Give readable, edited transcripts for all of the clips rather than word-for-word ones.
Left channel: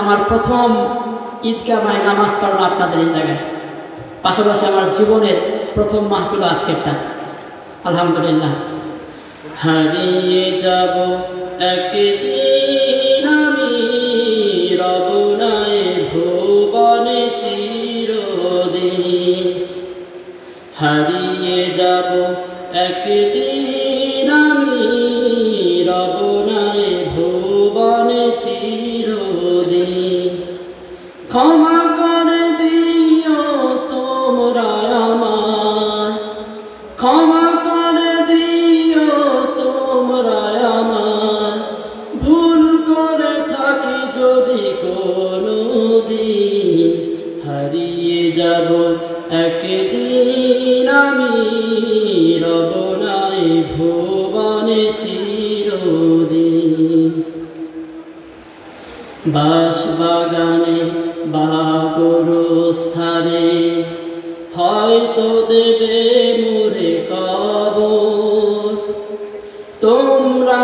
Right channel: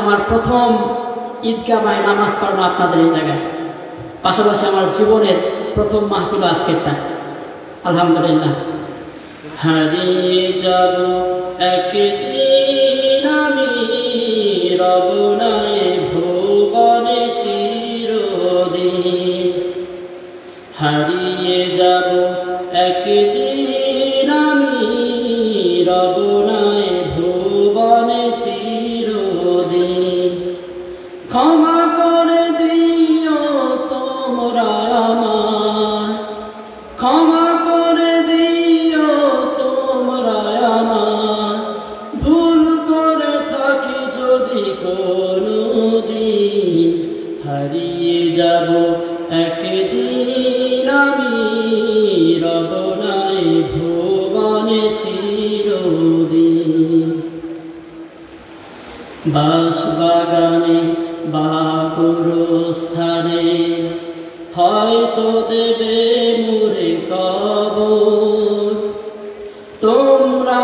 আমার প্রথম ঈদগাহ মাহে নামাজ পড়ানো আপনাদের এই জায়গায়, পাশাপাশি আমার জীবনের প্রথম মাহফিল আজকেরটা। আলহামদুলিল্লাহ। হারিয়ে যাব একদিন আমি রব নাই ভুবনে চিরদিন, হারিয়ে যাব একদিন আমি রব নাই ভুবনে চিরদিন। ক্ষমা করে দিও তোমরা আমায়, ক্ষমা করে দিও তোমরা আমায়, ভুল করে থাকি যদি কোনো দিন, হারিয়ে যাব একদিন আমি রব নাই ভুবনে চিরদিন। বাঁশবাগানে বা গোরস্থানে হয়তো দেবে মোরে কবর, তোমরা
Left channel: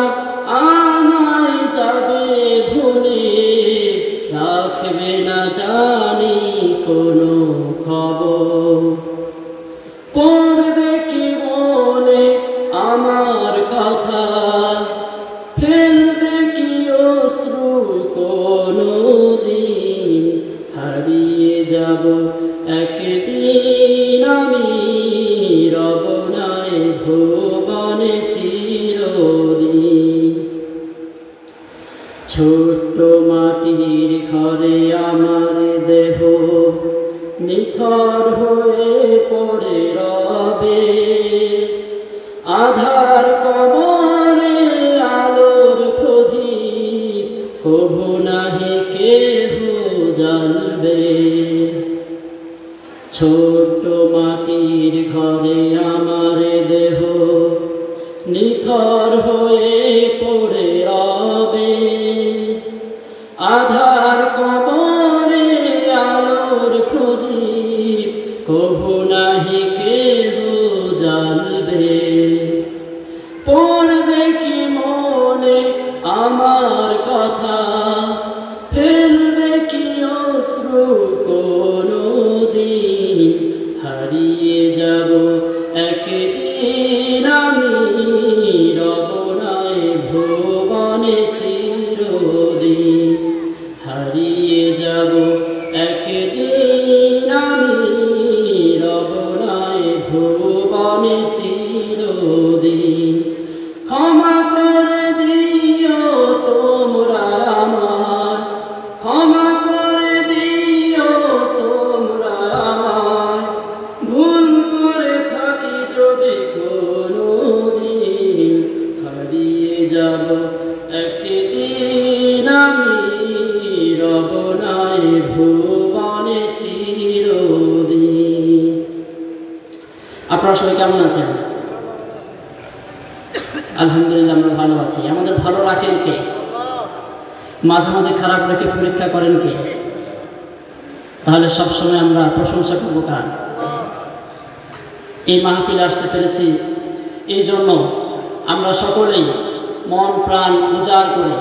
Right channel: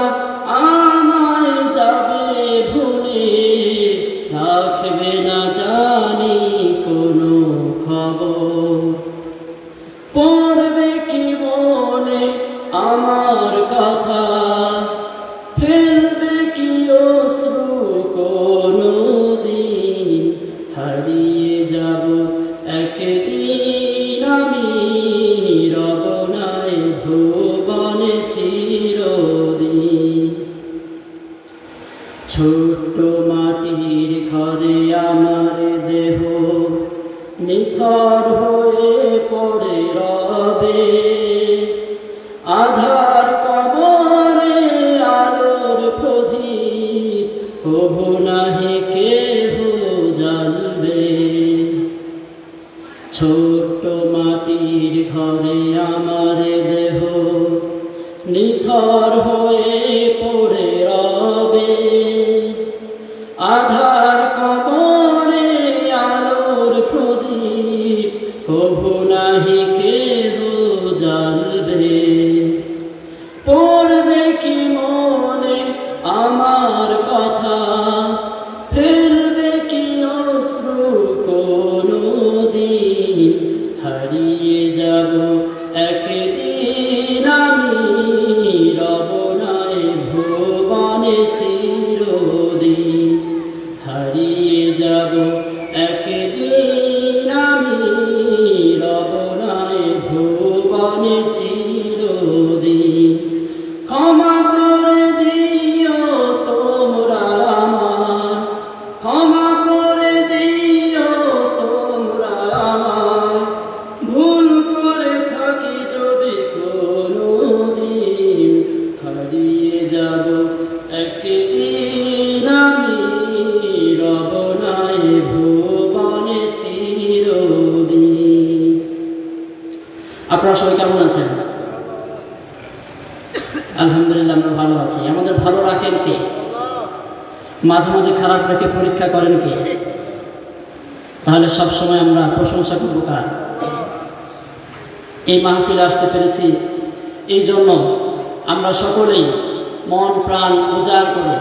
আমায় যাবে ভুলে, রাখবে না জানি কোনো খবর। পড়বে কি মনে আমার কথা, ফেলবে কি অশ্রু কোনো দিন, হারিয়ে যাব একদিন আমি রব নাই ভুবনে চিরদিন। ছোট্ট মাটির ঘরে আমার দেহ নিথর হয়ে পড়ে রবে, আধার কবরে আলোর প্রদীপ কভু নাহি কেহ জানবে। ছোট্ট মাটির ঘরে আমার দেহ নিথর হয়ে পড়ে রবে, আধার কবরে আলোর প্রদীপ কভু নাহি কেহ জানবে। পড়বে কি মনে আমার কথা, ফেলবে কি অশ্রু কোনো দিন, হারিয়ে যাব একদিন আমি রব নাই ভুবনে চিরদিন, হারিয়ে যাব একদিন আমি রব নাই ভুবনে চিরদিন। ক্ষমা করে দিও তোমরা আমায়, ক্ষমা করে দিও তোমরা আমায়, ভুল করে থাকি যদি কোনো দিন, হারিয়ে যাব একদিন আমি রব নাই ভুবনে চিরদিন। আপনারা সবাই কেমন আছেন? আলহামদুলিল্লাহ, আমরা ভালো আছি। আমাদের ভালো রাখেন কে? মাঝে মাঝে খারাপ রেখে পরীক্ষা করেন কে? তাহলে সবসময় আমরা প্রশংসা করব কার? এই মাহফিলে আসতে পেরেছি এই জন্য আমরা সকলেই মন প্রাণ উজাড় করে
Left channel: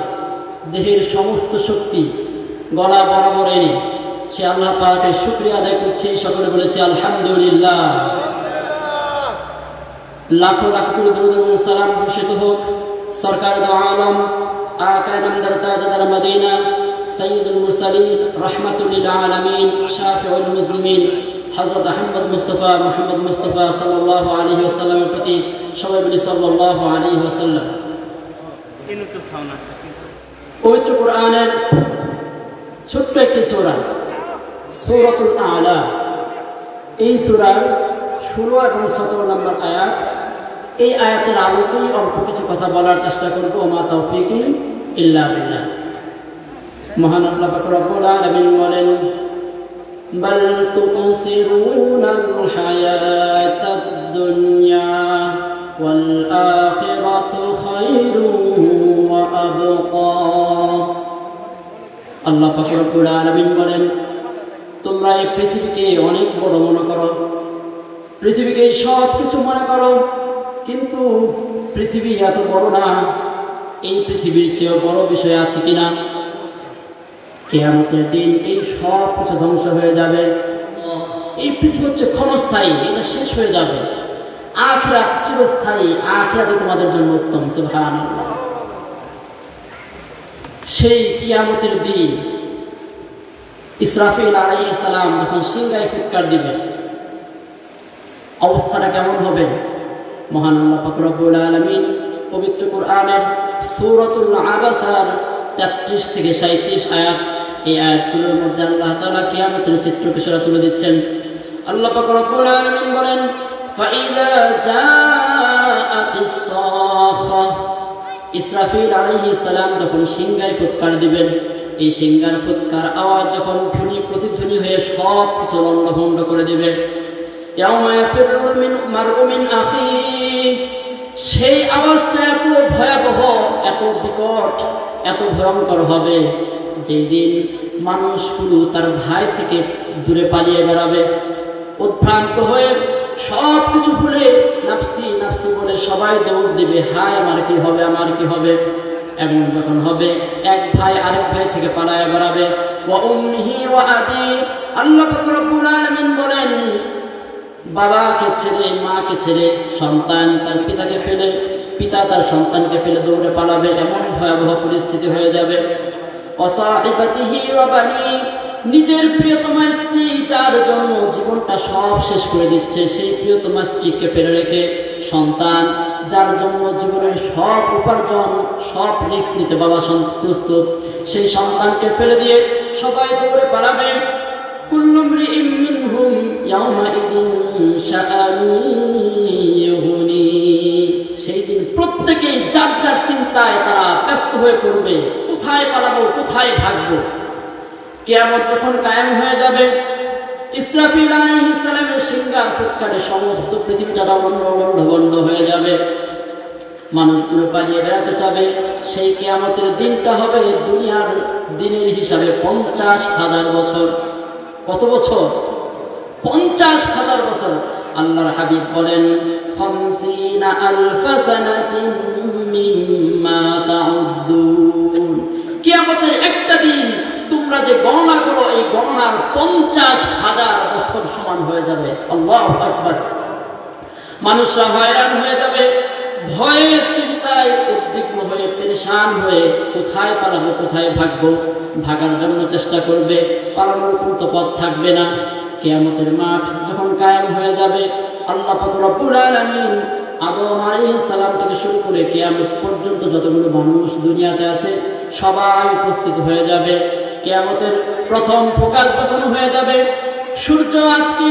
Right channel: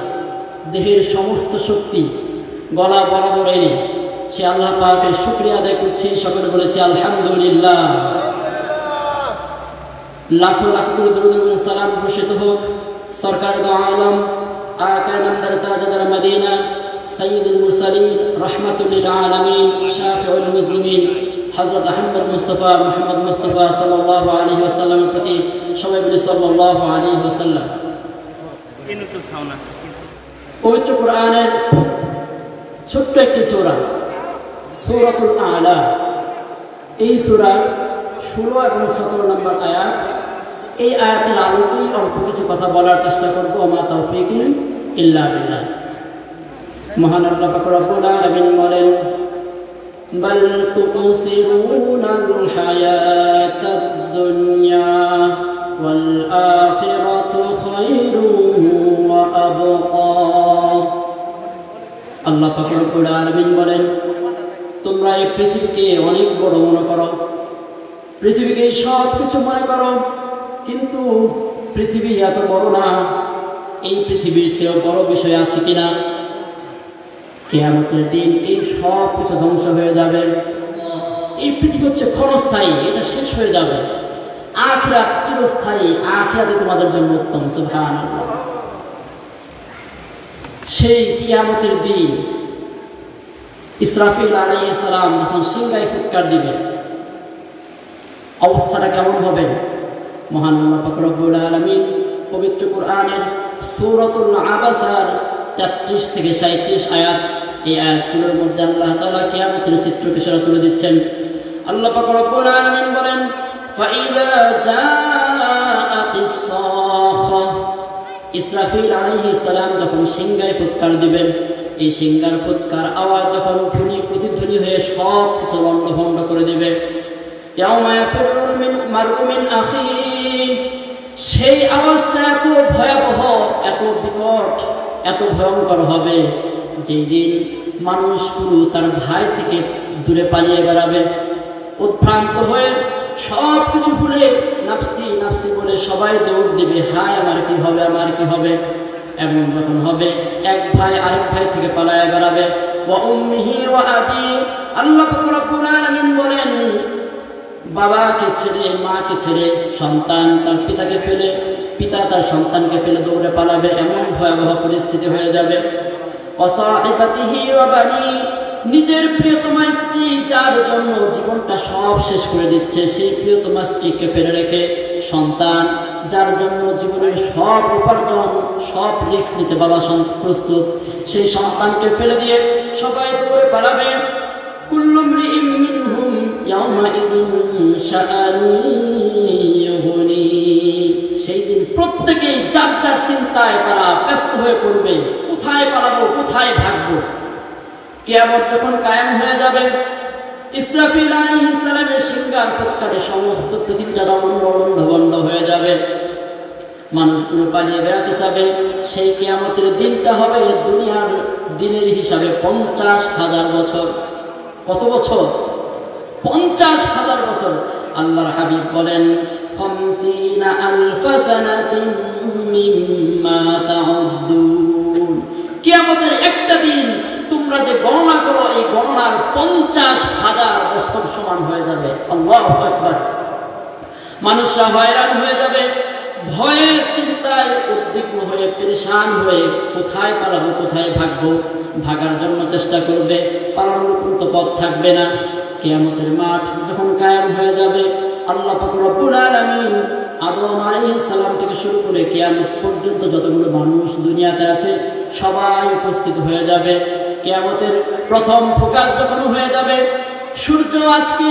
দেহের সমস্ত শক্তি গলা বরাবর এনে সে আল্লাহ পাকের শুকরিয়া আদায় করছি। সকলে বলেছে আলহামদুলিল্লাহ। লাখো লাখো দরুদ এবং সালাম ঘোষিত হোক সরকার দো আলম আকা নামদার তাজদার মদিনা সৈয়দুল মুরসালিন রাহমাতুল লিল আলামিন শাফিউল মুসলিমিন হযরত আহমদ মুস্তাফা মুহাম্মদ মুস্তাফা সাল্লাল্লাহু আলাইহি ওয়াসাল্লামের প্রতি সবাই বলি সাল্লাল্লাহু আলাইহি ওয়াসাল্লাম। পবিত্র কোরআনের ছোট্ট একটি সূরা সূরাতুল আলা, এই সূরার 16 এবং 17 নম্বর আয়াত। এই আয়াতের আলোকেই অল্প কিছু কথা বলার চেষ্টা করব। ওমা তাওফীকি ইল্লা বিল্লাহ। মহান আল্লাহ পাক রব্বুল আলামিন বলেন, বাল তুসিরুনাল হায়াতাদ দুনিয়া ওয়াল আখিরাতু খায়রুন ওয়া আবকা। আল্লাহ পাক রব্বুল আলামিন বলেন, তোমরা এই পৃথিবীকে অনেক বড় মনে করো, পৃথিবীকে সব কিছু মনে করো, কিন্তু পৃথিবী এত বড় না, এই পৃথিবীর চেয়েও বড় বিষয় আছে কিনা? কিয়ামতের দিন এই সব কিছু ধ্বংস হয়ে যাবে। এই পৃথিবী হচ্ছে ক্ষণস্থায়ী, এটা শেষ হয়ে যাবে। আখিরাত চিরস্থায়ী, আখিরাতই তোমাদের জন্য উত্তম। সুবহানাল্লাহ। সেই কিয়ামতের দিন ইসরাফিল আলাইহিস সালাম যখন সিংহায় ফুৎকার দিবেন, অবস্থাটা কেমন হবে? মহান আল্লাহ পাক রব্বুল আলামিন পবিত্র কোরআনের সূরাতুল আবাসার 33 থেকে 37 আয়াত, এই আয়াতগুলোর মধ্যে আল্লাহ তাআলা কিয়ামতের চিত্রকে সেরা তুলে দিচ্ছেন। আল্লাহ পাক রব্বুল আলামিন বলেন, ফাইদা জাআতিস সাখা, ইসরাফিল আলাইহিস সালাম যখন সিংহায় ফুৎকার দিবেন, এই সিংহার ফুৎকার আওয়াজ যখন ধ্বনি প্রতিধ্বনি হয়ে সব কিছু লণ্ডভণ্ড করে দেবে। ইয়াউমা ইয়াফিরুল মারউ মিন আখিহি, সেই আওয়াজটা এত ভয়াবহ, এত বিকট, এত ভয়ঙ্কর হবে, যেই দিন মানুষগুলো তার ভাই থেকে দূরে পালিয়ে বেড়াবে, উদ্ভ্রান্ত হয়ে সব কিছু ভুলে নাফসি নাফসি বলে সবাই দৌড় দিবে, হায় আমার কি হবে, আমার কি হবে। এমন যখন হবে, এক ভাই আরেক ভাই থেকে পালায়ে বেড়াবে। ওয়া উম্মিহি ওয়া আবি, আল্লাহ রাব্বুল আলামিন বলেন, বাবাকে ছেড়ে, মাকে ছেড়ে সন্তান তার পিতাকে ফেলে, পিতা তার সন্তানকে ফেলে দৌড়ে পালাবে। এমন ভয়াবহ পরিস্থিতি হয়ে যাবে। ওয়াসাহিবাতিহি ওয়া বানি, নিজের প্রিয়তমা স্ত্রী যার জন্য জীবনটা সব শেষ করে দিচ্ছে, সেই প্রিয়তমা স্ত্রীকে ফেলে রেখে সন্তান যার জন্য জীবনের সব উপার্জন, সব রিস্ক নিতে বাবা প্রস্তুত, সেই সন্তানকে ফেলে দিয়ে সবাই দৌড়ে পালাবে। কুল্লু মরিইন মিনহুম ইয়াওমাইদিন শাআনুন ইউগনি, সেই দিন প্রত্যেকেই যার যার চিন্তায় তারা ব্যস্ত হয়ে পড়বে, কোথায় পালাবো, কোথায় ভাগবো। কিয়ামত যখন কায়েম হয়ে যাবে, ইসরাফিল আলাইহিস সালামের সিংহার ফুৎকারে সমস্ত পৃথিবীটা বন্ধ হয়ে যাবে, মানুষগুলো পালিয়ে বেড়াতে চাবে। সেই কিয়ামতের দিনটা হবে দুনিয়ার দিনের হিসাবে 50,000 বছর। কত বছর? 50,000 বছর। আল্লাহর হাবিব বলেন, 50,000 সানাতিন মিম্মা তাউদ্দুন, কিয়ামতের একটা দিন তোমরা যে গণনা করো, এই গণনার 50,000 বছর সমান হয়ে যাবে। আল্লাহু আকবার। মানুষরা হয়রান হয়ে যাবে, ভয়ে চিন্তায় উদ্বিগ্ন হয়ে পেরেশান হয়ে কোথায় পালাবো, কোথায় ভাগবো, ভাগার জন্য চেষ্টা করবে, পালানোর কোনো পথ থাকবে না। কিয়ামতের মাঠ যখন কায়েম হয়ে যাবে, আল্লাহ পাক রব্বুল আলামিন আদম আলাইহিস সালাম থেকে শুরু করে কিয়ামত পর্যন্ত যতগুলো মানুষ দুনিয়াতে আছে সবাই উপস্থিত হয়ে যাবে। কিয়ামতের প্রথম প্রকাশ যখন হয়ে যাবে, সূর্য আজকে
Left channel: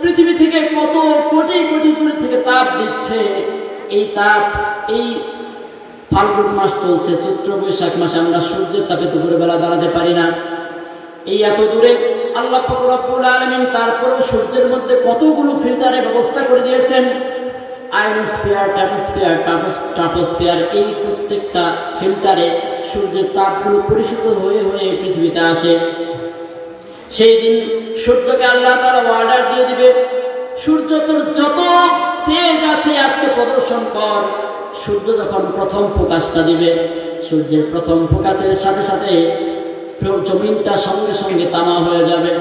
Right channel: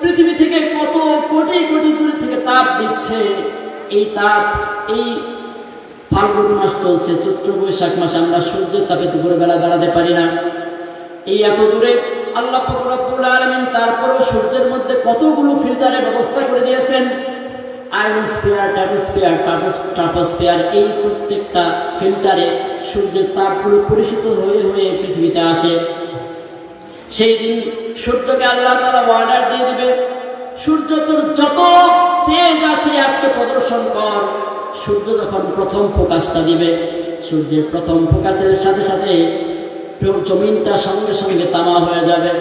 পৃথিবী থেকে কত কোটি কোটি দূর থেকে তাপ দিচ্ছে, এই তাপ, এই ফাল্গুন মাস চলছে, চৈত্র বৈশাখ মাসে আমরা সূর্যের তাপে দুপুরে বেলা দাঁড়াতে পারি না। এই এত দূরে আল্লাহ পাক রব্বুল আলামিন তারপরেও সূর্যের মধ্যে কতগুলো ফিল্টারের ব্যবস্থা করে দিয়েছেন। আয়নোস্ফিয়ার, ট্রাটোস্ফিয়ার, ট্রাফোস্ফিয়ার, এই প্রত্যেকটা ফিল্টারে সূর্যের তাপগুলো পরিশোধিত হয়ে হয়ে পৃথিবীতে আসে। সেই দিন সূর্যকে আল্লাহ তাআলা অর্ডার দিয়ে দিবে, সূর্য তোর যত তেজ আছে আজকে প্রদর্শন কর। সূর্য যখন প্রথম প্রকাশটা দিবে, সূর্যের প্রথম প্রকাশের সাথে সাথে জমিনটা সঙ্গে সঙ্গে তামা হয়ে যাবে,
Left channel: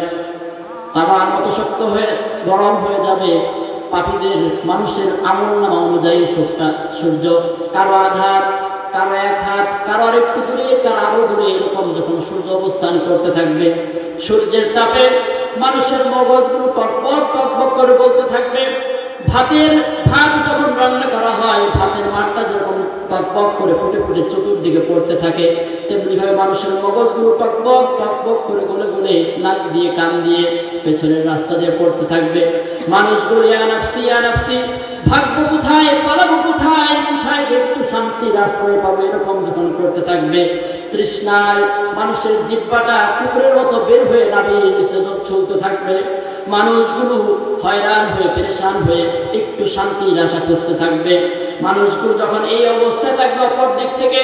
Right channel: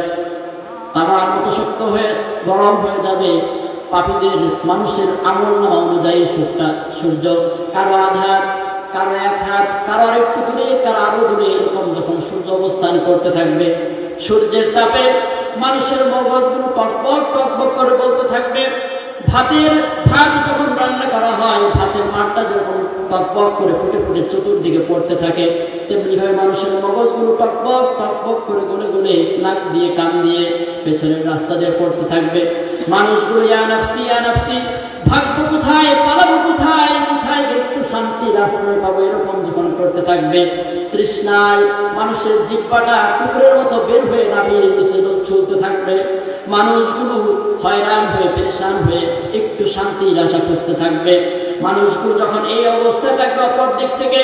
তামার মতো শক্ত হয়ে গরম হয়ে যাবে। পাপীদের মানুষের আমলনামা অনুযায়ী সূর্য কারো আধার, কারো এক হাত, কারো আর একটু দূরে, কারো আরো দূরে, এরকম যখন সূর্য অবস্থান করতে থাকবে, সূর্যের তাপে মানুষের মগজগুলো টকবক টকবক করে বলতে থাকবে। ভাত যখন রান্না করা হয়, ভাতের মাঠটা যেরকম টকবক করে ফুটে ফুটে চতুর্দিকে পড়তে থাকে, তেমনিভাবে মানুষের মগজগুলো টকবক টকবক করে গলে গলে নাক দিয়ে, কান দিয়ে, পেছনের রাস্তা দিয়ে পড়তে থাকবে। মানুষগুলো ইয়া নাফসি ইয়া নাফসি, ভাগবো কোথায়, পালাবো কোথায়, কোথায় একটু শান্তির আশ্রয় পাবো, এরকম যখন করতে থাকবে, তৃষ্ণায় মানুষের জিহ্বাটা কুকুরের মতো বের হয়ে নামিয়ে নিচে চলতে থাকবে। মানুষগুলো হয়রান হয়ে পেরেশান হয়ে একটু শান্তির আশা খুঁজতে থাকবে। মানুষগুলো যখন এই অবস্থায় থাকবে, অপর দিক থেকে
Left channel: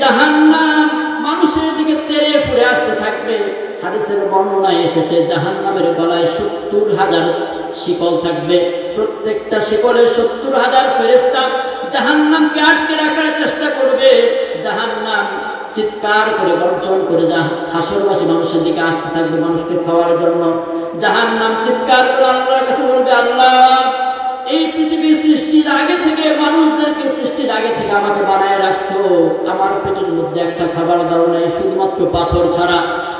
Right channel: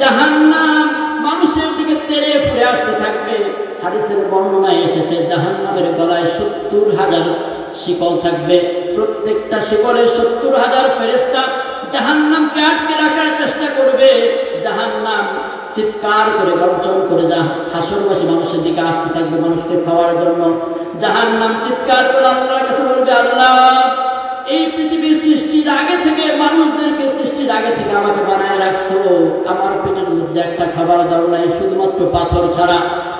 জাহান্নাম মানুষের দিকে তেড়ে ফুরে আসতে থাকবে। হাদিসের বর্ণনায় এসেছে, জাহান্নামের গলায় 70,000 শিকল থাকবে, প্রত্যেকটা শিকলে 70,000 ফেরেশতা জাহান্নামকে আটকে রাখার চেষ্টা করবে। জাহান্নাম চিৎকার করে গর্জন করে হাসরবাসী মানুষের দিকে আসতে থাকবে মানুষকে খাওয়ার জন্য। জাহান্নাম চিৎকার করে আল্লাহর কাছে বলবে, আল্লাহ, এই পৃথিবীর সৃষ্টির আগে থেকে, মানুষদেরকে সৃষ্টির আগে থেকে আমাকে বানায় রাখছো, আমার পেটের মধ্যে একটা খাবার দাও নাই, শুধুমাত্র পাথর ছাড়া।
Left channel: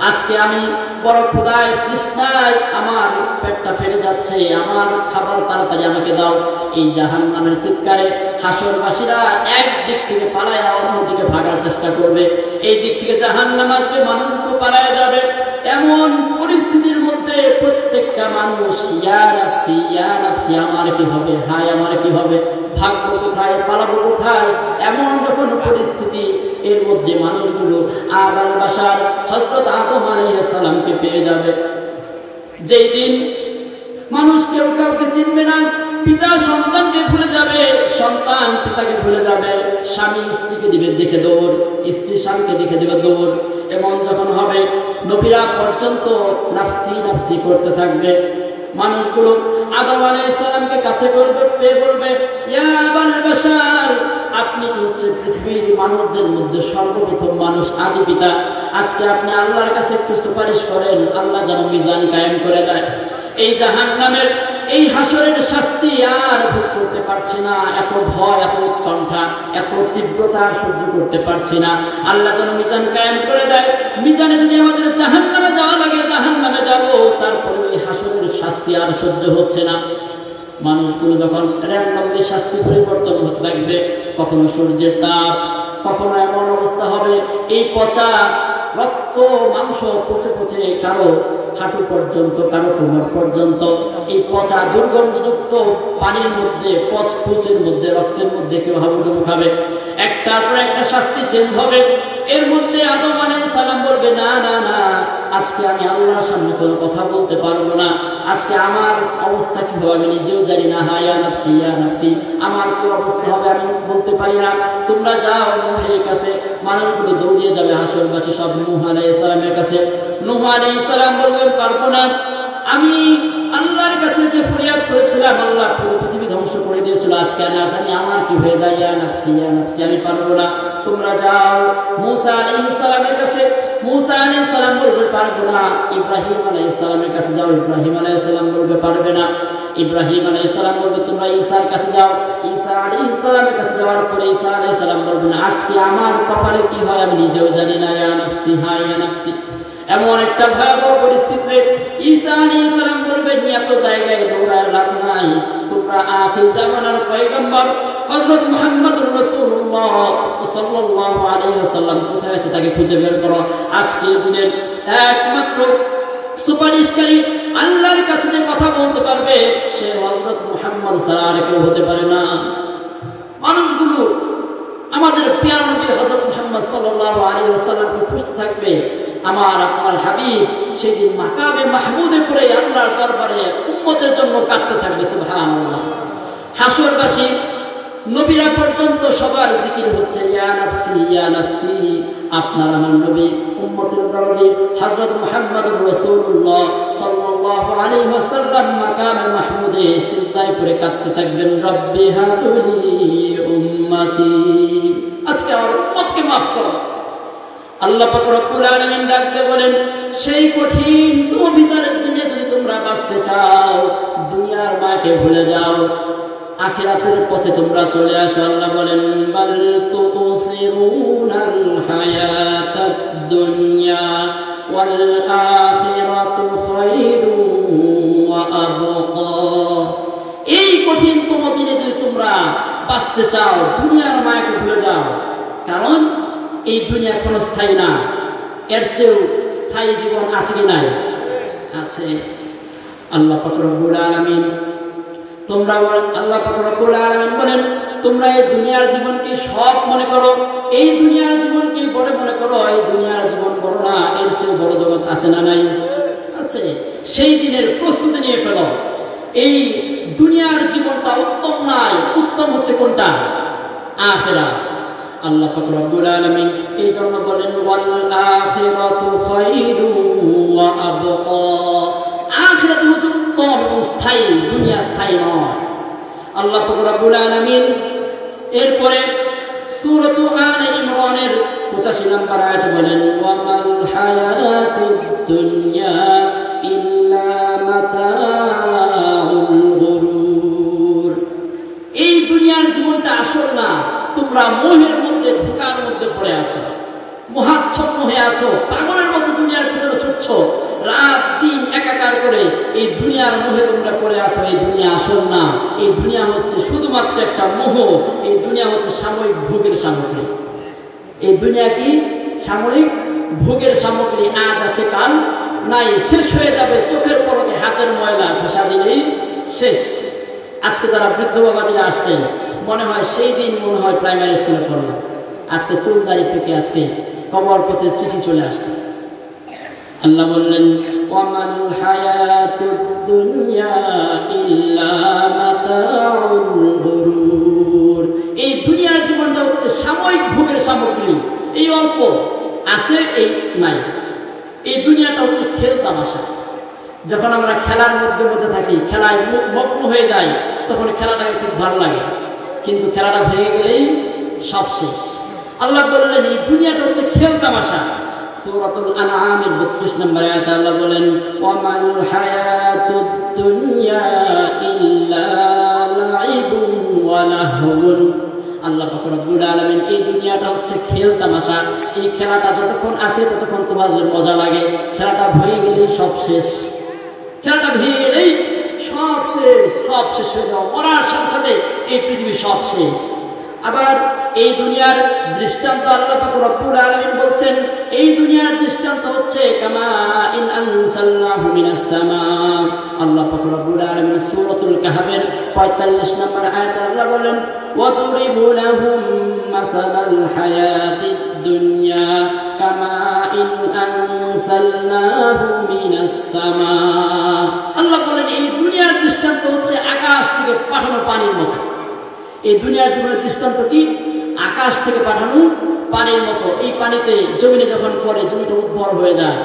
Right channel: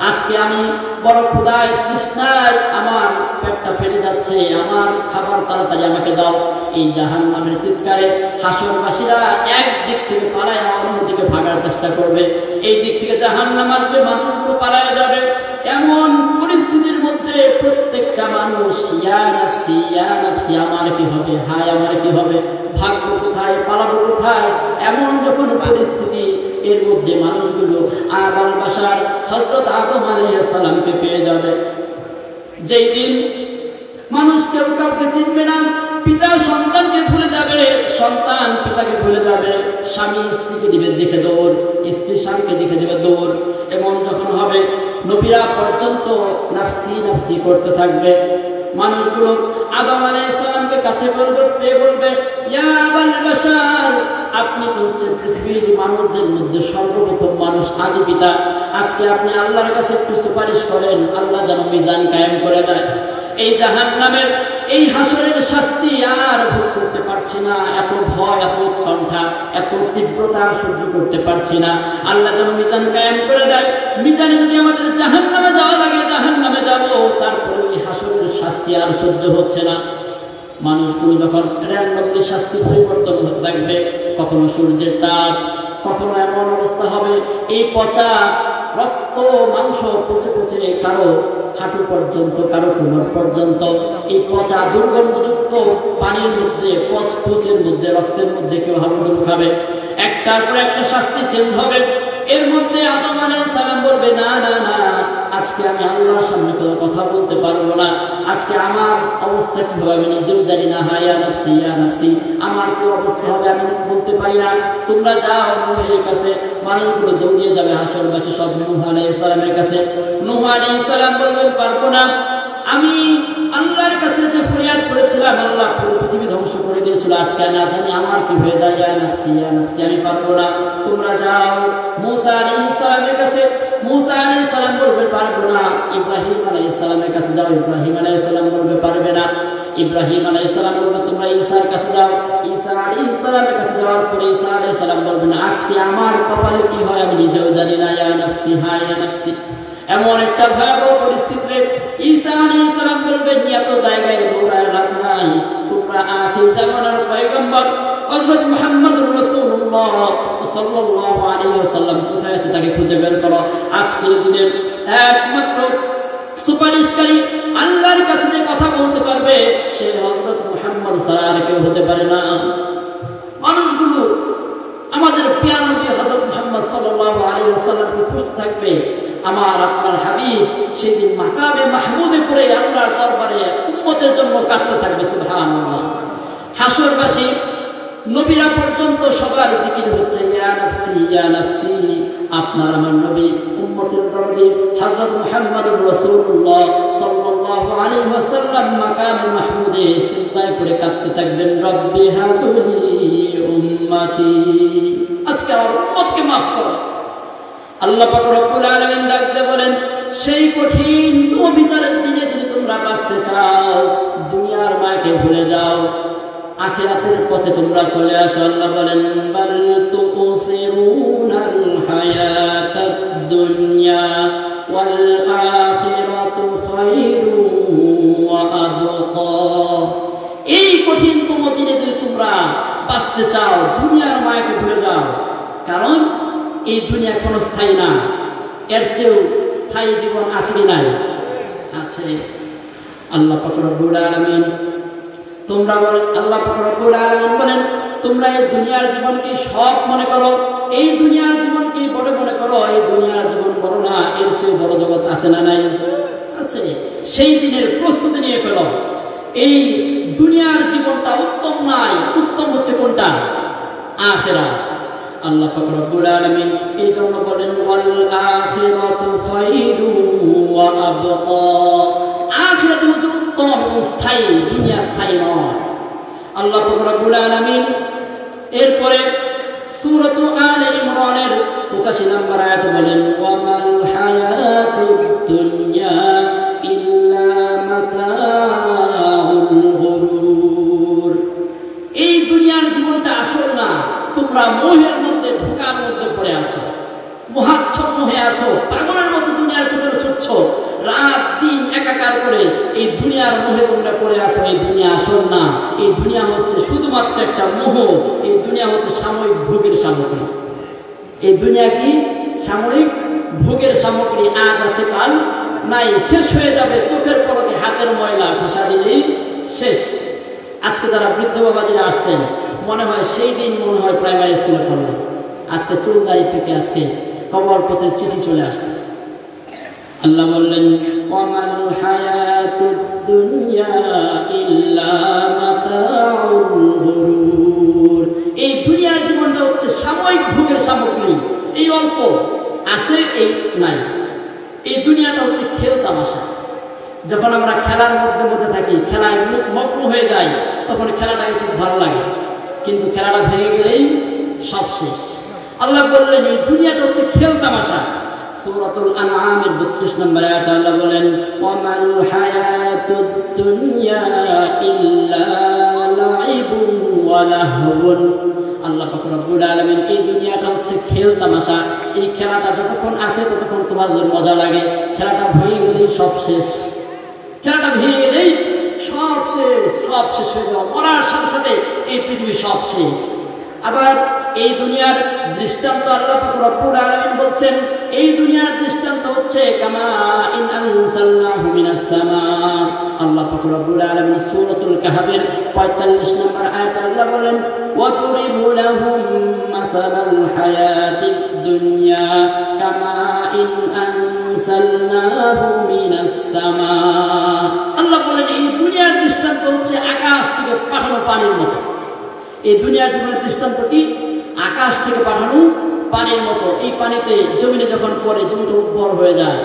আজকে আমি বড় ক্ষুধায় তৃষ্ণায় আমার পেটটা ফেটে যাচ্ছে, আমার খাবার তাড়াতাড়ি আমাকে দাও। এই জাহান্নামের চিৎকারে হাসরবাসীরা এক দিক থেকে পালায়া অন্য দিকে ভাগার চেষ্টা করবে। এই দিক থেকে জাহান্নাম আসবে, মানুষগুলো পালায়া যাবে। এমন পরিস্থিতির মধ্যে প্রত্যেকটা মানুষ ইয়া নাফসি ইয়া নাফসি, আমার কি হবে, হায় আমার কি হবে, ভাগবো কোথায়, পালাবো কোথায়, এমন যখন পরিস্থিতি, এর মধ্যে মানুষগুলো আদম বাশার হযরত আদম আলাইহিস সালামকে পেয়ে যাবে। যেই দিন মানুষ কেউ কাউকে চিনবে না, পিতা সন্তানকে ভুলে যাবে, সন্তান পিতাকে ভুলে যাবে, স্বামী স্ত্রীকে দিবে দেখে দৌড়, স্ত্রী স্বামীকে দেখে দিবে দৌড়। এমন যখন হবে, নবীরা পর্যন্ত নাফসি নাফসি করতে থাকবে। মানুষগুলো আদম আলাইহিস সালামকে কাছে করবে, পেয়ে বলবে, ইয়া আবাল বাশার, আপনি তো হচ্ছে পৃথিবীর মানুষদের মধ্যে সর্বপ্রথম মানুষ, আদি পিতা। আজকে আপনি আল্লাহর কাছে একটু সুপারিশ করেন, আল্লাহ যেন মিজান কায়েম করে দেয়। এই জাহান্নামের এই হাসরের শাস্তি আর ভোগ করতে পারছি না, এত ভয়, এত উৎকণ্ঠা, এত তীব্রতা সহ্য করতে পারছি না। আল্লাহ যেন মিজান কায়েম করে দেয়। মিজানে যদি আমাদের জাহান্নামে যাওয়া লাগে, জাহান্নামে যাব, তারপরে ওই হাসরের শাস্তি আর সহ্য হচ্ছে না। মানুষগুলো যখন র্যান্ডমলি শাস্তি পরিবর্তন হতে থাকবে, কখনো সূর্যের তাপ, কখনো এমন অবস্থা হবে এই পচা রক্ত মাংস পচে পচে কারো হাঁটু পর্যন্ত, কারো কোমর পর্যন্ত, এই পচা দুর্গন্ধযুক্ত পানির মধ্যে, পচের মধ্যে, রক্তের মধ্যে কেউ হাবুডুবু খাবে। একটার পর একটা শাস্তি চেঞ্জ হবে। এর মধ্যে আদম আলাইহিস সালাম বলবে, না না না, আজকে আমি আল্লাহর সামনে কোনো কথা বলতে পারবো না, আজকে আমার অবস্থা কি হবে আমি নিজেও জানি না, হা ইয়া নাফসি ইয়া নাফসি, আমার কি অবস্থা হবে আমি বলতে পারি না, তোমরা যাও নূহের কাছে। মানুষগুলো দৌড়িয়ে যাবে হাসরবাসী সব নূহ আলাইহিস সালামের কাছে। নূহ আলাইহিস সালাম বলবেন, পারবো না, আমি আল্লাহর কাছে যে ফরিয়াদ করেছিলাম, আল্লাহ পুরো পৃথিবী ধ্বংস করে দিয়েছিল, আজকে না জানি আমার কি হয়ে যায়, ইয়া নাফসি ইয়া নাফসি, আমি পারবো না, তোমরা যাও মূসা আলাইহিস সালামের কাছে। মূসা আলাইহিস সালাম বলবে, পারবো না। ইব্রাহিম আলাইহিস সালামের কাছে যাও, ইব্রাহিম আলাইহিস সালাম বলবে, পারবে না। ইব্রাহিম আলাইহিস সালাম বলবে, তোমরা ঈসার কাছে যাও। ঈসা আলাইহিস সালামের কাছে যাওয়ার পরে ঈসা আলাইহিস সালাম বলবেন, আজকে আমার কপালে কি হয় আমি নিজেও জানি না, ইয়া নাফসি হা ইয়া নাফসি। এমন একটা ভয়াবহ পরিস্থিতিতে ঈসা আলাইহিস সালাম বলবেন, এত জায়গায় দৌড়ায় লাভ নাই, তোমরা আখির জামানার পয়গম্বর হযরত মুহাম্মদুর রাসূলুল্লাহ সাল্লাল্লাহু আলাইহি ওয়াসাল্লাম কোথায় আছে তাকে খুঁজে বের করো। আজকে দিনের একমাত্র সুপারিশকারী, আল্লাহর কাছে যে কথা বলতে পারবে, সে হযরত মুহাম্মদ ছাড়া আর কেউ হতে পারে না। মানুষগুলো আমাদের প্রিয় নবী হযরত মুহাম্মদ সাল্লাল্লাহু আলাইহি ওয়াসাল্লামকে খুঁজতে থাকবে। আমার আপনার হাবিব সেদিন মাকামে মাহমুদে করে আল্লাহর দরবারে উম্মতের জন্য কাটতে থাকবে, সুবহানাল্লাহ। হাসরবাসী নবীরা পর্যন্ত সবার জিকির হচ্ছে, ইয়া নাফসি ইয়া নাফসি। আপনার আমার নবী উম্মতের দরদে হযরত মুহাম্মদুর রাসূলুল্লাহ সাল্লাল্লাহু আলাইহি ওয়াসাল্লাম মাকামে মাহমুদে সিজদায় করে কাঁদতে থাকবেন, রব্বি হাবলি উম্মতি, আজকে আমার উম্মতকে মাফ করো। আল্লাহ পাক রব্বুল আলামিন ডাকতে বলেন, সেই কঠিন বিচারের দিনে যদি তোমরা বাঁচতে চাও, দুনিয়ার মায়াকে ভুলে যাও, আখিরাতের পথে তোমরা চলে আসো। আল্লাহ বলেন, বাল তুসিরুনাল হায়াতাদ দুনিয়া ওয়াল আখিরাতু খায়রুন ওয়া আবকা। এই কঠিনতম দিনে যদি তোমরা বাঁচতে চাও, দুনিয়ার মায়াকে ভুলে যাও, কারণ এই দুনিয়া কোনো স্থায়ী না, এর চেয়েও স্থায়ী জীবন আছে কি নাই? আছে। আল্লাহ পাক রব্বুল আলামিন তোমরা, আল্লাহ পাক রব্বুল আলামিন বলেন, তোমরা এই দুনিয়ার জীবনকে সব মনে করো, এই দুনিয়ার জীবনকে বড় মনে করো, এই দুনিয়ার জীবন বড় না, এর চেয়ে বড় জগৎ আছে না নাই? আছে। সেই দিনের প্রস্তুতি নিয়ে ফেলো। এই দুনিয়ার জীবনটা উত্তম নাই, উত্তম হচ্ছে কোনটা? আখিরাত। আল্লাহ পাক রব্বুল আলামিন এই জন্য বলেন, ওয়াল আখিরাতু খায়রুন ওয়া আবকা। আখিরাত হচ্ছে উত্তম ও স্থায়ী, দুনিয়া স্থায়ী নয়। আল্লাহ পাক রব্বুল আলামিন এরপরে সূরাত আলে ইমরানের কোরআনের 85 নম্বর আয়াতে বলেন ওয়ামাল হায়াতুদ দুনিয়া ইল্লা মাতাউল গুরুর। এই দুনিয়ার জীবনটা আসল না, তোমরা মোহের মধ্যে, ধোঁকার মধ্যে পড়ে আছো, মহাচ্ছন্ন হয়ে আছো, পাগলের মতো দুনিয়ার পিছনে ছুটছ, রাত দিন একাকার করে এই দুনিয়ার মোহে তোমরা পড়ে আছো। এই দুনিয়া আসল না, এই দুনিয়া হচ্ছে শুধুমাত্র একটা মোহ। এই দুনিয়া হচ্ছে সাময়িক ভোগের সামগ্রী। এই দুনিয়া কি সাময়িক ভোগের সামগ্রী, আজ আছে কাল নাই, শেষ হয়ে যাবে। চোখের পলকে হাতের ময়লা ঘষা দিলেই শেষ। আজকে যারা বৃদ্ধ বাবাজিরা আসছেন, মনে হয় সেই দিন মনে হয় প্রাইমারি স্কুলে পড়বে। আজকে চুল দাড়ি টুকে আজকে কবর পথে চিঠি চলে আসছে। আল্লাহ বললেন ওয়ামাল হায়াতুদ দুনিয়া ইল্লা মাতাউল গুরুর। এই দুনিয়ার জীবনটা হচ্ছে সাময়িক ভোগের সামগ্রী, এই অল্প আছে, এই নাই। এই দুনিয়াটা হচ্ছে খেল তামাশা। যখন আমরা খেলার মধ্যে মধ্যে থাকি, খেলায় মগ্ন হয়ে যাই, তখন খেলাটাকে খুব ভালো লাগে, কিন্তু খেলাটা ভেঙে গেলেই সব শেষ। আল্লাহ বললেন এই দুনিয়াটা হচ্ছে খেল তামাশা। সূরাতুল আনআমের 32 নম্বর আয়াতে আল্লাহ বলেন ওয়ামাল হায়াতুদ দুনিয়া ইল্লা লাইবুন ওয়া লাহবুন। আল্লাহ পাক রব্বুল আলামিন এই দুনিয়াটা হচ্ছে খেল তামাশা। এই খেলাটা যতক্ষণ আছে ততক্ষণ তোমাদের মজা লাগে, খেলাটা ভেঙে গেলেই সব শেষ। খেলাটা ভেঙে গেলেই সব শেষ, সব শেষ হয়ে যাও, মরার সাথে সাথে এই পৃথিবী সব শেষ। আবার এই দুনিয়ার দৃষ্টান্ত আল্লাহ পাক রব্বুল আলামিন বলছেন, এই দুনিয়ার দৃষ্টান্ত হচ্ছে কামা ইন আনসালনাহু মিনাস সামা। আল্লাহ পাক রব্বুল আলামিন সূরাতুল কাহফের 45 নম্বর আয়াতে আল্লাহ বলেন ওয়াদরিবু লাহুম মাসালাল হায়াতিদ দুনিয়া কামা ইন আনসালনাহু মিনাস সামা। আল্লাহ বলেন এই দুনিয়ার দৃষ্টান্ত হচ্ছে আকাশ থেকে পাঠানো পানির মতো। এই দুনিয়ার জীবনের দৃষ্টান্ত কি? আকাশ থেকে পাঠানো পানির মতো। এই পানিতে জমিনে যখন পড়ে জমিটা উর্বর হয়ে যায়,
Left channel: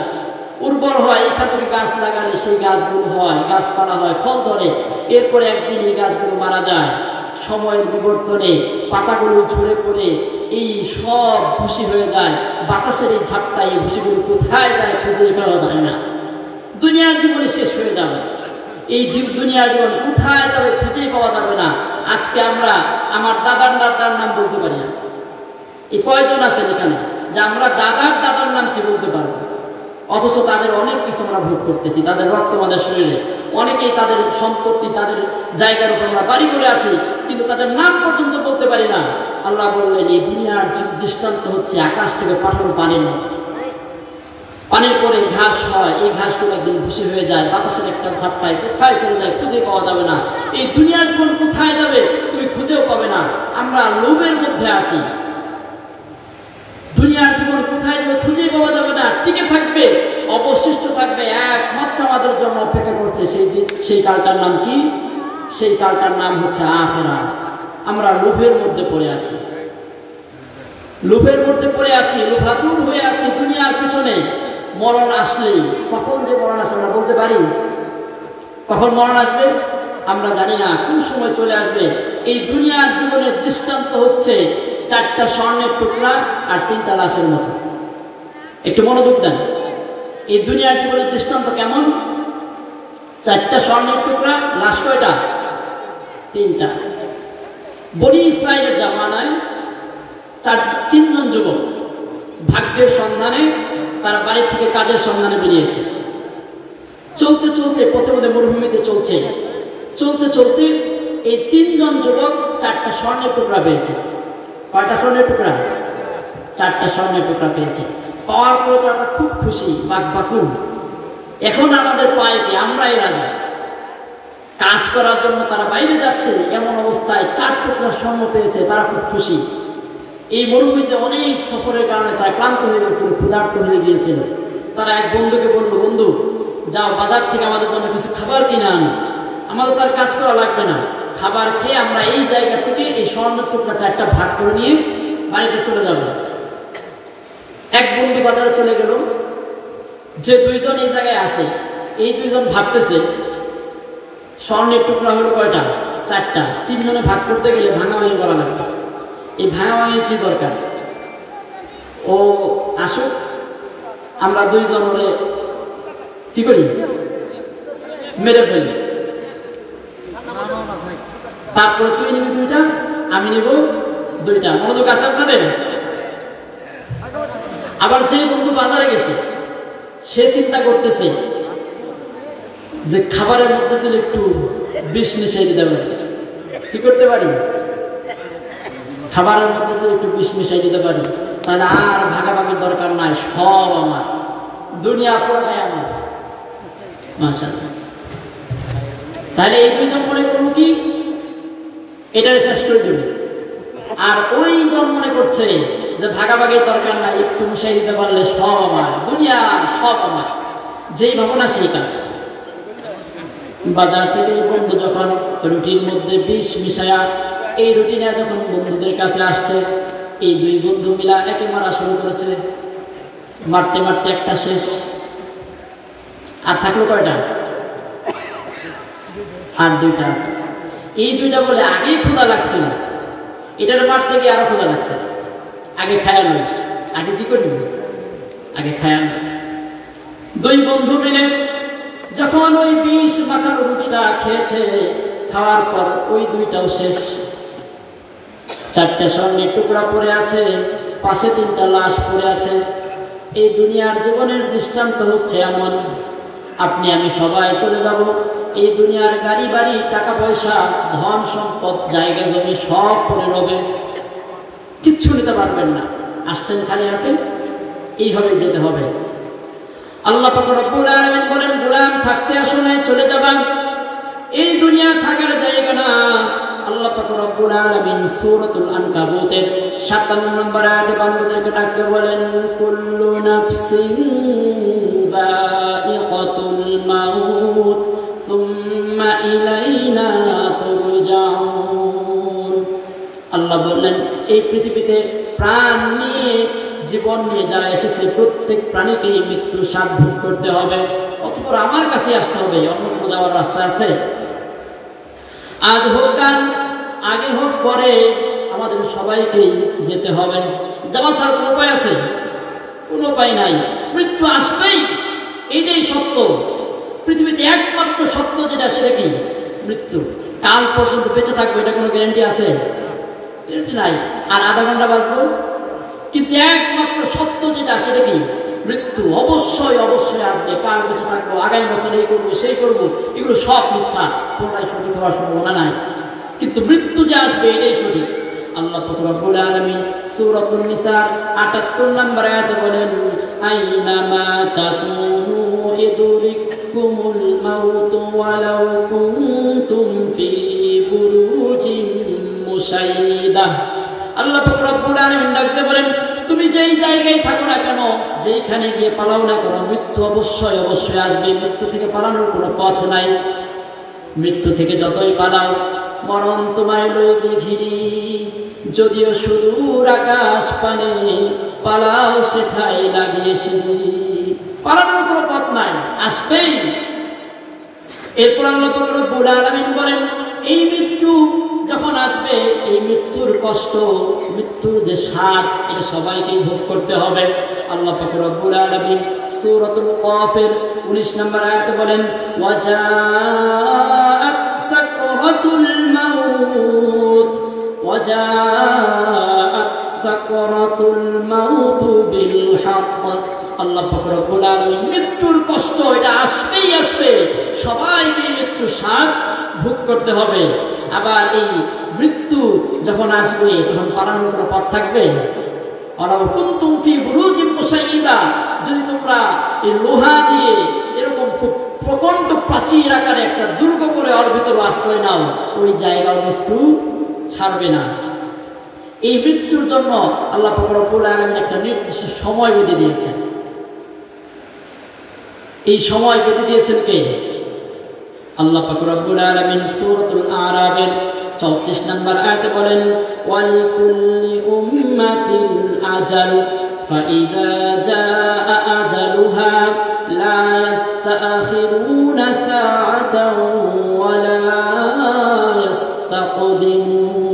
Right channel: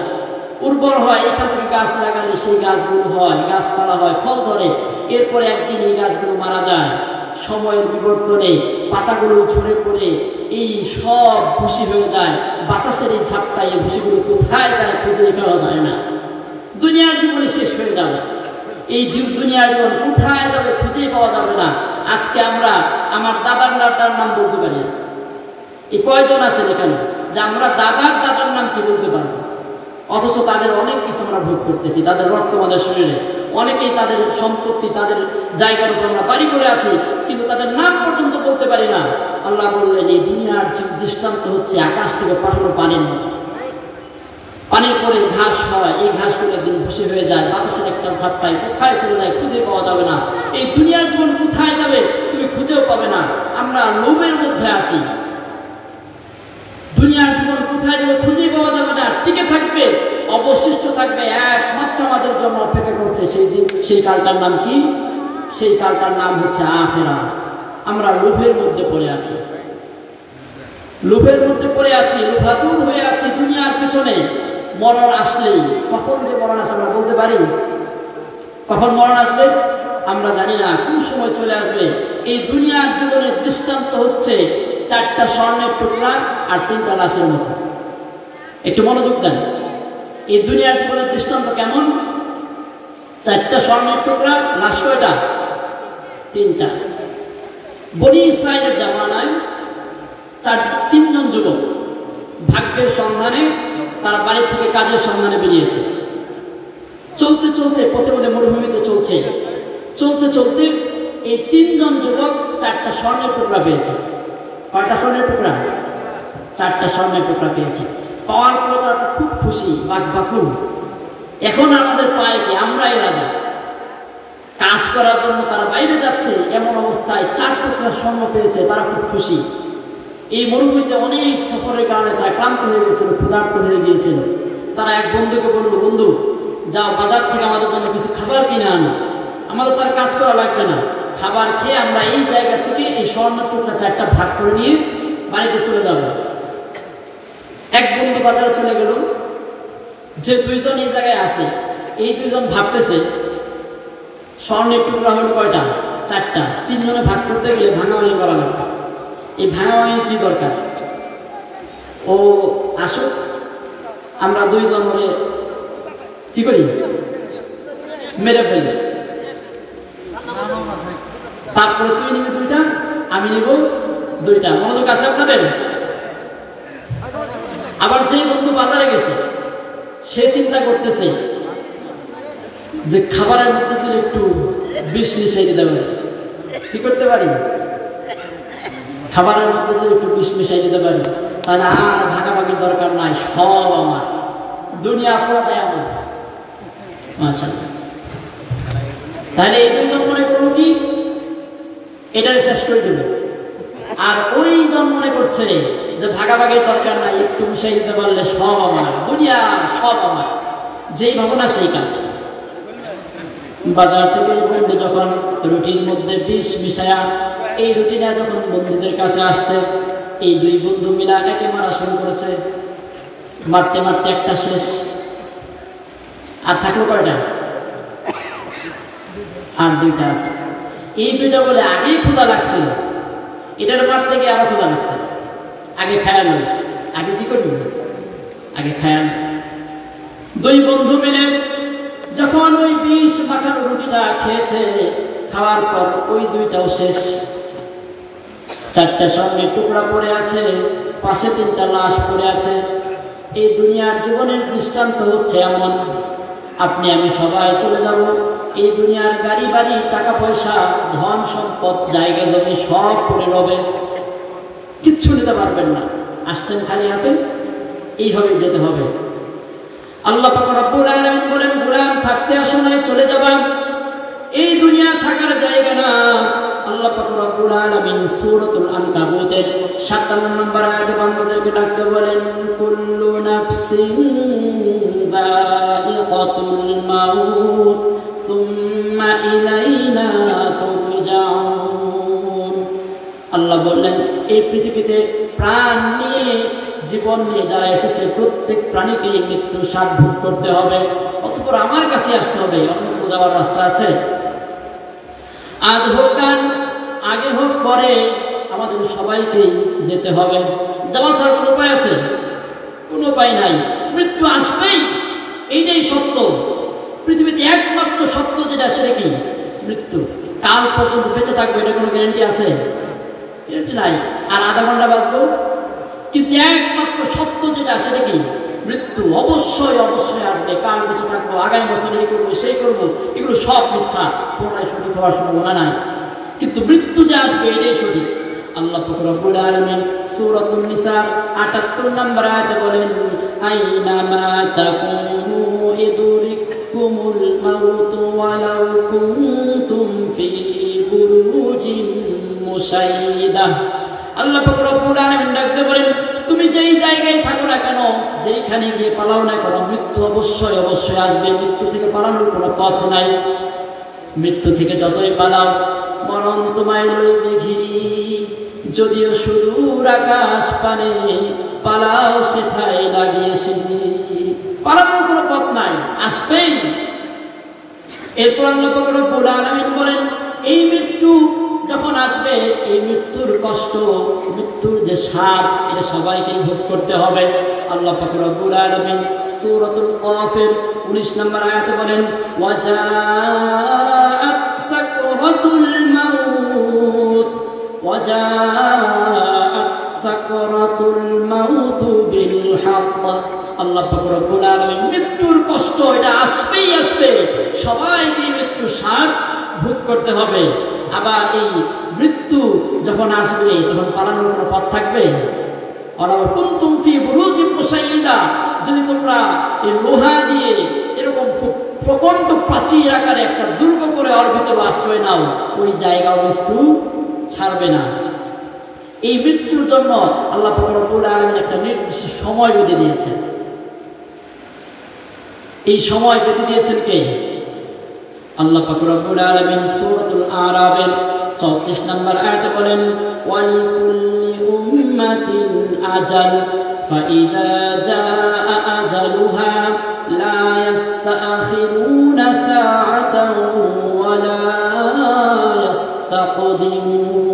উর্বর হয়, এখান থেকে গাছ লাগালে সেই গাছগুলো হয়, গাছপালা হয়, ফল ধরে। এরপরে একদিন এই গাছগুলো মারা যায়, সময়ের বিবর্তনে পাতাগুলো ঝরে পড়ে এই সব ভুসি হয়ে যায়। বাতাসের এই ঝাপটায় এই ভুসিগুলো কোথায় যায় খুঁজে পাওয়া যায় না। দুনিয়ার জীবনে শেষ হয়ে যাবে, এই দুনিয়ার জীবন কোথায় যাবে খুঁজেই পাওয়া যাবে না। আজকে আমরা আমার দাদার দাদার নাম বলতে পারি না। এই কয়জন আছেন এখানে যে আমরা দাদার দাদার নাম কি বলতে পারি, অথচ তাদের অনেক কিছু আমরা ভোগ করতেছি, তাদের রক্ত আমাদের শরীরে। অনেকেই তাদের সম্পত্তি, তাদের জায়গার উপর আমরা বাড়ি করে আছি, কিন্তু তাদের নাম পর্যন্ত বলতে পারি না। আল্লাহ বললেন এই দুনিয়ার দৃষ্টান্ত হচ্ছে আকাশ থেকে পাঠানো পানির মতো। পানির পরে ঘাস হয়, এই ঘাসগুলো একদিন ভুসি হয়ে যায়, বাতাসের একটা ঝাপটায় কোথায় চলে যায় খুঁজে পাওয়া যাবে না। এই দুনিয়ার জীবন কোথায় যাবে তুমি খুঁজেও পাবে না। আমরা লোভের মধ্যে আছি, দুনিয়ার জীবন কোথায় যাবে খুঁজেই পাওয়া যাবে না। টিকে থাকবে, অবশিষ্ট থাকবে একমাত্র আমাদের জন্য অপেক্ষা করছে সেই কালটার নাম কি? সেই কালটার নাম হচ্ছে আখিরাত। আমরা লোভের মধ্যে পড়ে আছি, লোভের মধ্যে পড়ে আছি, লোভাতুর হয়ে আছি দুনিয়ার পিছনে। মরণ আসলেই, কখন যে মরণ আসে আমরা বলতে পারি? কখন মরণ আসবে আমরা জানি না, কোন সময় চলে আসবে। এই দুনিয়ার জীবনের দৃষ্টান্ত হচ্ছে 4টা স্বর্ণের টুকরা আর 3টা লাশের মতো। একটু মনোযোগ দেন, এই দুনিয়ার জীবনের দৃষ্টান্ত কেমন? 4টা স্বর্ণের টুকরা, লাশ কয়টা? 3টা। বনি ইসরায়েলের জামানায় 3জন যুবক ভাগ্যের সন্ধানে তারা বাড়ির থেকে কাজের সন্ধানে বেরিয়েছে। চলতে চলতে পথে মধ্যে মরুভূমিতে চলছে, চলতে চলতে এই 3জন যুবক 4টা স্বর্ণের টুকরা পেয়েছে। কয়টা স্বর্ণের টুকরা? 4টা স্বর্ণের টুকরা পেয়েছে। পাওয়ার পরে তারা খুব খুশি, বাকুম। এখন আমাদের পায়ে কি? আমরাই রাজা। কাজ করার জন্য তারা বাইরে যাচ্ছে, এমন অবস্থায় 4 টুকরা স্বর্ণ পেয়েছে, তারা খুব খুশি। এই মরুভূমিতে অনেক সফরের কারণে তারা ক্লান্ত হয়ে গেছিল, ক্ষুধার্ত হয়ে গিয়েছিল। তারা এক বন্ধুকে বলল, বন্ধু যাও বাজার থেকে আমাদের জন্য কিছু খাবার কিনে আনো, আমাদের তার কাজ করা লাগবে না, খাবার খেয়ে আমরা এই জায়গা থেকে এই স্বর্ণের টুকরা 4টা ভাগ করে নিয়ে বাড়িতে চলে যাব। এক বন্ধু বাজারে চলে গেল, যে 2জন এই জায়গায় আছে, এই 2জন ভাবতেছে স্বর্ণের টুকরা হলো কয়টা? 4টা। 3 জনে ভাগ করতে গেলে ভাঙাভাঙি করা লাগবে। এই ভাঙাভাঙির কি দরকার? ও আসুক, আমরা দুইজন ওরে কি করি, মেরে ফেলি। তারপরে তুই নিবি দুইটা, আমি নিব দুইটা। মনোযোগ আছে আপনাদের? আবার যে বন্ধু বাজারে গেছে, সে চিন্তা করতেছে যে খাবারের মধ্যে যদি একটু বিষ মিশিয়ে দিতে পারি, কি করতে পারি, খাবারের মধ্যে যদি একটু বিষ মিশিয়ে দিতে পারি, তাহলে আর ভাগাভাগির দরকার নাই, সব আমার, দুনিয়া পুরোটাই আমার। মাশাআল্লাহ। তাহলে এই দুজন মনে করবো কি এটাই শেষ করে দেবে, আর ওই জন মনে করছে যে ভাগাভাগির দরকার নাই, একটু মিশিয়ে দিতে পারলে সব আমার, দুনিয়া সব আমার। যেই ভাবনা সেই কাজ। বাজার থেকে বন্ধু যখন রুটির মধ্যে বিষ মিশায়া এই রুটিটা যখন বন্ধুদের কাছে আসছে, এই দুই বন্ধু মিলা একে মারা শুরু করেছে। মারতে মারতে একটা শেষ, আর থাকলো কয়টা? আর দুইটা আছে। এই দুইটা বলে আগেই ক্ষুধা লাগছিল, এটার মারতে গিয়ে আরো ক্ষুধা লাগছে, আগে খায়াল, আগে কি করি, আগে খায়াল। দুই বন্ধু মিলে যখন ওই বিষ মাখানো রুটিটা খেয়েছে, খাওয়ার পর ওই দুইটাও শেষ। চারটা স্বর্ণের টুকরা পড়ে আছে, পাশে তিনটা লাশ পড়ে আছে। এই দুনিয়ার জীবনের দৃষ্টান্ত হচ্ছে এমন, আপনি আমি সবাই চলে যাব। এই দুনিয়ার গাড়ি বাড়ি, টাকা পয়সা, ধন সম্পদ, জায়গা জমি সব পড়ে রবে, কিচ্ছু নিতে পারবেন না। আসছেন খালি হাতে, এইভাবে যেতে হবে। আল্লাহ পাক রব্বুল আলামিন বলেন, গোলাম থাকতে আসো নাই, চলে যাবা, এই দুনিয়া থাকার জায়গা না। আল্লাহ পাক রব্বুল আলামিন সূরাতুল আনকাবুতের 57 নম্বর আয়াতে বান্দাদেরকে ডাকতে বলেন, কুল্লু নাফসিন যায়িকাতুল মাউত সুম্মা ইলাইনা তুরজাউন। আল্লাহ বললেন, এই পৃথিবীতে প্রাণ নিয়ে, জীবন নিয়ে যারা এসেছে, প্রত্যেক প্রাণীকে মৃত্যু স্বাদ ভোগ করতে হবে, অতঃপর আমার কাছে আসতে হবে। অন্য কোনো যাওয়ার রাস্তা আছে? আজ হোক কাল, আগে হোক পরে, আমাদের সবাইকে যেতে হবে। যাওয়া ছাড়া কোনো উপায় আছে? কোনো উপায় নাই। মৃত্যু আসবেই, এইটাই সত্য। পৃথিবীতে একমাত্র সত্য যেটা, সেটা কি? মৃত্যু। কাল পর্যন্ত বেঁচে থাকবে, এটা কোনো গ্যারান্টি আছে? গ্যারান্টি নাই। আর আধা ঘন্টা বাঁচবো, কিন্তু একমাত্র সত্য যেটা, সেটা কি? মৃত্যু। অবশ্যই অবশ্যই আসবে। কাল বেঁচে থাকবো, আগামী বছর এই করবো, সেই করবো, এগুলো সব মিথ্যা, কোনটাই সঠিক হওয়ার সম্ভাবনা নাই। কিন্তু মৃত্যু যে আসবে, এটাই সঠিক। আল্লাহ পাক রব্বুল আলামিন সূরাতুন নিসা ৭৮ নম্বর আয়াতে বলেন, আইনামা তাকুনু ইদরিকুমুল মাউত ওয়ালাউ কুনতুম ফি বুরুজিন মুশাইয়্যিদা। আল্লাহ পাক রব্বুল আলামিন ডাকতে বলেন, তুমি যেই জায়গায় থাকো না কেন, যেইখানে গিয়ে পালাও না কেন, মৃত্যু অবশ্যই অবশ্যই আসবে। মৃত্যু থেকে পালানোর কোনো পথ নাই। মৃত্যু থেকে যতই পালাও, মরণ তোমায় লইবে ঘিরি। যদিও সুদূর আকাশ পানে, পালাও সেথায় লাগিয়ে সিঁড়ি। পালানোর কোনো পথ নাই, আসবেই। এরপর আল্লাহ পাক রব্বুল আলামিন বলেন, এই মৃত্যু যখন আসবে, এই মৃত্যুর কষ্ট, মৃত্যুর যে স্বাদ, এটা সবাইকে ভোগ করতে হবে। আল্লাহ পাক রব্বুল আলামিন সূরাতুল কাফের 19 নম্বর আয়াতে বলেন, ওয়াজাআত সাকরাতুল মাউত ওয়াজাআত সাকরাতুল মাউত বিল হক। আল্লাহ পাক রব্বুল আলামিন, মৃত্যুর কষ্ট এটা আসবেই আসবে, সবাইকে মৃত্যুর স্বাদ ভোগ করতে হবে। আবার এই মৃত্যু যখন আসবে, তখন পালানোর কোনো পথ থাকবে? ওয়ালাউ কুনতুম ফি বুরুজিন মুশাইয়্যিদা, যদি তোমরা এই লোহা দিয়ে এরকম খুব প্রকাণ্ড প্রাচীর আকারে একটা দুর্গ করে ওর ভিতরে আশ্রয় নাও, ওই জায়গাও মৃত্যু ছাড়বে না। এই মৃত্যুর জন্য আল্লাহ পাক রব্বুল আলামিন একটা নির্দিষ্ট সময় বেঁধে দিয়েছেন। এই সময় বেঁধে দিয়েছেন কে? আল্লাহ পাক রব্বুল আলামিন সূরাতুল আরাফের 34 নম্বর আয়াতে বলেন, ওয়াল কুল্লি উম্মাতিন আজাল ফাইযা জাআ আজালুহা লা ইস্তাখিরুনা সাআতান ওয়া লা ইস্তাকদিমুন।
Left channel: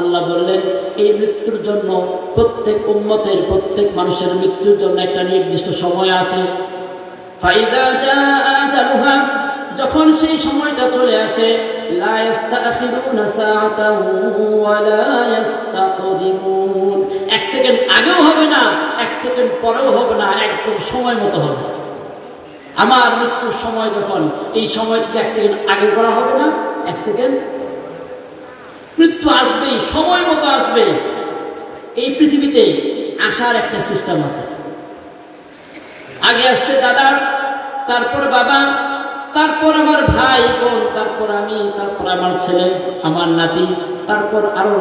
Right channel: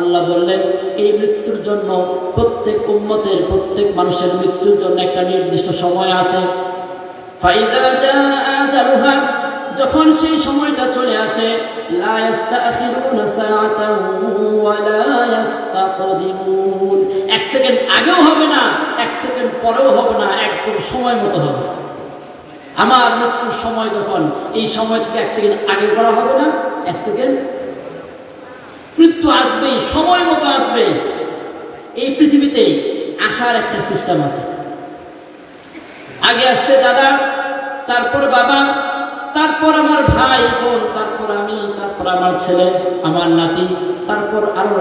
আল্লাহ বললেন, এই মৃত্যুর জন্য প্রত্যেক উম্মতের প্রত্যেক মানুষের মৃত্যুর জন্য একটা নির্দিষ্ট সময় আছে। ফাইদা জাআ আজালুহা, যখন সেই সময়টা চলে আসে, লা ইস্তাখিরুনা সাআতান ওয়া লা ইস্তাকদিমুন, এক সেকেন্ড আগেও হবে না, এক সেকেন্ড পরেও হবে না, একদম সময় মতো হবে। আমার মৃত্যুর সময় যখন, এই সময় থেকে এক সেকেন্ড আগে করা হবে না, এক সেকেন্ড মৃত্যু আসবেই, সময় মতো আসবে। এই পৃথিবীতে আসার একটা সিস্টেম আছে। আগে আসছে দাদা, তারপর বাবা, তারপর আমার ভাই বোন, তারপর আমি, তারপর আমার ছেলে, আমার নাতি, তারপর আরো।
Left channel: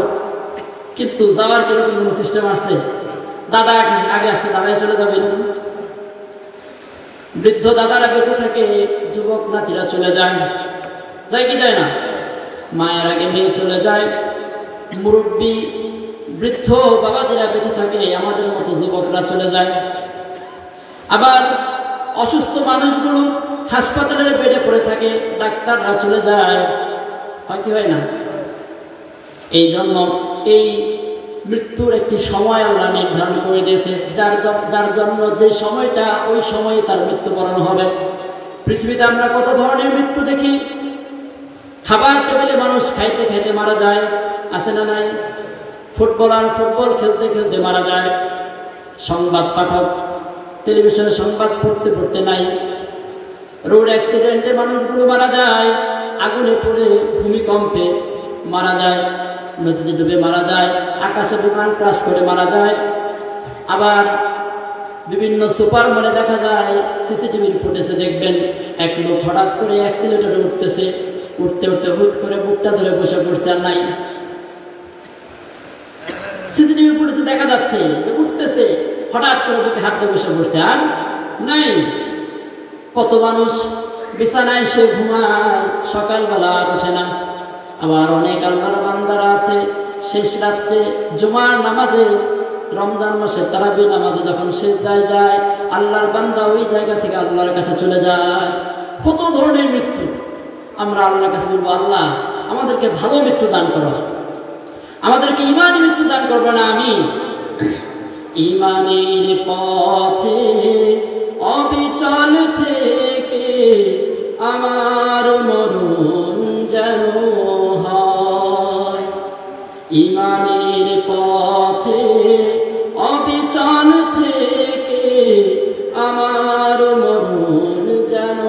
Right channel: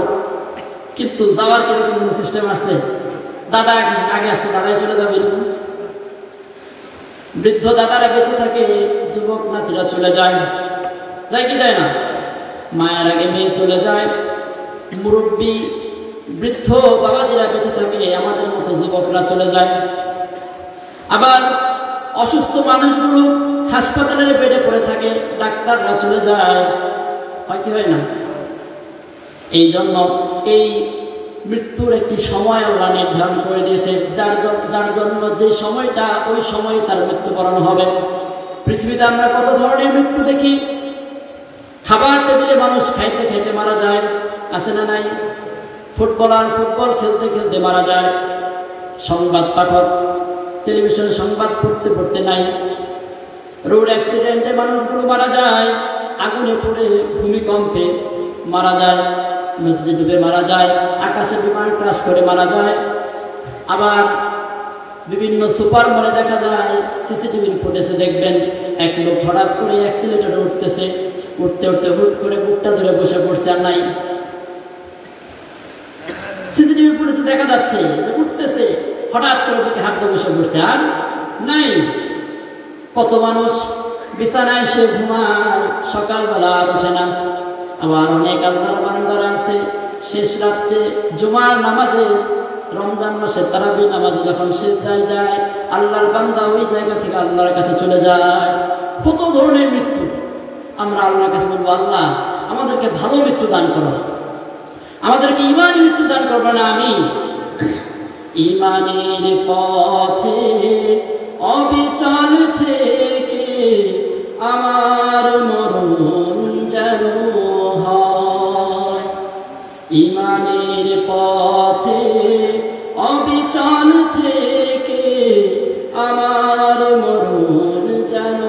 কিন্তু যাওয়ার কোনো সিস্টেম আছে? দাদা আগে আসতে দাদাই চলে যাবে এরকম। বৃদ্ধ দাদারা বেঁচে থাকে, যুবক নাতিরা চলে যায়, যায় কি যায় না? মায়ের আগে মেয়ে চলে যায়, মুরব্বী বৃদ্ধ বাবাজিরা বেঁচে থাকে, আমাদের মতো যুবকরা চলে যায়। আবার অসুস্থ মানুষগুলো হাসপাতালের বেডে পড়ে থাকে, ডাক্তাররা চলে যায়, হয় কি হয় না? এই জন্য এই মৃত্যুর একটি সময় আল্লাহ নির্ধারণ করে দিয়েছে, যার জন্য যে সময়টা, ওই সময়ে তার মৃত্যুবরণ হবে। পৃথিবীতে আমরা কত ধরনের মৃত্যু দেখি। খাবার টেবিলে মানুষ খাইতে খাইতে মারা যায়, আছে না নাই? ফুটবলার ফুটবল খেলতে খেলতে মারা যায়, সংবাদ পাঠক টেলিভিশনে সংবাদ পড়তে পড়তে নাই, রোড অ্যাক্সিডেন্টে মানুষগুলো মারা যায়, আগুনে পড়ে ভূমিকম্পে মারা যায়, নদীতে ডুবে মারা যায়, আকাশে বিমান ক্রাশ করে মারা যায়। আবার বিভিন্ন সুপার মলে দেখা যায়, সিসিটিভির ফুটেজে দেখবেন, এক লোক হঠাৎ করে অ্যাক্সিলেটরে উঠতেছে, উঠতে উঠতে হুট করে বুকটা ধরে বসে পড়ছে, আর নাই। সিসিটিভি ফুটেজে দেখা যাচ্ছে উঠতেছে, হঠাৎ করে বুকে হাত দিয়ে বসে পড়ছে, আর নাই। কত মানুষ বিছানায় সে ঘুমায়, সকালবেলা আর ওঠে না। আবার অনেক আল্লাহর বান্দারা আছে, শেষ রাত্রে জুমার নামাজে, রমজান মাসে তারাবি নামাজে যখন সিজদায় যায়, আল্লাহর বান্দা ওই জায়গা থেকে আল্লাহর কাছে চলে যায়। কত ধরনের মৃত্যু। আমরা আল্লাহর কাছে বলবো, আল্লাহ আমাদেরকে ভালো মৃত্যু দান করো, আমাদেরকে ইমানি মৃত্যু দান করবে না। আমি ইমানের পথে অবিচল থেকে আমার মরণ যেন হয়, ইমানের পথে অবিচল থেকে আমার মরণ যেন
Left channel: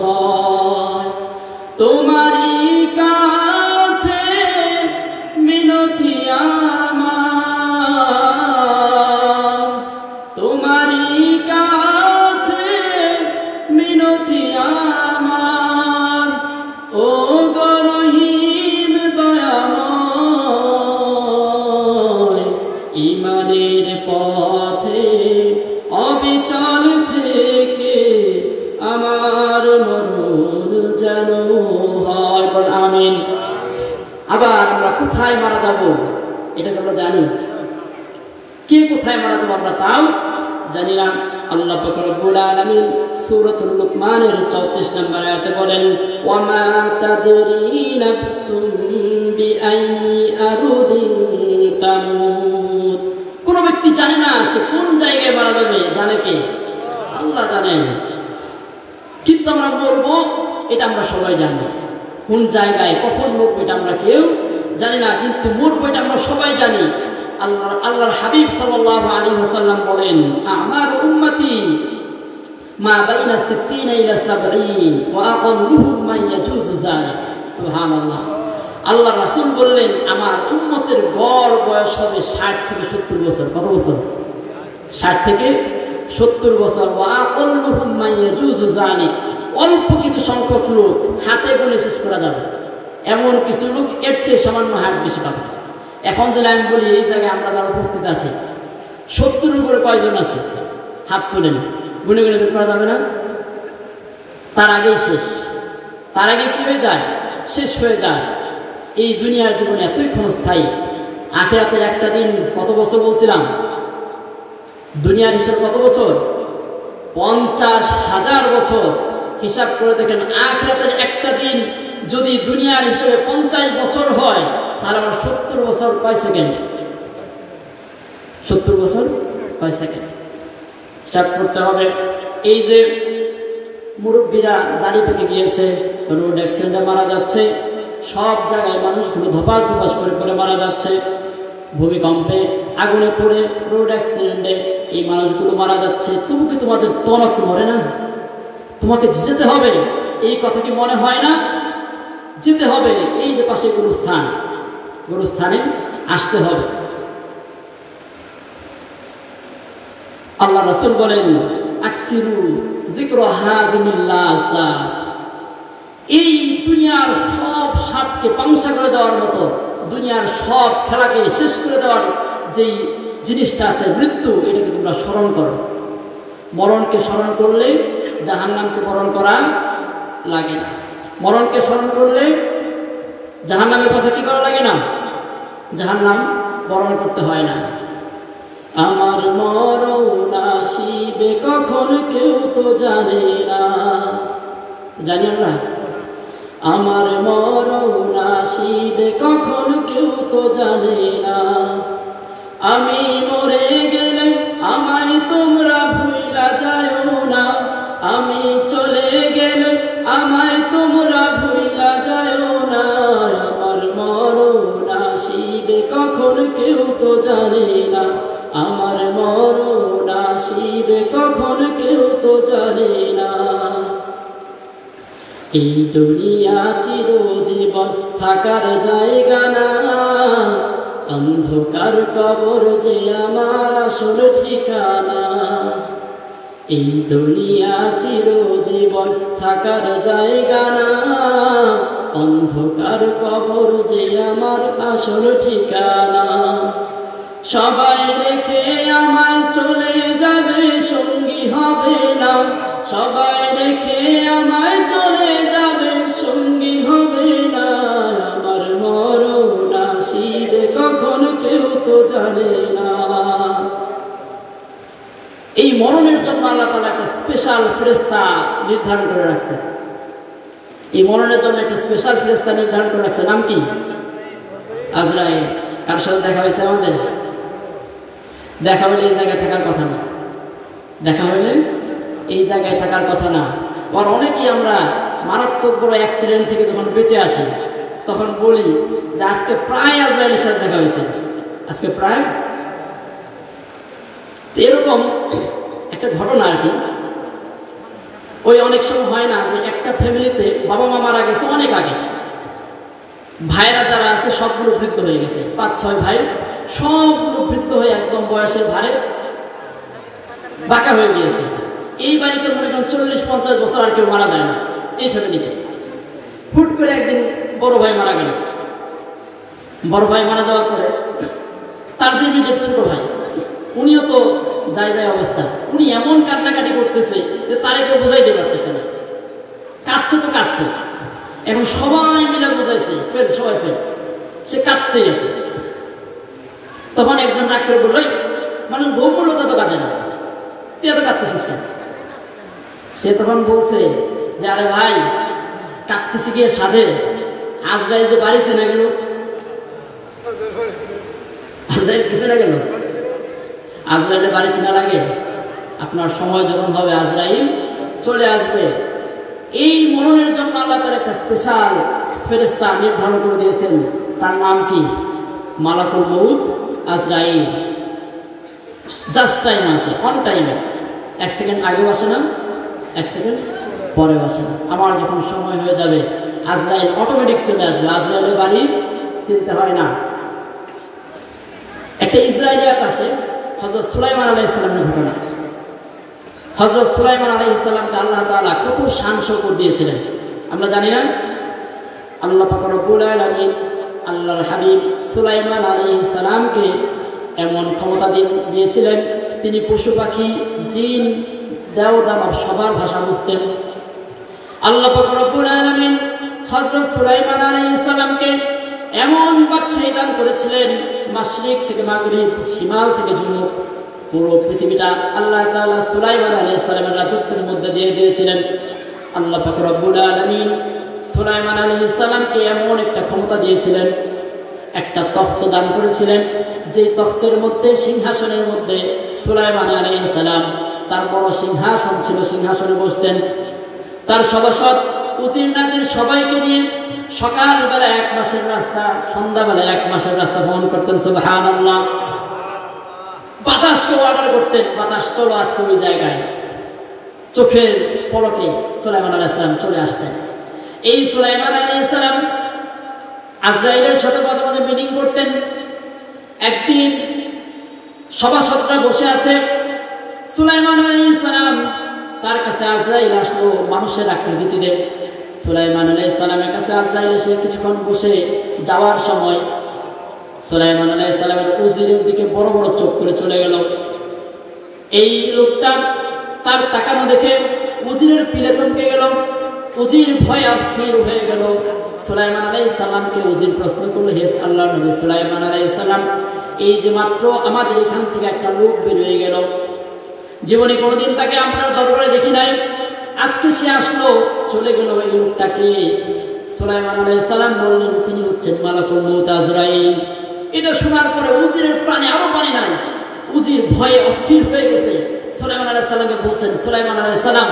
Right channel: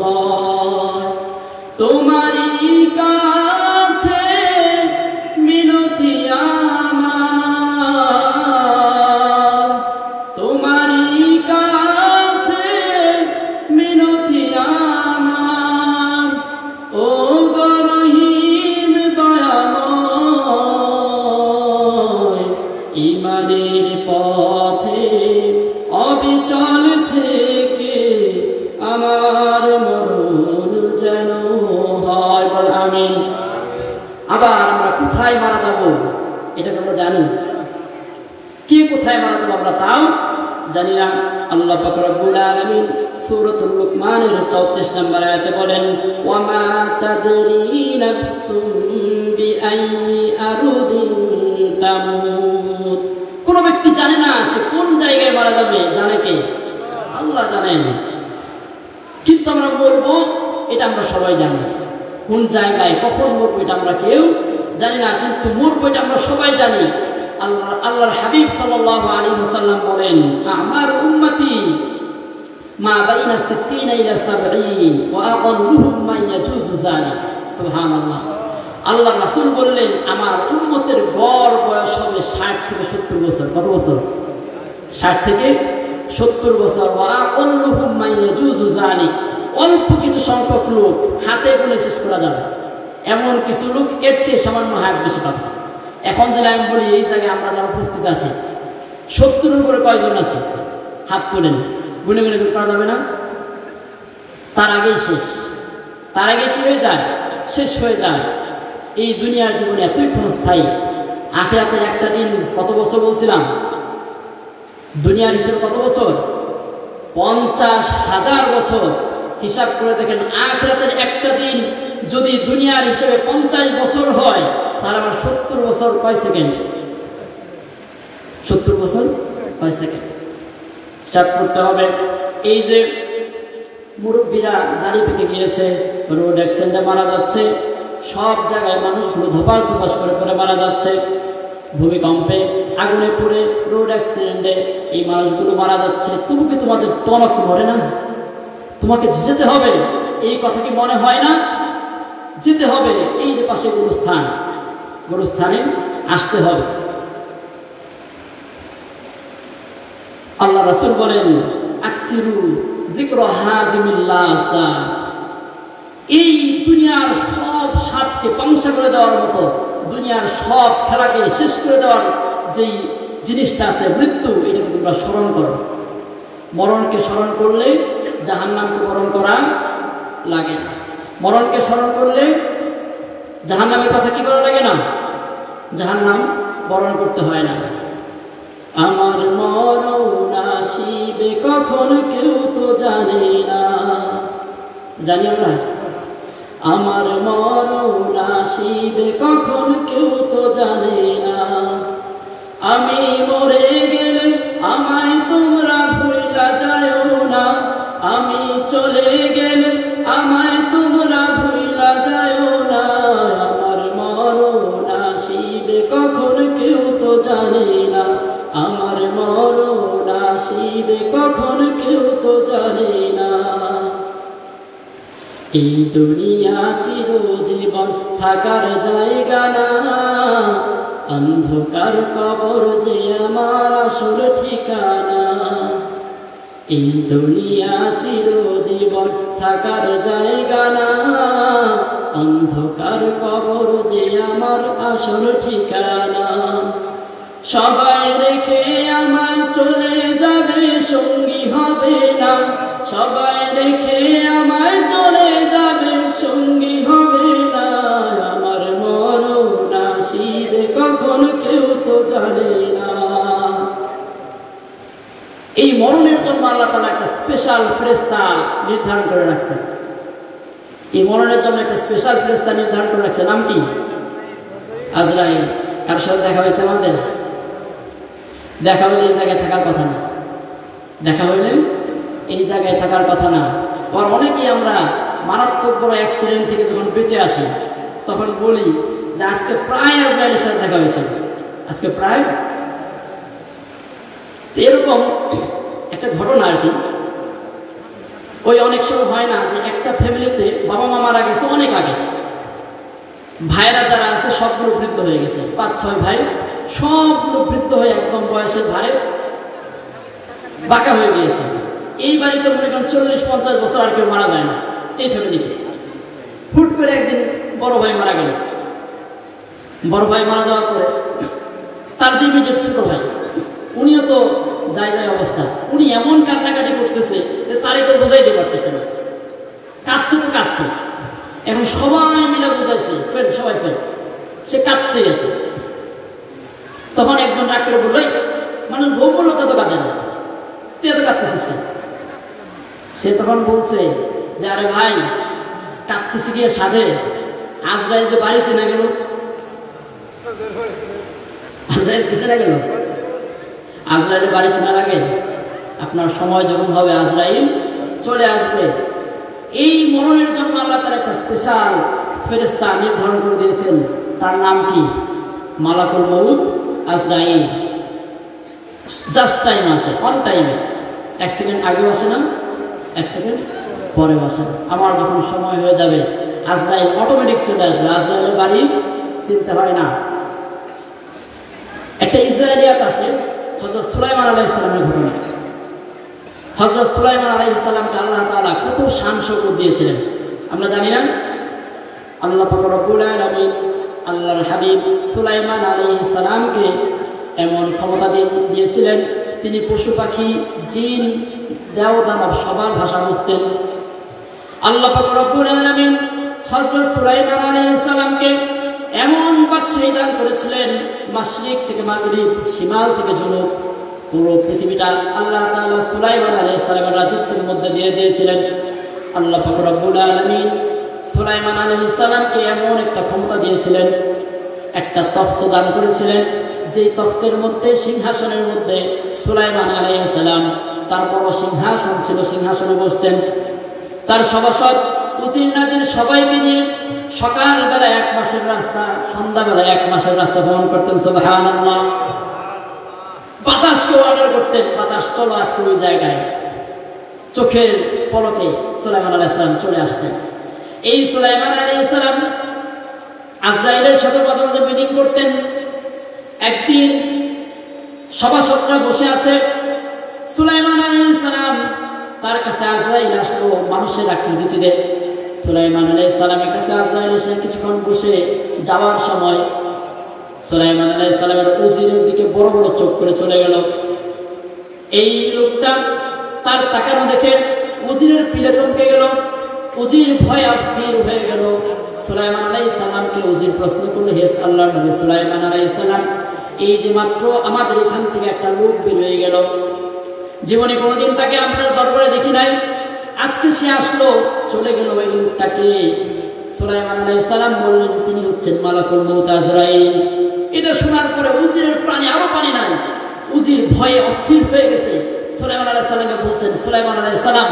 হয়। তোমারই কাছে মিনতি আমার, তোমারই কাছে মিনতি আমার, ও গো রহিম দয়াময়, ইমানের পথে অবিচল থেকে আমার মরণ যেন হয়। আমিন। আবার আমরা কোথায় মারা যাব এটা আমরা জানি, কে কোথায় মারা যাবো আমরা তাও জানি না। আল্লাহ পাক রব্বুল আলামিন সূরাতুল লুকমানের 34 নম্বর আয়াতে বলেন, ওয়া মা তাদরি নাফসুম বিআইয়ি আরদিন তামুত, কোন ব্যক্তি জানে না সে কোন জায়গায় মারা যাবে, জানে কে? আল্লাহ জানেন। কিন্তু আমরা মরবো এটা আমরা সবাই জানি, কোন জায়গায় কখন মরবো এটা আমরা কেউ জানি না, কিন্তু মরবো এটা আমরা সবাই জানি। আল্লাহর হাবিব সাল্লাল্লাহু আলাইহি ওয়াসাল্লাম বলেন, আমার উম্মতি মা বাইনা 60 ইলা 70 ওয়া আকাল্লুহুম মান ইয়াজুজু যালিক। সুবহানাল্লাহ। আল্লাহ রাসূল বললেন, আমার উম্মতের গড় বয়স হবে 60 থেকে 70 বছর। কত বছর? 60 থেকে 70 বছর। ওয়া আকাল্লুহুম মান ইয়াজুজু যালিক, অল্প কিছু সংখ্যক লোক, হাতে গুনে শেষ করা যাবে এমন কিছু লোক এর চেয়ে সামান্য হাত বেশি পাবে। এখন যদি আমি বলি এই জায়গায় আমরা যারা উপস্থিত আছি 70 উপরে কয়জন আছে, হাত তোলেন, গুনে গুনে বের করা যাবে না? তার আগেই শেষ, তার আগে কি হয়ে যায়? শেষ হয়ে যায়। এই দুনিয়ার জীবনে এতই ক্ষণস্থায়ী, আখিরাতের একটা দিন কত বছর বলছিলাম? দুনিয়ার হিসাব কত বছর? 50,000 বছর। হিসাব করে দেখেন, আখিরাতের একটা দিন যদি দুনিয়ার হিসেবে 50 বছর হয়, তাহলে আমার 70 বছর কয় সেকেন্ড? 70 বছর 6 সেকেন্ড হিসাব করতে হবে। এই যে মুরব্বীরা দাড়ি পেকে গিয়েছে, রোড অ্যাক্সিডেন্টে মারা যাচ্ছে, সব জায়গায় মানুষগুলো ধপাস ধপাস করে মারা যাচ্ছে, ভূমিকম্পে, আগুনে পড়ে, রোড অ্যাক্সিডেন্টে এই মানুষগুলো মারা যাচ্ছে। তুমি কি তোমাদের টনক মরে না? তোমাকে যেতে হবে, এই কথা কি মনে হয় না? যেতে হবে। এই যে পাশে গুরুস্থানে আসতে হবে। আল্লাহ রাসূল বলেন, আকসিরু যিকর হাযিমিল লাযাত। এই দুনিয়ার সব স্বাদকে পাংশা করে দেওয়ার মতো, দুনিয়ার সব খেলাকে শেষ করে দেওয়ার যেই জিনিসটা আছে মৃত্যু, এটাকে তোমরা স্মরণ করো। মরণকে স্মরণ করলে জাহান্নামকে বরণ করা লাগে না। মরণকে স্মরণ করলে জাহান্নামের কথা কি করা লাগে না? জাহান্নাম বরণ করতে হয় না। আমার মরণ আসিবে কখন কেউ তো জানে না। জানি আমরা? আমার মরণ আসিবে কখন কেউ তো জানে না। আমি মরে গেলে আমায় তোমরা ভুইলা যাও না। আমি চলে গেলে আমায় তোমরা ভুইলা যাও না। আমার মরণ আসিবে কখন কেউ তো জানে না। আমার মরণ আসিবে কখন কেউ তো জানে না। এই দুনিয়া চিরজীবন থাকার জায়গা না। অন্ধকার কবর যে আমার আসল ঠিকানা। এই দুনিয়া চিরজীবন থাকার জায়গা না। অন্ধকার কবর যে আমার আসল ঠিকানা। সবাই রেখে আমায় চলে যাবে, সঙ্গী হবে না। সবাই রেখে আমায় চলে যাবে, সঙ্গী হবে না। আমার মরণ আসিবে কখন কেউ তো জানে না। এই মরণের জন্য আল্লাহ তাআলা একটা স্পেশাল ফেরেশতা নির্ধারণ করে রাখছেন। এই মরণের জন্য একটা স্পেশাল ফেরেশতা নির্ধারণ করে রাখছে। নাম কি? আজরাইল। কার সাথে দেখা হয়েছে আমাদের? দেখা হইলে এই জায়গায় থাকার কথা না। দেখা হইলে এই জায়গায় থাকার কথা না। আর অনেকেই আমরা মারাত্মক বড় অ্যাক্সিডেন্ট থেকে যখন বেঁচে আসি তখন বলি যে আজকে প্রায় আজরাইলের সাথে দেখা হয়েছে, আজকে প্রায়। তো এরকম একটা ঘটনা আর কি। ওই অনেক সময় হয় না যে একটা ফ্যামিলিতে বাবা মা মারা গেছে অনেক আগে, ভাইরা যারা আছে সবগুলো বৃদ্ধ হয়ে গেছে, 5-6 ভাই সবগুলো বৃদ্ধ হয়ে একদম বয়সের ভারে বাঁকা হয়ে গিয়েছে। এই বাড়িতে মনে করেন 40-50 বছর আর কেউ মারা যায় না এই ফ্যামিলিতে। হুট করে একদিন বড় ভাই মারা গেল। বড় ভাই মারা যাওয়ার পরে তার যে মিডিয়েট ছোট ভাই, উনিও তো যায় অবস্থা। উনি এমন কান্নাকাটি করতেছে যে তারে কেউ বোঝাইতে পারতেছে না। কাঁদছে তো কাঁদছে। এখন সবাই মিলে বোঝাইছে, ফের সবাই ফের, সে কাঁদতে গেছে। তখন একজন রাগ করে বলল, মানুষ বউ বললো তত কাঁদে না, তুই এত কাঁদতেছিস না। সে তখন বলছে যে আরে ভাই, কাঁদতেছি গিয়ে সাধে আজরাইল যে বাড়ি চিনে গেল। আজরাইল কিছু না গেল? আজরাইলের বাড়ি চেনা লাগে? আপনার সময় যখন হবে আজরাইল চলে আসবে। এই মরণের জন্য আল্লাহ তাআলা একটা স্পেশাল ফেরেশতা নির্ধারণ করে দিয়েছেন। তার নাম কি? মালাকুল মউত আজরাইল। জাস্ট টাইম আসে, অন টাইমে। 1 সেকেন্ড আগেও আসে না, 1 সেকেন্ড পরেও আসে না। আমার যখন সময় হয়ে যাবে আজরাইল অটোমেটিক চলে আসবে। আজরাইলের বাড়ি চিনতে হয় না। একটা ইসরায়েলিয়াত আছে হযরত সুলাইমান আলাইহিস সালামের ঘটনা। হযরত সুলাইমান আলাইহিস সালামকে আল্লাহ তাআলা কত শান শৌকত দিয়েছিলেন আমরা জানি না? আল্লাহ পাক রব্বুল আলামিন আল্লাহর হাবিব সুলাইমান আলাইহিস সালামকে এমন ক্ষমতা দিয়েছিলেন, তিনি পশু পাখি, জিন, দেও দানব সবার ভাষা বুঝতেন। আল্লাহ পাক রব্বুল আলামিন হযরত সুলাইমান আলাইহিস সালামকে এমন বাদশাহী দান করেছিলেন, মাশরিক থেকে মাগরিব, শিমাল থেকে জুনুব, পুরো পৃথিবীটা আল্লাহ তাআলা সুলাইমান আলাইহিস সালামের রাজত্বের মধ্যে দিয়ে দিয়েছিলেন। আল্লাহ পাক রব্বুল আলামিন সুলাইমান আলাইহিস সালামকে এমন একটা ক্ষমতা দিয়েছিলেন, একটা তখ্ত দান করেছিলেন, যে তখ্তের মধ্যে সিংহাসনের মধ্যে সুলাইমান আলাইহিস সালাম তার বড় সিংহাসন ছিল, সিংহাসনে বসতেন। তার সভাসদ উজির নাজির সবাইকে নিয়ে সকালবেলা 1 মাসের রাস্তা, সন্ধ্যাবেলা 1 মাসের রাস্তা ভ্রমণ করতেন। সুবহানাল্লাহ। বাতাসকে অর্ডার করতেন, বাতাস চলো আজকে ওই জায়গায়। চোখের পলকে সুলাইমান আলাইহিস সালাম চলে আসতেন। এই সুলাইমান আলাইহিস সালাম আজরাইলের সাথে মাঝে মাঝে মিটিং করতেন। একদিন সভাসদরা বসে আছে, সুলাইমান আলাইহিস সালাম তার কাছে আজরাইল আসলো মানুষের আকৃতিতে। সুলাইমান আলাইহিস সালামের কাছে আজরাইল এসে কিছুক্ষণ বসে যাওয়ার সময় সুলাইমান আলাইহিস সালামের উজিরের দিকে বড় বড় চোখ করে চলে গেল। এই লোকটা তার তাকানো দেখে উজিরের পিলে চমকে গেল। উজির ভয়ে অস্থির হয়ে গেল। সুলাইমান আলাইহিস সালামকে উজির প্রশ্ন করল, হে আল্লাহর নবী সুলাইমান আলাইহিস সালাম, এই যে মাত্র আমাদের এখান থেকে একটা লোক বের হয়ে গেল, জীবনে কোনোদিন তাকে আপনার দরবারে দেখি নাই, আজকে সে আসলো চলে গেল, এই লোকটাকে? সুলাইমান আলাইহিস সালাম বললেন, তিনি হচ্ছেন মালাকুল মউত আজরাইল। এটা শোনার পরে উজিরের প্রাণে আরো পানি নাই, উজির ভয়ে অস্থির হয়ে গেছে। সুলাইমান আলাইহিস সালামকে বলছেন, সুলাইমান আলাইহিস সালাম,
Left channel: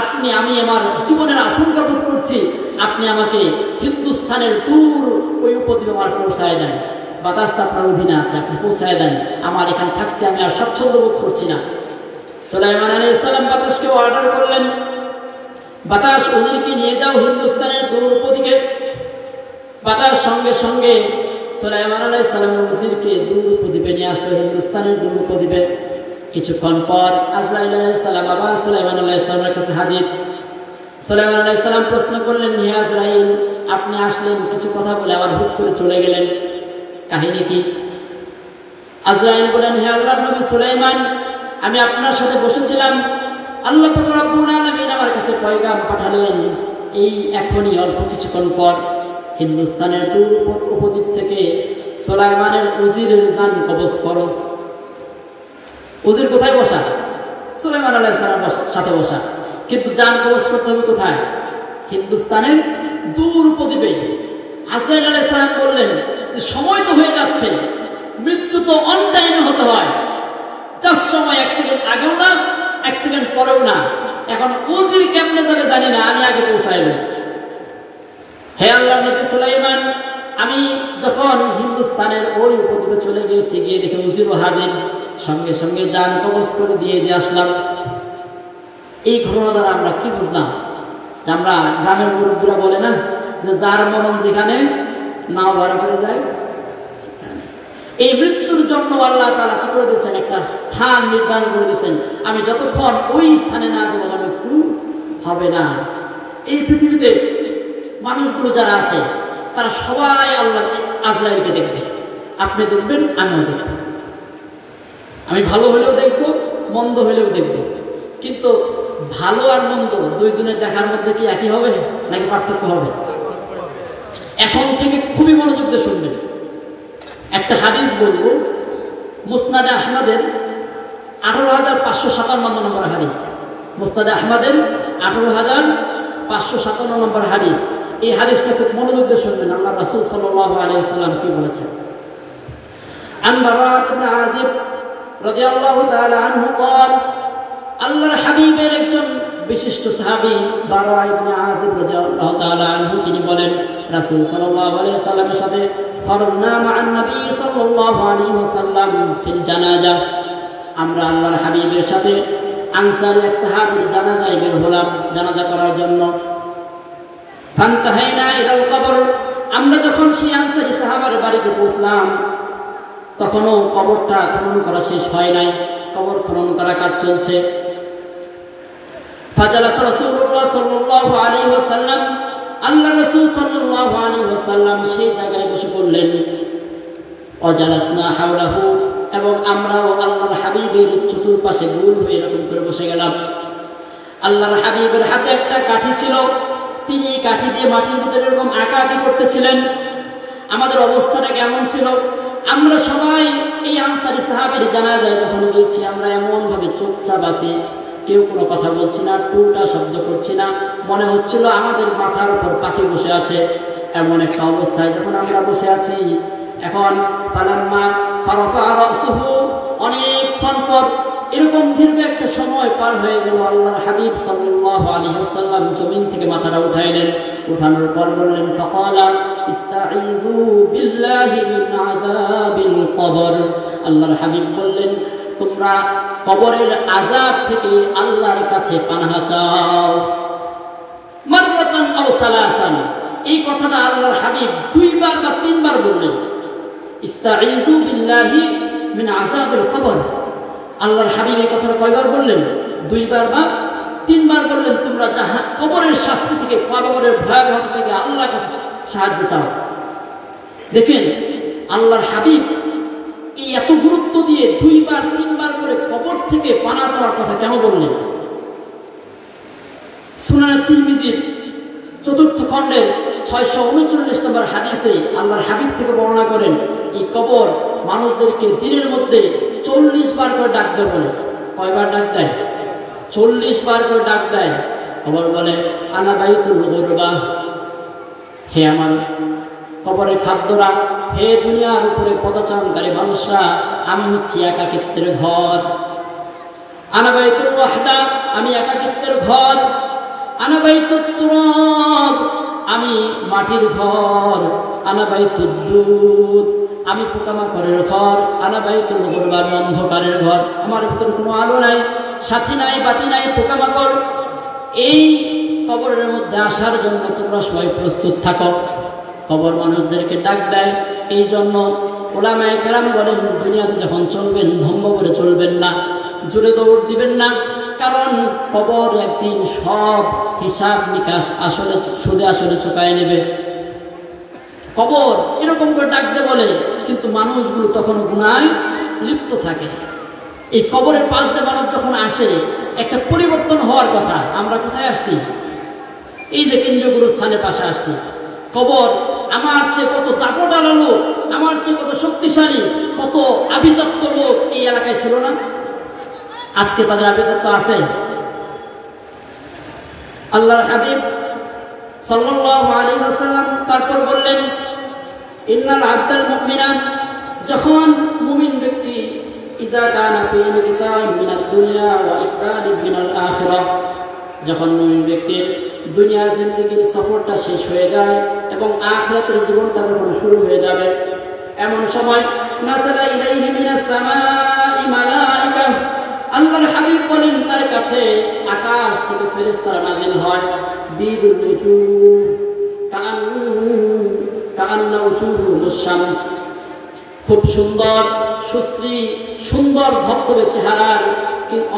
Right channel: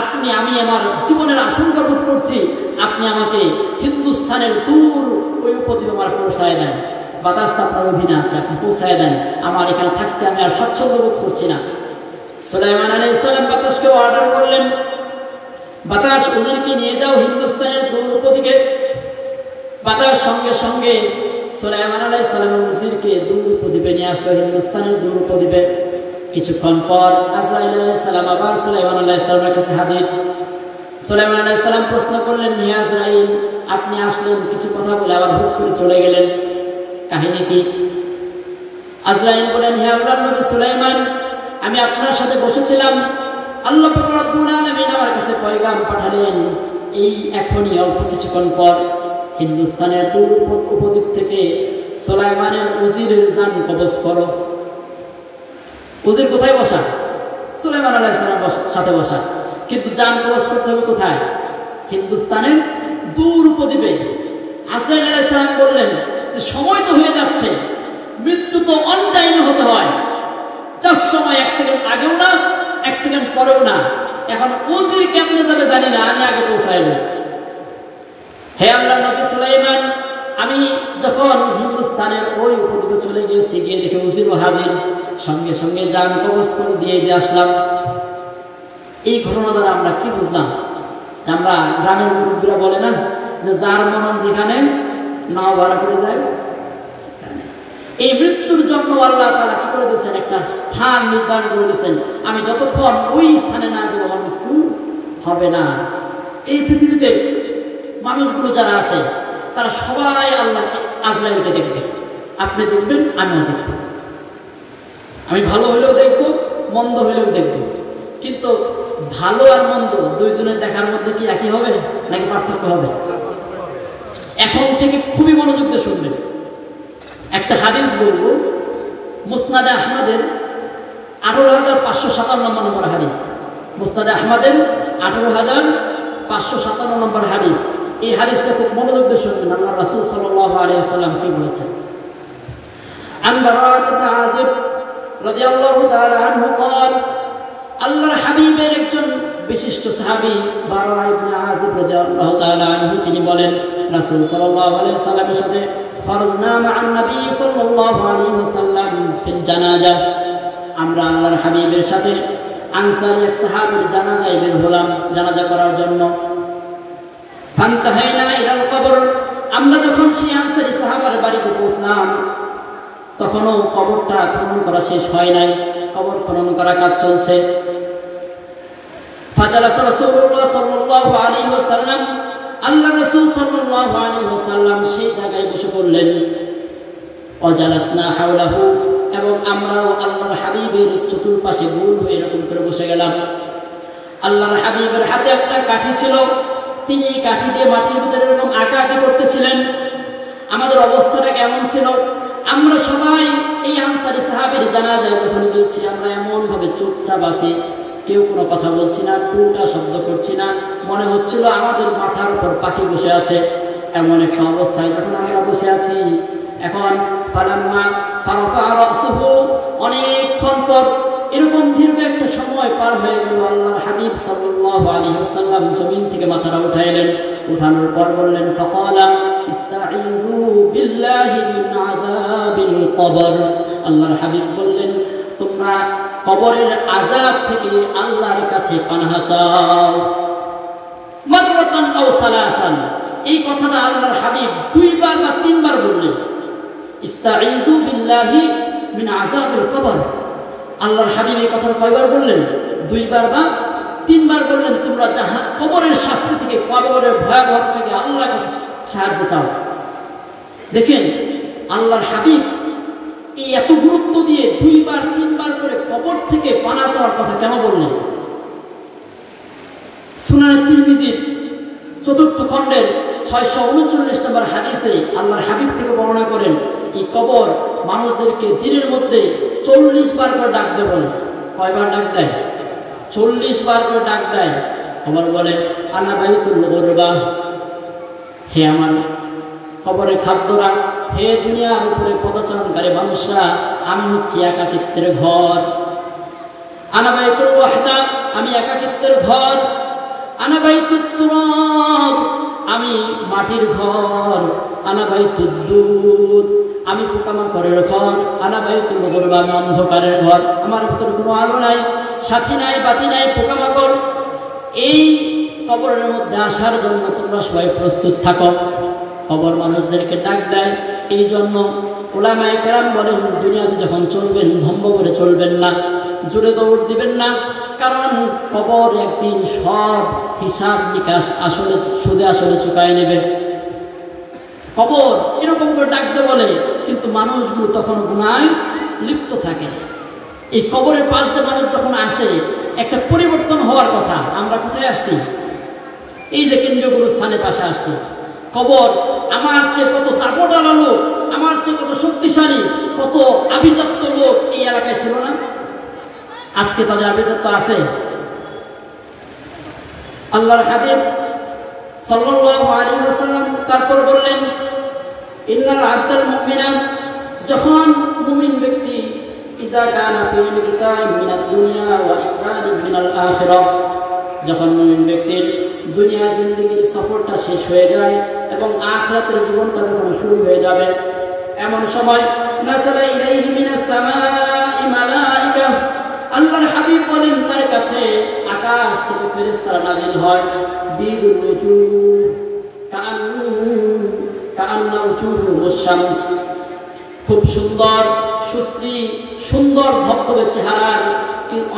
আপনি, আমি আমার জীবনের আশঙ্কা বোধ করছি, আপনি আমাকে হিন্দুস্তানের দূর ওই উপদ্বীপে আমার পৌঁছায় দেন, বাতাসটা আপনার অধীনে আছে, আপনি পৌঁছায় দেন, আমার এখানে থাকতে আমি আর স্বাচ্ছন্দ্য বোধ করছি না। সুলাইমান আলাইহিস সালাম বাতাসকে অর্ডার করলেন, বাতাস উজিরকে নিয়ে যাও হিন্দুস্তানের দূর উপদ্বীপে। বাতাস সঙ্গে সঙ্গে সুলাইমান আলাইহিস সালাম উজিরকে দূর উপদ্বীপে নিয়ে আসলো, হিন্দুস্তানের দূর উপদ্বীপে। কিছুক্ষণ পর আজরাইল আলাইহিস সালাম আবার সুলাইমান আলাইহিস সালামের কাছে হাজির। সুলাইমান আলাইহিস সালাম প্রশ্ন করলেন, হে আজরাইল, আপনি আসলেন, কিছু কথা বলে আবার হুট করে চলে গেলেন, কাহিনী কি? আজরাইল বলেন, হে আল্লাহর নবী সুলাইমান, আমি আপনার সাথে বসেছিলাম, আল্লাহ পাক রব্বুল আলামিন আমার কাছে পয়গাম পাঠালেন, এই এখনই অল্প কিছুক্ষণ পর হিন্দুস্তানের দূর উপদ্বীপ থেকে সুলাইমানের উজিরের জান কবজ করো। উজির কোথায় বসা? সুলাইমান আলাইহিস সালামের সাথে বসা, কিন্তু জান কবজ করতে হবে কোথায়? হিন্দুস্তানের দূর উপদ্বীপে। আজরাইল আলাইহিস সালাম বললেন, সময় তো হয়ে যাচ্ছে, মৃত্যু তো অন টাইমে হতে হয়, যার সময় 1 সেকেন্ড আগেও না 1 সেকেন্ড পরেও না, এখন উজির কেমনে যাবে জানি না, আমি আগে পৌঁছাইব। হে আল্লাহর নবী সুলাইমান, আমি যখন হিন্দুস্তানের ওই উপদ্বীপে চলে গিয়েছি, গিয়ে দেখে উজিরও হাজির, সঙ্গে সঙ্গে জান কবজ করে দিয়ে আসলাম। এই ঘটনা দ্বারা আমরা কি বুঝলাম? আমরা গ্রামের মুরব্বীরা বলে না যে যার মরণ যেখানে নাও ভাড়া করে যায়। এই মৃত্যুর জন্য আল্লাহ তাআলা কি করে দিয়েছেন? একটা স্থান নির্ধারণ করে দিয়েছেন, আমি যতক্ষণ ওই স্থানে না যাবো আমার মৃত্যু হবে না। এই পৃথিবীতে মানুষগুলো যারা আছে তারা সবাই আল্লাহ আজরাইলকে দেখবে, আপনি দেখবেন, আমিও দেখব, আমি ভালো হলেও দেখবো, মন্দ হলেও দেখবো। কিন্তু ভালো আর মন্দ দুইজনের দেখার মধ্যে কি একই হবে নাকি পার্থক্য হবে? এখন থেকে খুবই মনোযোগ দিয়ে শুনবেন। একটা হাদিস বলবো, মুসনাদে আহমদের 18,557 নম্বর হাদিস, মুসনাদে আহমদের 18,557 নম্বর হাদিস। এই হাদিসটা খুব মনোযোগ দিয়ে শুনবেন। আল্লাহ রাসূল সাল্লাল্লাহু আলাইহি ওয়াসাল্লাম কি বলেছেন? আন বারাআত ইবনে আযিব রাদিয়াল্লাহু তাআলা আনহু قال, আল্লাহর হাবিবের একজন বিশিষ্ট সাহাবী বারা ইবনে আযিব রাদিয়াল্লাহু তাআলা আনহু তিনি বলেন, রাসূল সাল্লাল্লাহু আলাইহি ওয়াসাল্লামের সাথে খরজনা মা'আন নবী সাল্লাল্লাহু আলাইহি ওয়াসাল্লাম ফিল জানাজা, আমরা আল্লাহর হাবিবের সাথে আনসারী এক সাহাবীর জানাজায় বের হলাম জানাজা করার জন্য। ফান্তাহাইনা ইলাল কবর, আমরা যখন সেই আনসারী সাহাবার বাড়িতে পৌঁছলাম তখনও কবরটা খনন করা শেষ হয় নাই, কবর খনন করা কাজ চলছে। ফাজালাসা রাসূলুল্লাহ সাল্লাল্লাহু আলাইহি ওয়াসাল্লাম, আল্লাহ রাসূল সাল্লাল্লাহু আলাইহি ওয়াসাল্লাম সেই জায়গায় বসে পড়লেন। ওয়াজালাসনা হাওলাহু, এবং আমরাও আল্লাহর হাবিবের চতুর্পাশে গোল হয়ে এরকম করে বসে গেলাম। আল্লাহর হাবিবের হাতে একটা কাঠি ছিল, তিনি এই কাঠি দিয়ে মাটির ভিতরে এরকম আঁকাআঁকি করতেছিলেন। আমাদের অবস্থাটা কেমন ছিল? আমরা সবাই এই আনসারী সাহাবীর জানাজায় যখন গিয়েছি আমরা এমনভাবে চুপচাপ আছি, কেউ কোনো কথা বলছি না, টুটা শব্দ করছি না, মনে হচ্ছিল আমাদের মাথার উপর পাখি বসে আছে। এমন একটা অবস্থায় যখন আমরা বসে আছি, এখন ফালাম্মা ফারাফা রাসুহু, অনেকক্ষণ পর এরকম দীর্ঘ একটা সময় পার হয়ে গেল। আল্লাহর হাবিব সাল্লাল্লাহু আলাইহি ওয়াসাল্লাম জমিন থেকে মাথাটা উঠাইলেন। উঠানোর পর বললেন ফাকালা ইস্তাঈযু বিল্লাহি মিন আযাবিল কবর। আল্লাহর হাবিব বললেন তোমরা কবরের আযাব থেকে আল্লাহর কাছে পানাহা চাও। মাররাতান আও সালাসান, এই কথাটা আল্লাহর হাবিব 2 বার বা 3 বার বললেন। ইস্তাঈযু বিল্লাহি মিন আযাবিল কবর, আল্লাহর হাবিব এই কথাটা কয়বার বললেন? 2 বার বা 3 বার বললেন। তোমরা কবরের শাস্তি থেকে, কবরের ভয়াবহতা থেকে আল্লাহর কাছে সাহায্য চাও। দেখেন আল্লাহর হাবিব এই এত গুরুত্ব দিয়ে 2 বার 3 বার করে কবর থেকে পানা চাওয়ার কথা কেন বললেন? সুনান তিরমিজির 4th খণ্ডের 639 নম্বর হাদিসে আল্লাহর হাবিব থেকে বর্ণনা করেন এই কবর মানুষদেরকে দিনের মধ্যে 40 বার করে ডাক দেয়। বলে কয়বার ডাক দেয়? 40 বার করে ডাক দেয়। খবর বলে আনা বাইতুল গুরবা, হে আমার কবরের খাদ্যরা, হে দুনিয়ার উপরে পদচারণকারী মানুষরা, আমি হচ্ছি একাকিত্বের ঘর। আনা বাইতুল ওয়াহদা, আমি একাকিত্বের ঘর। আনা বাইতুত তুরাব, আমি মাটির ঘর। আনা বাইতুদ দুদ, আমি পোকামাকড়ের ঘর। আনা বাইতুল গুরবা, আমি অন্ধকারের ঘর। আমার ভিতরে কোনো আলো নাই, সাথী নাই, বাতি নাই, পোকামাকড়। এই কবরের মধ্যে আসার জন্য তোমরা সবাই প্রস্তুত থাকো। কবর মানুষদেরকে ডাক দেয়। এই জন্য উলামায়ে কেরাম বলেন দুনিয়াতে যখন চলবেন ধম্ম করে চলবেন না, জোরে দৌড় দিবেন না, কারণ কবর একদিন সব হিসাব নিকাশ আসলে সুদে আসলে চুকায় নেবে। কবর এরকম করে ডাকতে বলে, কিন্তু মানুষগুলো তখন গুনায় লিপ্ত থাকে। এই কবরের পাশ দিয়ে মানুষ যখন আসে একটা পরিবর্তন হওয়ার কথা। আমরা কোথায় আসছি? এই যে কেন্দ্রীয় গুরুস্থানের পাশে আসছি। কবর আমার চেয়ে কত দাপটালা লোক, আমার চেয়ে কত শক্তিশালী, কত আভিজাত্য লোক এই এলাকায় ছিল না? আজকে তাদের আভিজাত্য আছে? আল্লাহর হাবিব সাল্লাল্লাহু আলাইহি ওয়াসাল্লাম তারপর বললেন ইন্নাল আবদাল মুমিনা, যখন মুমিন ব্যক্তি ইযা কানা ফি ইনকিতা'in মিনাদ দুনিয়া ওয়া ইকবালিন মিনাল আখিরাহ, যখন মুমিন ব্যক্তির দুনিয়ার জিন্দেগির সফরটা শেষ হয়ে যায় এবং আখিরাতের জীবনটা যখন শুরু হয়ে যাবে, এমন সময় নাসালা ইলাইহি মিনাস সামাই মালাইকা, আল্লাহর হাবিব বলেন তার কাছে আকাশ থেকে ফেরেশতারা নাজিল হয়। বিদুল উজুহ কাআন্না উজুহুস শামস, খুব সুন্দর সুশ্রী সুন্দর ধবধবে চেহারার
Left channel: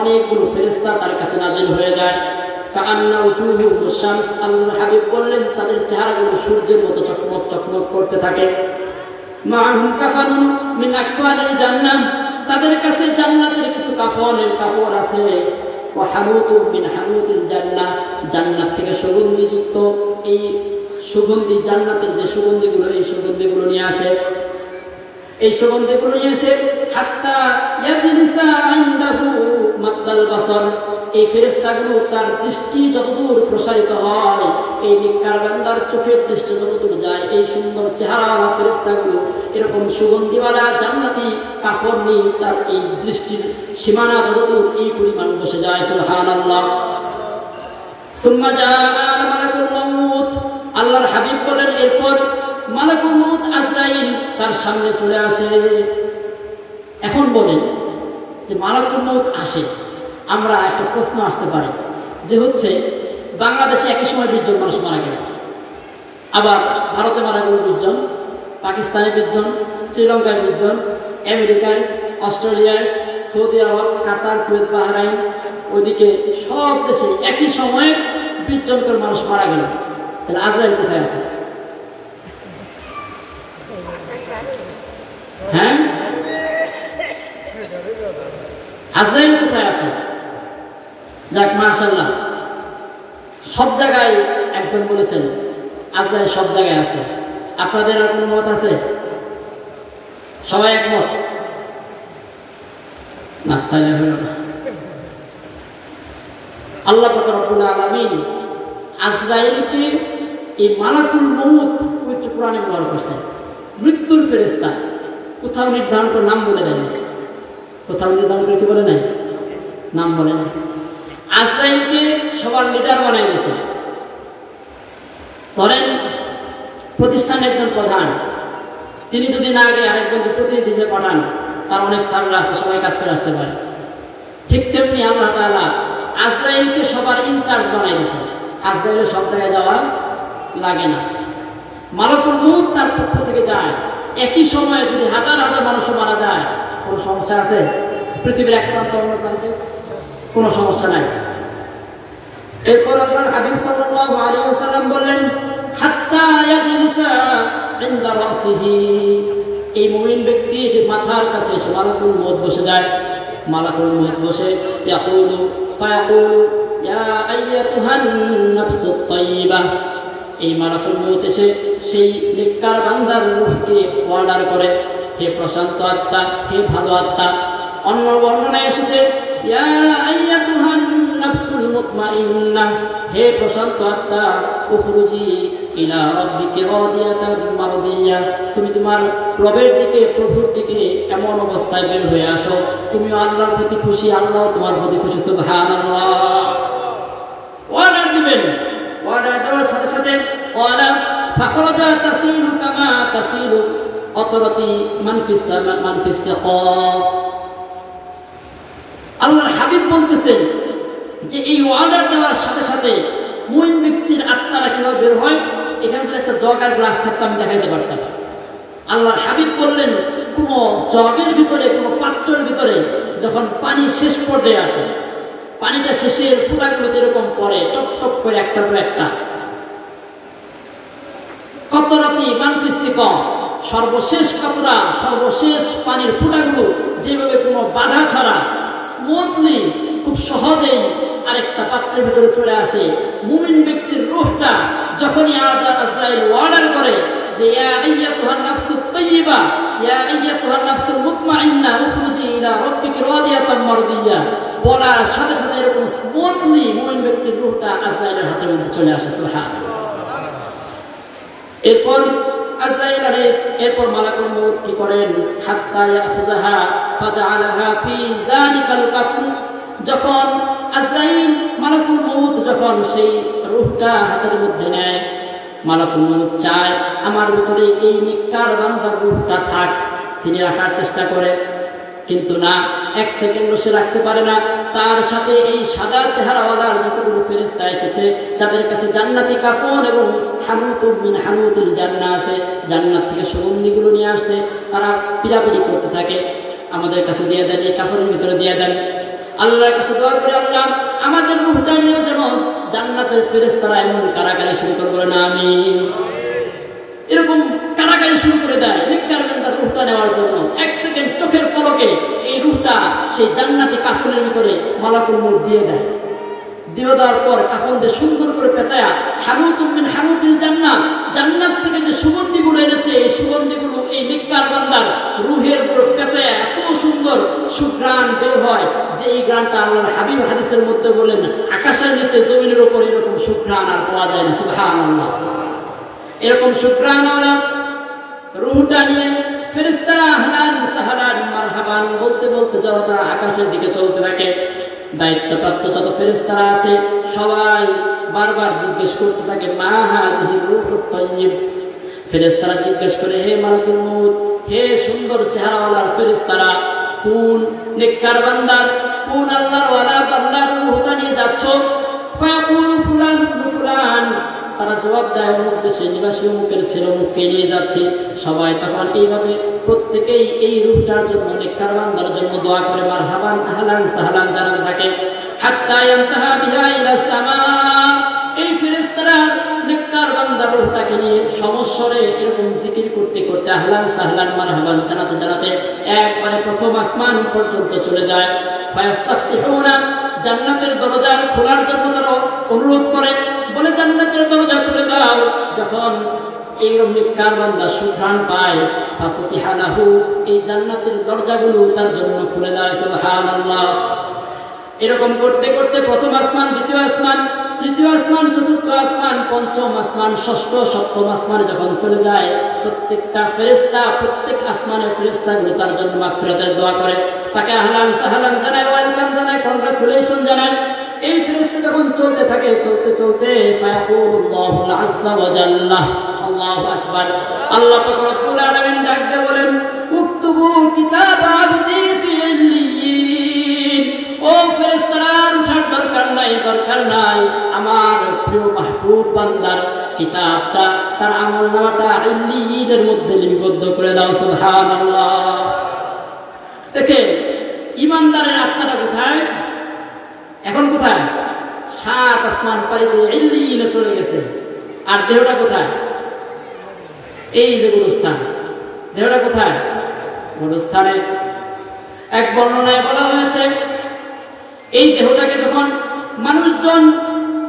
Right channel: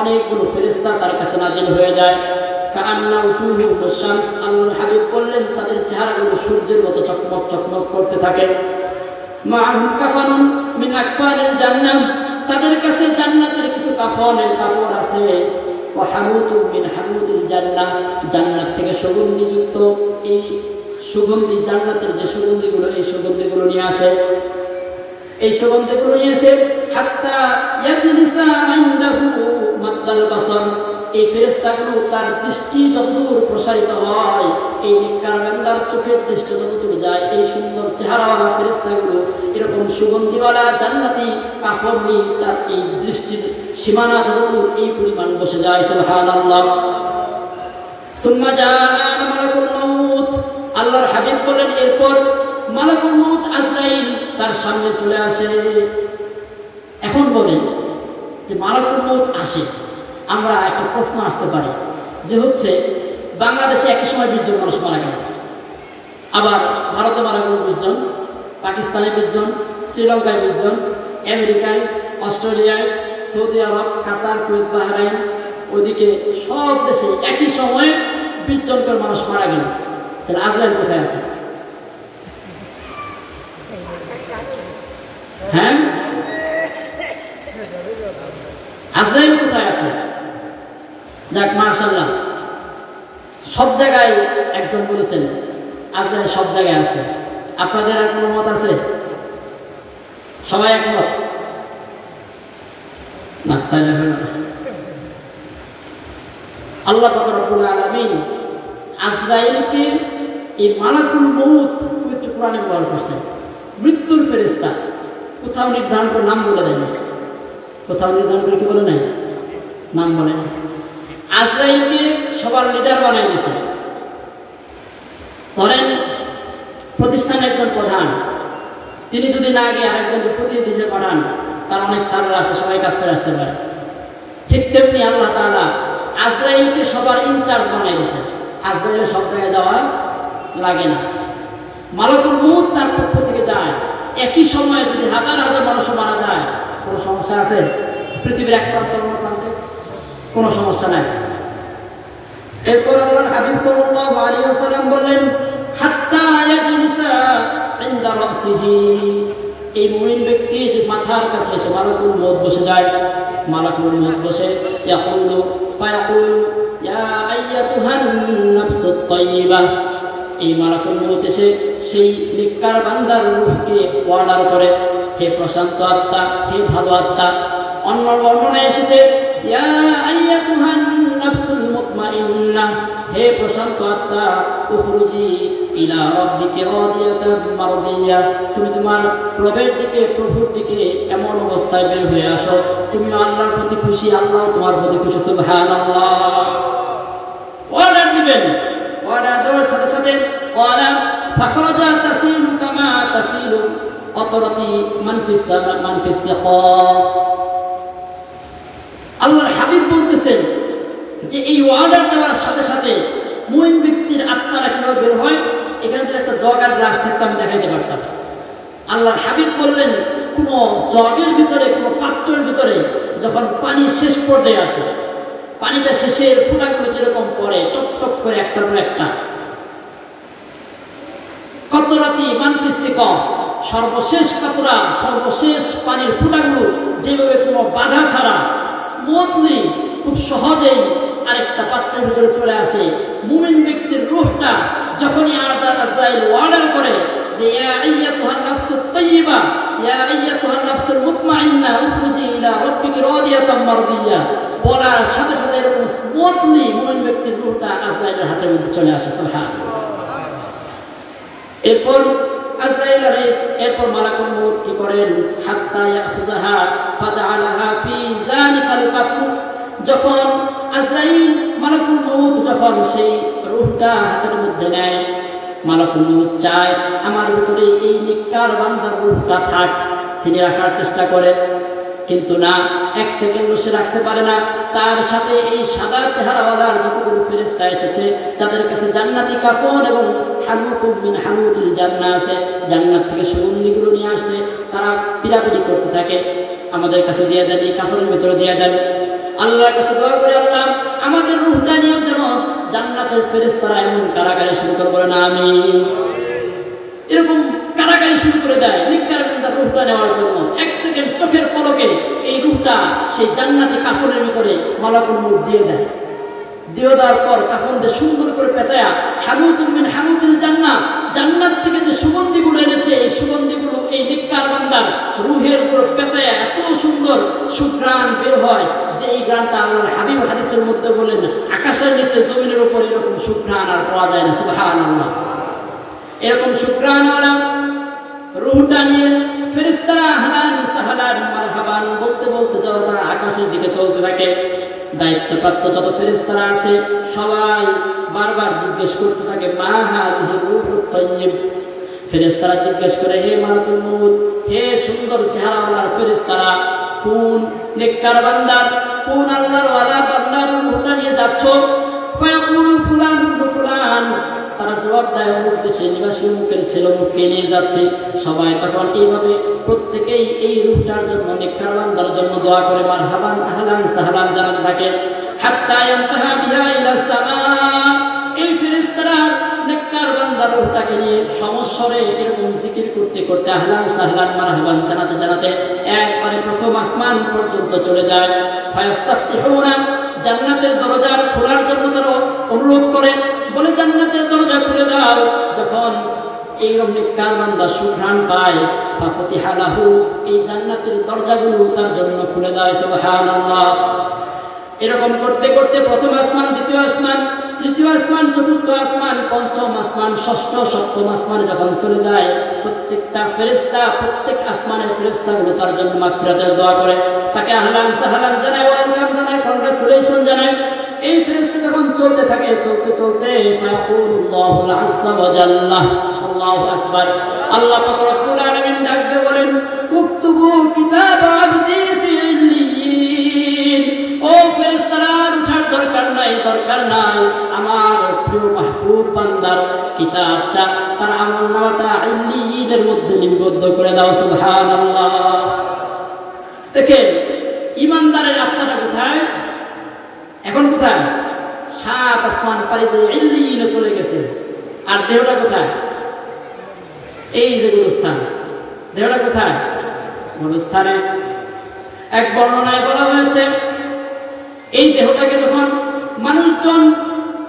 অনেকগুলো ফেরেশতা তার কাছে নাজিল হয়ে যায়। কাআন্না উজুহুস শামস, আল্লাহর হাবিব বললেন তাদের চেহারাগুলো সূর্যের মতো চকমক চকমক করতে থাকে। মাআহুম কাফানুন মিন আকফানিল জান্নাহ, তাদের কাছে জান্নাতের কিছু কাফনের কাপড় আছে। ওয়া হানুতুম মিন হানুতিল জান্নাহ, জান্নাত থেকে সুগন্ধিযুক্ত এই সুগন্ধি, জান্নাতের যে সুগন্ধিগুলো, এই সুগন্ধিগুলো নিয়ে আসে। এই সুগন্ধিগুলো নিয়ে এসে হাত্তা ইয়াজলিসা ইনদাহু মাদ্দাল বাসর, এই ফেরেশতাগুলো তার দৃষ্টি যতদূর প্রসারিত হয়, এই নেককার বান্দার চোখের দৃষ্টি যতদূর যায়, এই সুন্দর চেহারাওয়ালা ফেরেশতাগুলো এরকম সুগন্ধিওয়ালা জান্নাতি কাপড় নিয়ে তার এই দৃষ্টির সীমানা যতদূর এই পরিমাণ বসে যায়। সুবহানাল্লাহ। সুম্মা জাআ মালাকুল মাউত, আল্লাহর হাবিব বলেন এরপর মালাকুল মাউত আজরাইল তার সামনে চলে আসে। এখন বলেন যে মালাকুল মাউত আসে, আমরা একটা প্রশ্ন আসতে পারি যে হচ্ছে বাংলাদেশে একই সময় 20 জন মানুষ মারা গেল, আবার ভারতে মারা গেল 20 জন, পাকিস্তানে 20 জন, শ্রীলঙ্কায় 20 জন, আমেরিকায়, অস্ট্রেলিয়ায়, সৌদি আরব, কাতার, কুয়েত, বাহরাইন, ওইদিকে সব দেশে একই সময়ে 20 জন করে মানুষ মারা গেল। তাহলে আজরাইল কোথায় আছে? হ্যাঁ, আজরাইল কোথায় আছে? যাক মাশাআল্লাহ, সব জায়গায় একজন বলেছেন আজরাইল সব জায়গায় আছে। আপনাদের আর কোনো মত আছে? সবাই একমত না? তাহলে হলো না। আল্লাহ পাক রব্বুল আলামিন আজরাইলকে এই মালাকুল মউত পবিত্র কোরআনে ব্যবহার করছেন। মৃত্যুর ফেরেশতা। কোথাও নির্ধারণ করে নাম বলে দেয় না, কোথাও নির্ধারণ করে কি বলে নাই, নাম বলে না। আজরাইলকে সবার লিডার বানিয়ে দিয়েছে। ধরেন প্রতিষ্ঠানের একজন প্রধান, তিনি যদি না গিয়ে আরেকজনকে প্রতিনিধি হিসেবে পাঠান, তার অনেক সার্ভার আছে, সবাই কাজ করে আসতে পারে। ঠিক তেমনি আল্লাহ তাআলা আজরাইলকে সবার ইনচার্জ বানিয়ে দিয়েছে। আজরাইলের সব জায়গায় যাওয়া লাগে না, মালাকুল মউত তার পক্ষ থেকে যায়। একই সময়ে যদি হাজার হাজার মানুষও মারা যায়, কোনো সমস্যা আছে? পৃথিবীর এক প্রান্ত অন্য প্রান্তে কোনো সমস্যা নাই। এরপর আল্লাহর হাবিব সাল্লাল্লাহু আলাইহি ওয়াসাল্লাম বললেন, হাত্তা ইয়াজলিসা ইনদা রাসিহি, এই মুমিন ব্যক্তির মাথার কাছে এসে মালাকুল মউত বসে যায়। মালাকুল মউত বসে ইয়াকুলু ফায়াকুলু ইয়া আইয়াতুহান নাফসুত তাইয়্যিবা, এই মালাকুল মউত এসে সেই নেককার বান্দার রূহকে অর্ডার করে, হে প্রশান্ত আত্মা, হে ভালো আত্মা। অন্য বর্ণনায় এসেছে ইয়া আইয়াতুহান নাফসুল মুতমাইন্নাহ, হে প্রশান্ত আত্মা, উখরুজি ইলা রাব্বিকি রাদিয়াতান মারদিয়া, তুমি তোমার রবের দিকে, প্রভুর দিকে এমন অবস্থায় বের হয়ে আসো, তুমি আল্লাহর প্রতি খুশি, আল্লাহ তোমার প্রতি খুশি। সুবহানাল্লাহ। অর্ডার দিবেন, অর্ডার দেওয়ার সাথে সাথে ওয়ালা ফাখরাজা তাসিলু কামা তাসিলু আতরাতি মান ফিস সামা মান ফিস সাকা। আল্লাহর হাবিব বলতেছেন যে এই অর্ডার দেওয়ার সাথে সাথে মুমিন ব্যক্তির আত্মারা কিভাবে বের হয়, এখানে যদি একটা জগ আর গ্লাস থাকতো আমি দেখাইতে পারতাম। আল্লাহর হাবিব বললেন, কোনো জগের ভিতরে, কোনো পাত্রের ভিতরে যখন পানি শেষ পর্যায়ে আসে, পানিটা শেষের পুরাগুলো যেরকম পড়ে টপ টপ করে একটার পর একটা, কতরাতি মানফিসি কম, সর্বশেষ কতরা, সর্বশেষ পানির ফুটাগুলো যেভাবে কোনো বাধা ছাড়া স্মুথলি খুব সহজেই আরেকটা পাত্রের ভিতরে চলে আসে, মুমিন ব্যক্তির রূহটা যখনই আজরাইল অর্ডার করে যে ইয়া আইয়াতুহান নাফসুত তাইয়্যিবা ইয়া আইয়াতুহান নাফসুল মুতমাইন্না উখরুজি ইলা রাব্বিকি রাদিয়াতাম মারদিয়া, বলার সাথে সাথে এরকম স্মুথলি মুমিন ব্যক্তির রূহটা আজরাইলের হাতের মধ্যে চলে আসে। সুবহানাল্লাহ। এরপর আজরাইল আলাইহিস, এরপর মালাকুল মউত কি করেন, হাত্তা ইয়াখুযাহা ফাজআলাহা ফি যালিকাল কাফর, যখন আজরাইল মালাকুল মউত যখন সেই রূহটা হাতের মধ্যে নেয়, মালাকুল মউত চায় আমার ভিতরে এই নেককার বান্দার রূহটা থাক, তিনি রাখার চেষ্টা করে, কিন্তু না, এক সেকেন্ডও সে রাখতে পারে না। তার সাথে এই সাদা চেহারাওয়ালার যতগুলো ফেরেশতা এসেছে, যাদের কাছে জান্নাতি কাফন এবং হানুতুম মিন হানুতুল জান্নাহ আছে, জান্নাত থেকে সুগন্ধিগুলো নিয়ে আসছে, তারা পিরাপিরি করতে থাকে, আমাদের কাছে দিয়ে দেন, এই কাফনের ভিতরে দিয়ে দেন। আল্লাহর কাছে দোয়া করে, আল্লাহ আমাদের রূহটা নিয়েও যেন জান্নাতের ফেরেশতারা এমন কারাগারি শুরু করে, বলে না আমিন, এরকম কারাগারি শুরু করে দেয় নেককার বান্দার রূহটা নেওয়ার জন্য। এক সেকেন্ড চোখের পলকে এই রূহটা সেই জান্নাতি কাফনের ভিতরে মালাকুল মউত দিয়ে দেয়। দিয়ে দেওয়ার পর কাফন দিয়ে সুন্দর করে পেঁচায়া হানুতুম মিন হানুতিল জান্নাহ, জান্নাত থেকে যে সুগন্ধিগুলো এনেছে, এই সুগন্ধিগুলো এই নেককার বান্দার রূহের উপর পেঁচায়া এত সুন্দর সুঘ্রাণ বের হয় যে এই গানটা আল্লাহর হাবিব হাদিসের মধ্যে বলেন, আকাশের নিচে জমিনের উপর এরকম সুঘ্রাণ আর পাওয়া যায় না। সুবহানাল্লাহ। এরকম শুকরানওয়ালা রূহটা নিয়ে ফেরেশতারা হালান সাহালান মারহাবান বলতে বলতে যত আকাশের দিকে চলতে থাকে, দায়িত্বপ্রাপ্ত যত ফেরেশতারা আছে সবাই বারবার জিজ্ঞেস করতে থাকে, মা হাযিহি রূহুত তাইয়্যিব। ফেরেশতারা জিজ্ঞেস করে, হে মালাকুল মউত, হে সুন্দর চেহারাওয়ালার ফেরেশতারা, কোন নেককার বান্দার, কোন আল্লাহর ওয়ালা বান্দার রূহটা নিয়ে যাচ্ছ? ফায়াকুলু ফুলান ইবনে ফুলান, তারা জবাব দেয়, অমুক দেশের নিবাসী অমুকের ছেলে অমুককে নিয়ে যাচ্ছে। সবাই তখন এইভাবে প্রত্যেকেই এই রূহটার জন্য, নেককার বান্দার জন্য দোয়া করে, মারহাবান আহলান সাহলান জানাতে থাকে। হাত্তা ইয়ানতাহা বিহা ইলা সামা, এই ফেরেশতারা নেককার বান্দার রূহটাকে নিয়ে সমস্বরে এরকম জিকির করতে করতে আহলান সাহলান মারহাবান জানাতে জানাতে একবারে প্রথম আসমান পর্যন্ত চলে যায়। ফায়াস্তাফতিহুনা, জান্নাতের দরজা খোলার জন্য তারা অনুরোধ করে, বলে জান্নাতের দরজা খুলে দাও। যখন এইরকম নেককার বান্দা সুঘ্রাণ পায়, ফাফতিহা লাহু, এই জান্নাতের দরজাগুলো তার জন্য খুলে দেয়। সুবহানাল্লাহ। এরকম করতে করতে প্রথম আসমান, দ্বিতীয় আসমান, তৃতীয় আসমান, চতুর্থ আসমান, পঞ্চম আসমান, ষষ্ঠ সপ্তম আসমানে যখন চলে যায়, প্রত্যেকটা ফেরেশতা প্রত্যেক আসমানের ফেরেশতাগুলো তার জন্য মাগফিরাতের দোয়া করে, তাকে আহলান সাহলান জানায়, ওয়েলকাম জানায়, কংগ্রাচুলেশন জানায়। এই ফেরেশতা যখন চলতে থাকে, চলতে চলতে ফায়াকুলুল্লাহু আযজা ওয়া জাল্লা, আল্লাহু আকবার, আল্লাহ পাক রব্বুল আলামিন ডাক দিয়ে বলেন, উকতুবু কিতাব আবদি ফি ইল্লিয়িন। ও ফেরেশতারা, উঠার দরকার নাই, দরকার নাই, আমার প্রিয় মাহবুব বান্দার কিতাবটা, তার আমলনামাটা ইল্লিয়িনের মধ্যে লিপিবদ্ধ করে দাও। সুবহানাল্লাহ। দেখেন ঈমানদারের আত্মাটা কোথায়? এখন কোথায়? 7 আসমান পাড়ি দিয়ে ইল্লিয়িনে চলে গেছে। আর দেহটা কোথায়? এই যে গুরুস্থান, দেহটা কোথায়? গুরুস্থানে। এক বর্ণনায় বলা হয়েছে, এই দেহটাকে যখন মানুষজন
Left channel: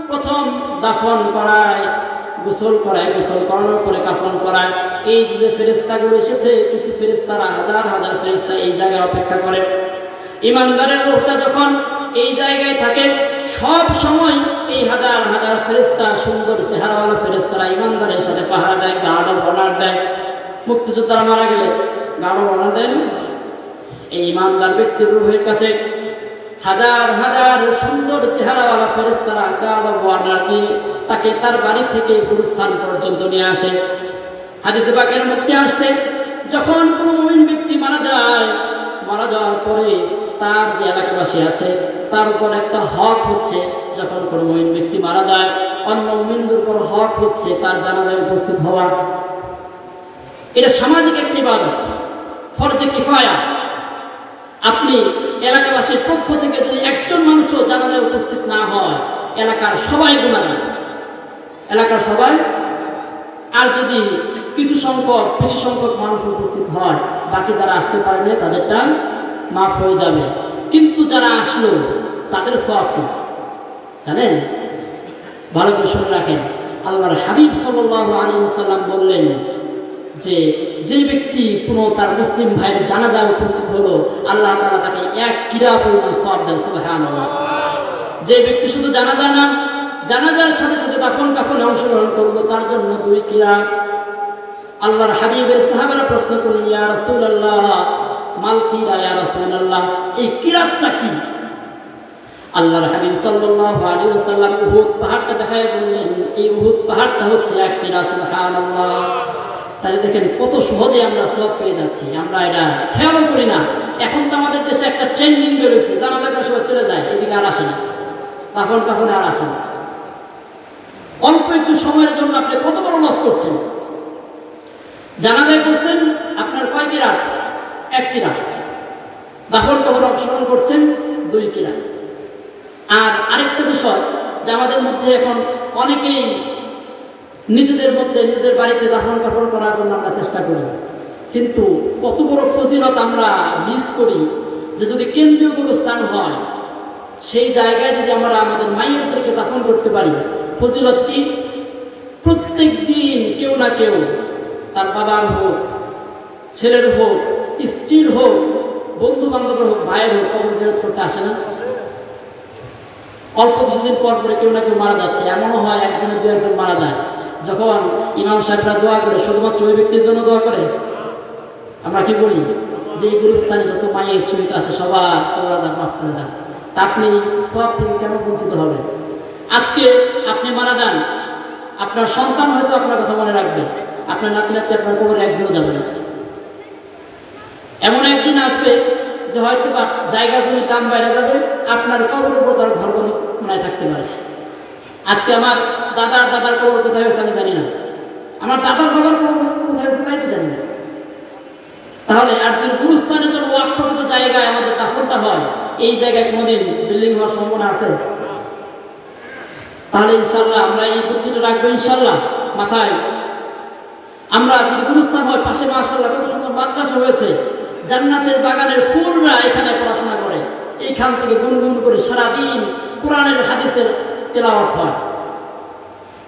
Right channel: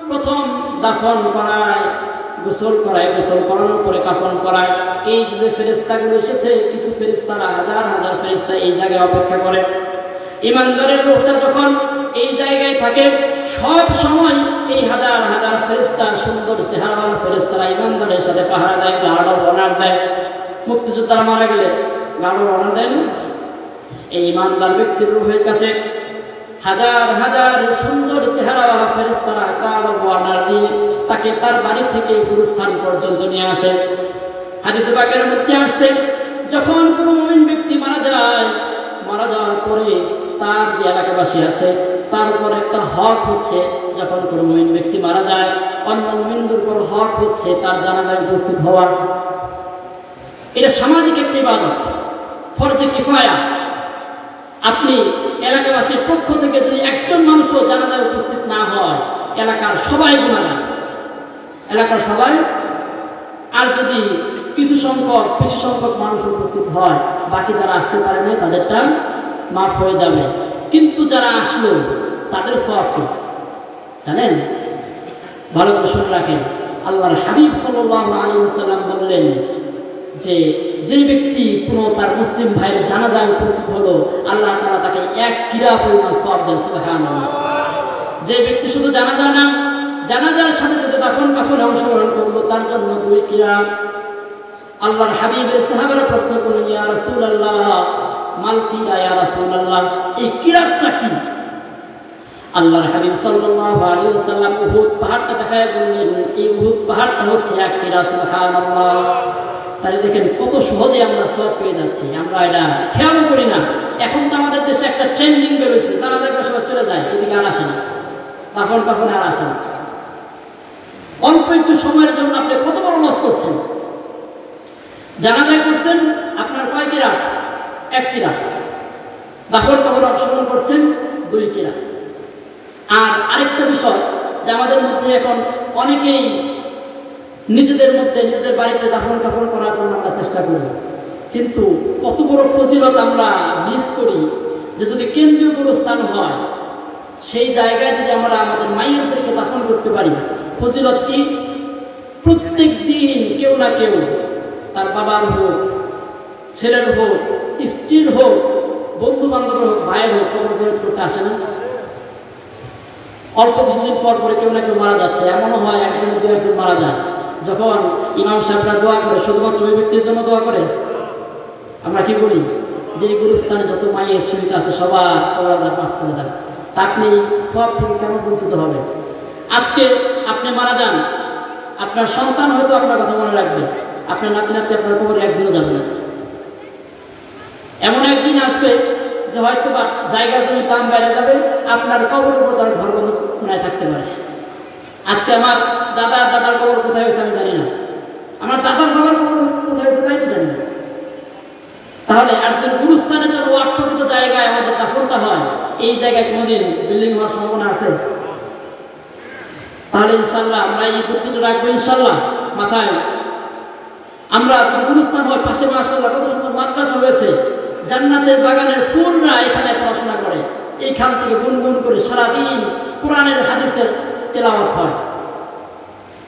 প্রথম দাফন করায়, গোসল করায়, গোসল করানোর পরে কাফন করায়, এই যে ফেরেশতাগুলো এসেছে, কিছু ফেরেশতারা, হাজার হাজার ফেরেশতা এই জায়গায় অপেক্ষা করে। ঈমানদারের রূহটা যখন এই জায়গায় থাকে, সব সময় এই হাজার হাজার ফেরেশতা, সুন্দর চেহারাওয়ালা ফেরেশতারা ঈমানদারের সাথে পাহারা দেয়, গাড়ার বনার দেয়। মুক্তিযোদ্ধারা মারা গেলে গাড়ার বনার দেয় না? এই ঈমানদার ব্যক্তির রূহের কাছে হাজার হাজার সুন্দর চেহারাওয়ালা ফেরেশতারা গাড়ার বনার দিয়ে তাকে তার বাড়ি থেকে গুরুস্থান পর্যন্ত নিয়ে আসে। হাদিসে পাকের মধ্যে আসছে, যখন কোনো মুমিন ব্যক্তি মারা যায়, মারা যাওয়ার পরে তার যে এলাকাবাসী আছে তার উপর একটা হক হচ্ছে, যখন কোনো মুমিন ব্যক্তি মারা যায়, অন্য মুমিনদের উপর হক হচ্ছে তার জানাজায় উপস্থিত হওয়া। এটা সামাজিক একটি ইবাদত, ফরজে কিফায়া। আপনি এলাকাবাসীর পক্ষ থেকে যদি একজন মানুষও জানাজায় উপস্থিত না হয়, এলাকার সবাই গুনাহগার, এলাকার সবাই। আর যদি কিছু সংখ্যক মানুষ উপস্থিত হয়, বাকি যারা আসতে পারে না তাদেরটা মাফ হয়ে যাবে। কিন্তু যারা আসলো তাদের সওয়াব কি জানেন? ভালো করে শুনে রাখেন। আল্লাহর হাবিব সাল্লাল্লাহু আলাইহি ওয়াসাল্লাম বললেন যে, যে ব্যক্তি কোনো তার মুসলিম ভাইয়ের জানাজায় উপস্থিত হলো, আল্লাহ তাআলা তাকে 1 কিরা পরিমাণ সওয়াব দেয়। সুবহানাল্লাহ। যে ব্যক্তি শুধু জানাজা না, জানাজার সাথে সাথে দাফন কাফনে অংশগ্রহণ করলো, তার জন্য 2 কিরা। আল্লাহর হাবিবের সাহাবারা প্রশ্ন করলেন, ইয়া রাসূলুল্লাহ, মাল কিরা ইয়া রাসূলুল্লাহ, এই কিরাতটা কি? আল্লাহর হাবিব সাল্লাল্লাহু আলাইহি ওয়াসাল্লাম উহুদ পাহাড়টা দেখায় বললেন, এই উহুদ পাহাড়টা হচ্ছে 1 কিরা। সুবহানাল্লাহ। তাহলে দেখেন কত সহজে আমরা সওয়াব পেয়ে যাচ্ছি, আমরা এটা খেয়াল করি না। এখন তো আমাদের দেশে একটা ট্রেন্ডিং বেরোচ্ছে, জানাজার সময় চলে যায়, এদিকে আর আসে না, দাফন কাফনে আর আসে না। অল্প একটু সময়ের জন্য আপনি কত বড় লস করছেন। জানাজায় করছেন আপনার কয় কিরাত? 1 কিরাত। দাফন কাফনে অংশগ্রহণ করছেন 2 কিরাত। আর আরেকটা বিষয়, যে আমাদের মধ্যে এখন অনেকেই নিজেদের মধ্যে নিজেদের বাড়িতে দাফন কাফন করার জন্য আমরা চেষ্টা করি, কিন্তু কত বড় ফজিলত আমরা মিস করি, যে যদি কেন্দ্রীয় কোনো স্থান হয়, সেই জায়গায় যদি আমরা আমাদের মাইয়াদেরকে দাফন করতে পারি, ফজিলত কি? প্রত্যেক দিন কেউ না কেউ, তার বাবার হোক, ছেলের হোক, স্ত্রীর হোক, বন্ধু বান্ধবের হোক, ভাইয়ের হোক, কবর জিয়ারত করতে আসে না? অল্প কিছুদিন পর পরে কেউ না কেউ মারা যাচ্ছে, এমনও হয় একজনের 2 একজন মারা যায়। যখন ইমাম সাহেবরা দোয়া করে, শুধুমাত্র ওই ব্যক্তির জন্য দোয়া করে। আমরা কি বলি? যে এই গুরুস্থানে যত মায়ের শহীদ আছে সবার কবর মাফ করে দেন। তা আপনি সওয়াব থেকে কেন বঞ্চিত হবেন? আজকে আপনি মারা যান, আপনার সন্তান হয়তো আপনার কথা মনে রাখবে, আপনার নাতি নাতি আপনার কবরে একদিনও যাবে না। এমন একদিন আসবে যে হয়তো বা জায়গা জমির দাম বেড়ে যাবে, আপনার কবরের উপর তার ঘর বন্ধনায় থাকতে পারে। আজকে আমার দাদার কবর কোথায় হয়েছে আমি জানি না, আমার দাদার বাবার কবর কোথায় হয়েছে তাই তো জানি না। তাহলে আর যদি গুরুস্থানের জন্য ওয়াকফকৃত জায়গায় আমাদের দাফনটা হয়, এই জায়গায় কোনোদিন বিল্ডিং হওয়ার সম্ভাবনা আছে? তাহলে ইনশাল্লাহ আমরা এই বুদ্ধিটা রাখবো ইনশাল্লাহ মাথায়। আমরা যদি গুরুস্থান হয়, পাশে মাশাআল্লাহ কত সুন্দর মাদ্রাসা হয়েছে, জান্নাতের বাগানের ফুলরা এখানে পড়াশোনা করে, এইখান থেকে গুনগুন করে সারাদিন কোরআনের হাদিসের তেলাওয়াত হয়।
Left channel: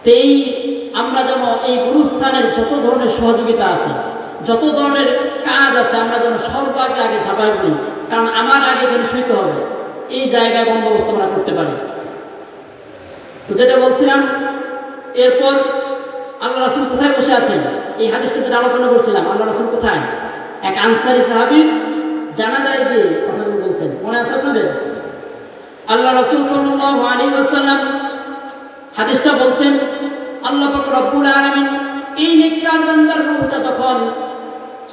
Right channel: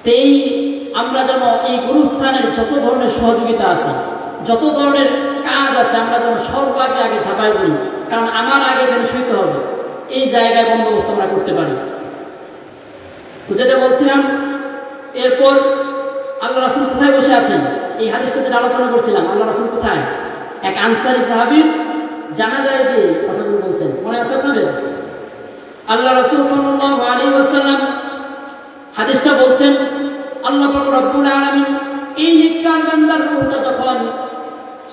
তো এই আমরা যেন এই গুরুস্থানের যত ধরনের সহযোগিতা আছে, যত ধরনের কাজ আছে, আমরা যেন সর্বাগ্রে আগে ঝাঁপাই পড়ি, কারণ আমার আগে যেন শুইতে হবে, এই জায়গায় বন্দোবস্ত আমরা করতে পারি। যেটা বলছিলাম, এরপর আল্লাহ রাসূল কোথায় বসে আছেন, এই হাদিসটা যেটা আলোচনা করছিলাম, আল্লাহ রাসূল কোথায়? এক আনসারী সাহাবীর জানাজায় গিয়ে কথাগুলো বলছেন, মনে আছে আপনাদের? আল্লাহ রাসূল সাল্লাল্লাহু আলাইহি ওয়াসাল্লাম হাদিসটা বলছেন, আল্লাহ পাক রব্বুল আলামিন এই নেককার বান্দার রূহটা যখন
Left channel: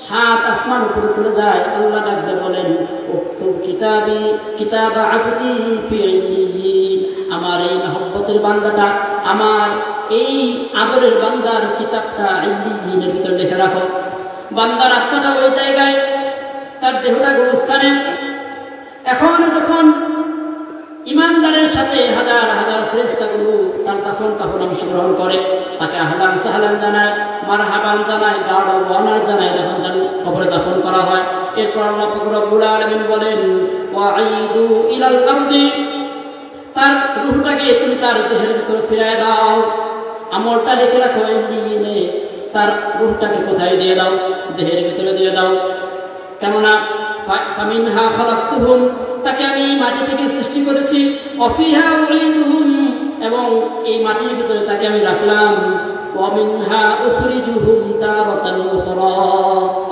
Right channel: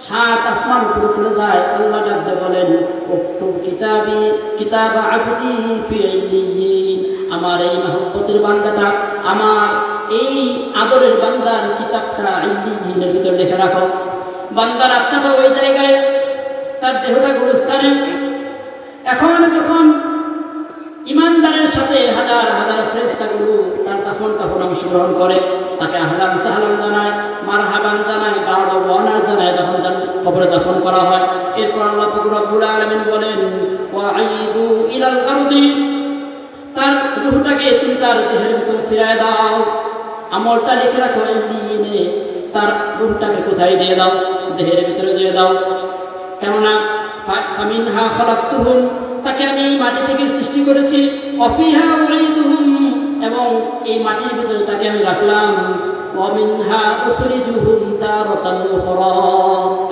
7 আসমান উপরে চলে যায়, আল্লাহ ডাকতে বলেন, উক্তুব কিতাবি কিতাবা আবদি ফি ইল্লিয়িন, আমার এই মহব্বতের বান্দাটা, আমার এই আদরের বান্দার কিতাবটা ইল্লিয়িনের ভিতরে লিখে রাখো। বান্দার আত্মাটা ওই জায়গায়, তার দেহটা গুরুস্থানে। এখন যখন ইমানদারের সাথে হাজার হাজার ফেরেশতাগুলো তার দাফন কাফন অংশগ্রহণ করে, তাকে আহলান সাহলান জানায়, মারহাবান জানায়, গাড় ওয়ানার জানায়, যখন কবরে দাফন করা হয়। এরপর আল্লাহ রব্বুল আলামিন বলেন, ওয়াঈদু ইলাল আরদি, তার রূহটাকে তুমি তার দেহের ভিতরে ফিরায় দাও, আমলটা লিখে রাখো ইল্লিয়িনে, তার রূহটাকে কোথায় দিয়ে দাও? দেহের ভিতরে দিয়ে দাও। কেননা ফামিনহা খালাকতুহুম, তাকে আমি মাটি থেকে সৃষ্টি করেছি, অফিহা উঈদুহুম, এবং এই মাটির ভিতরে তাকে আমি রাখলাম, ওয়া মিনহা উখরিজুহুম তারাতান উখরা,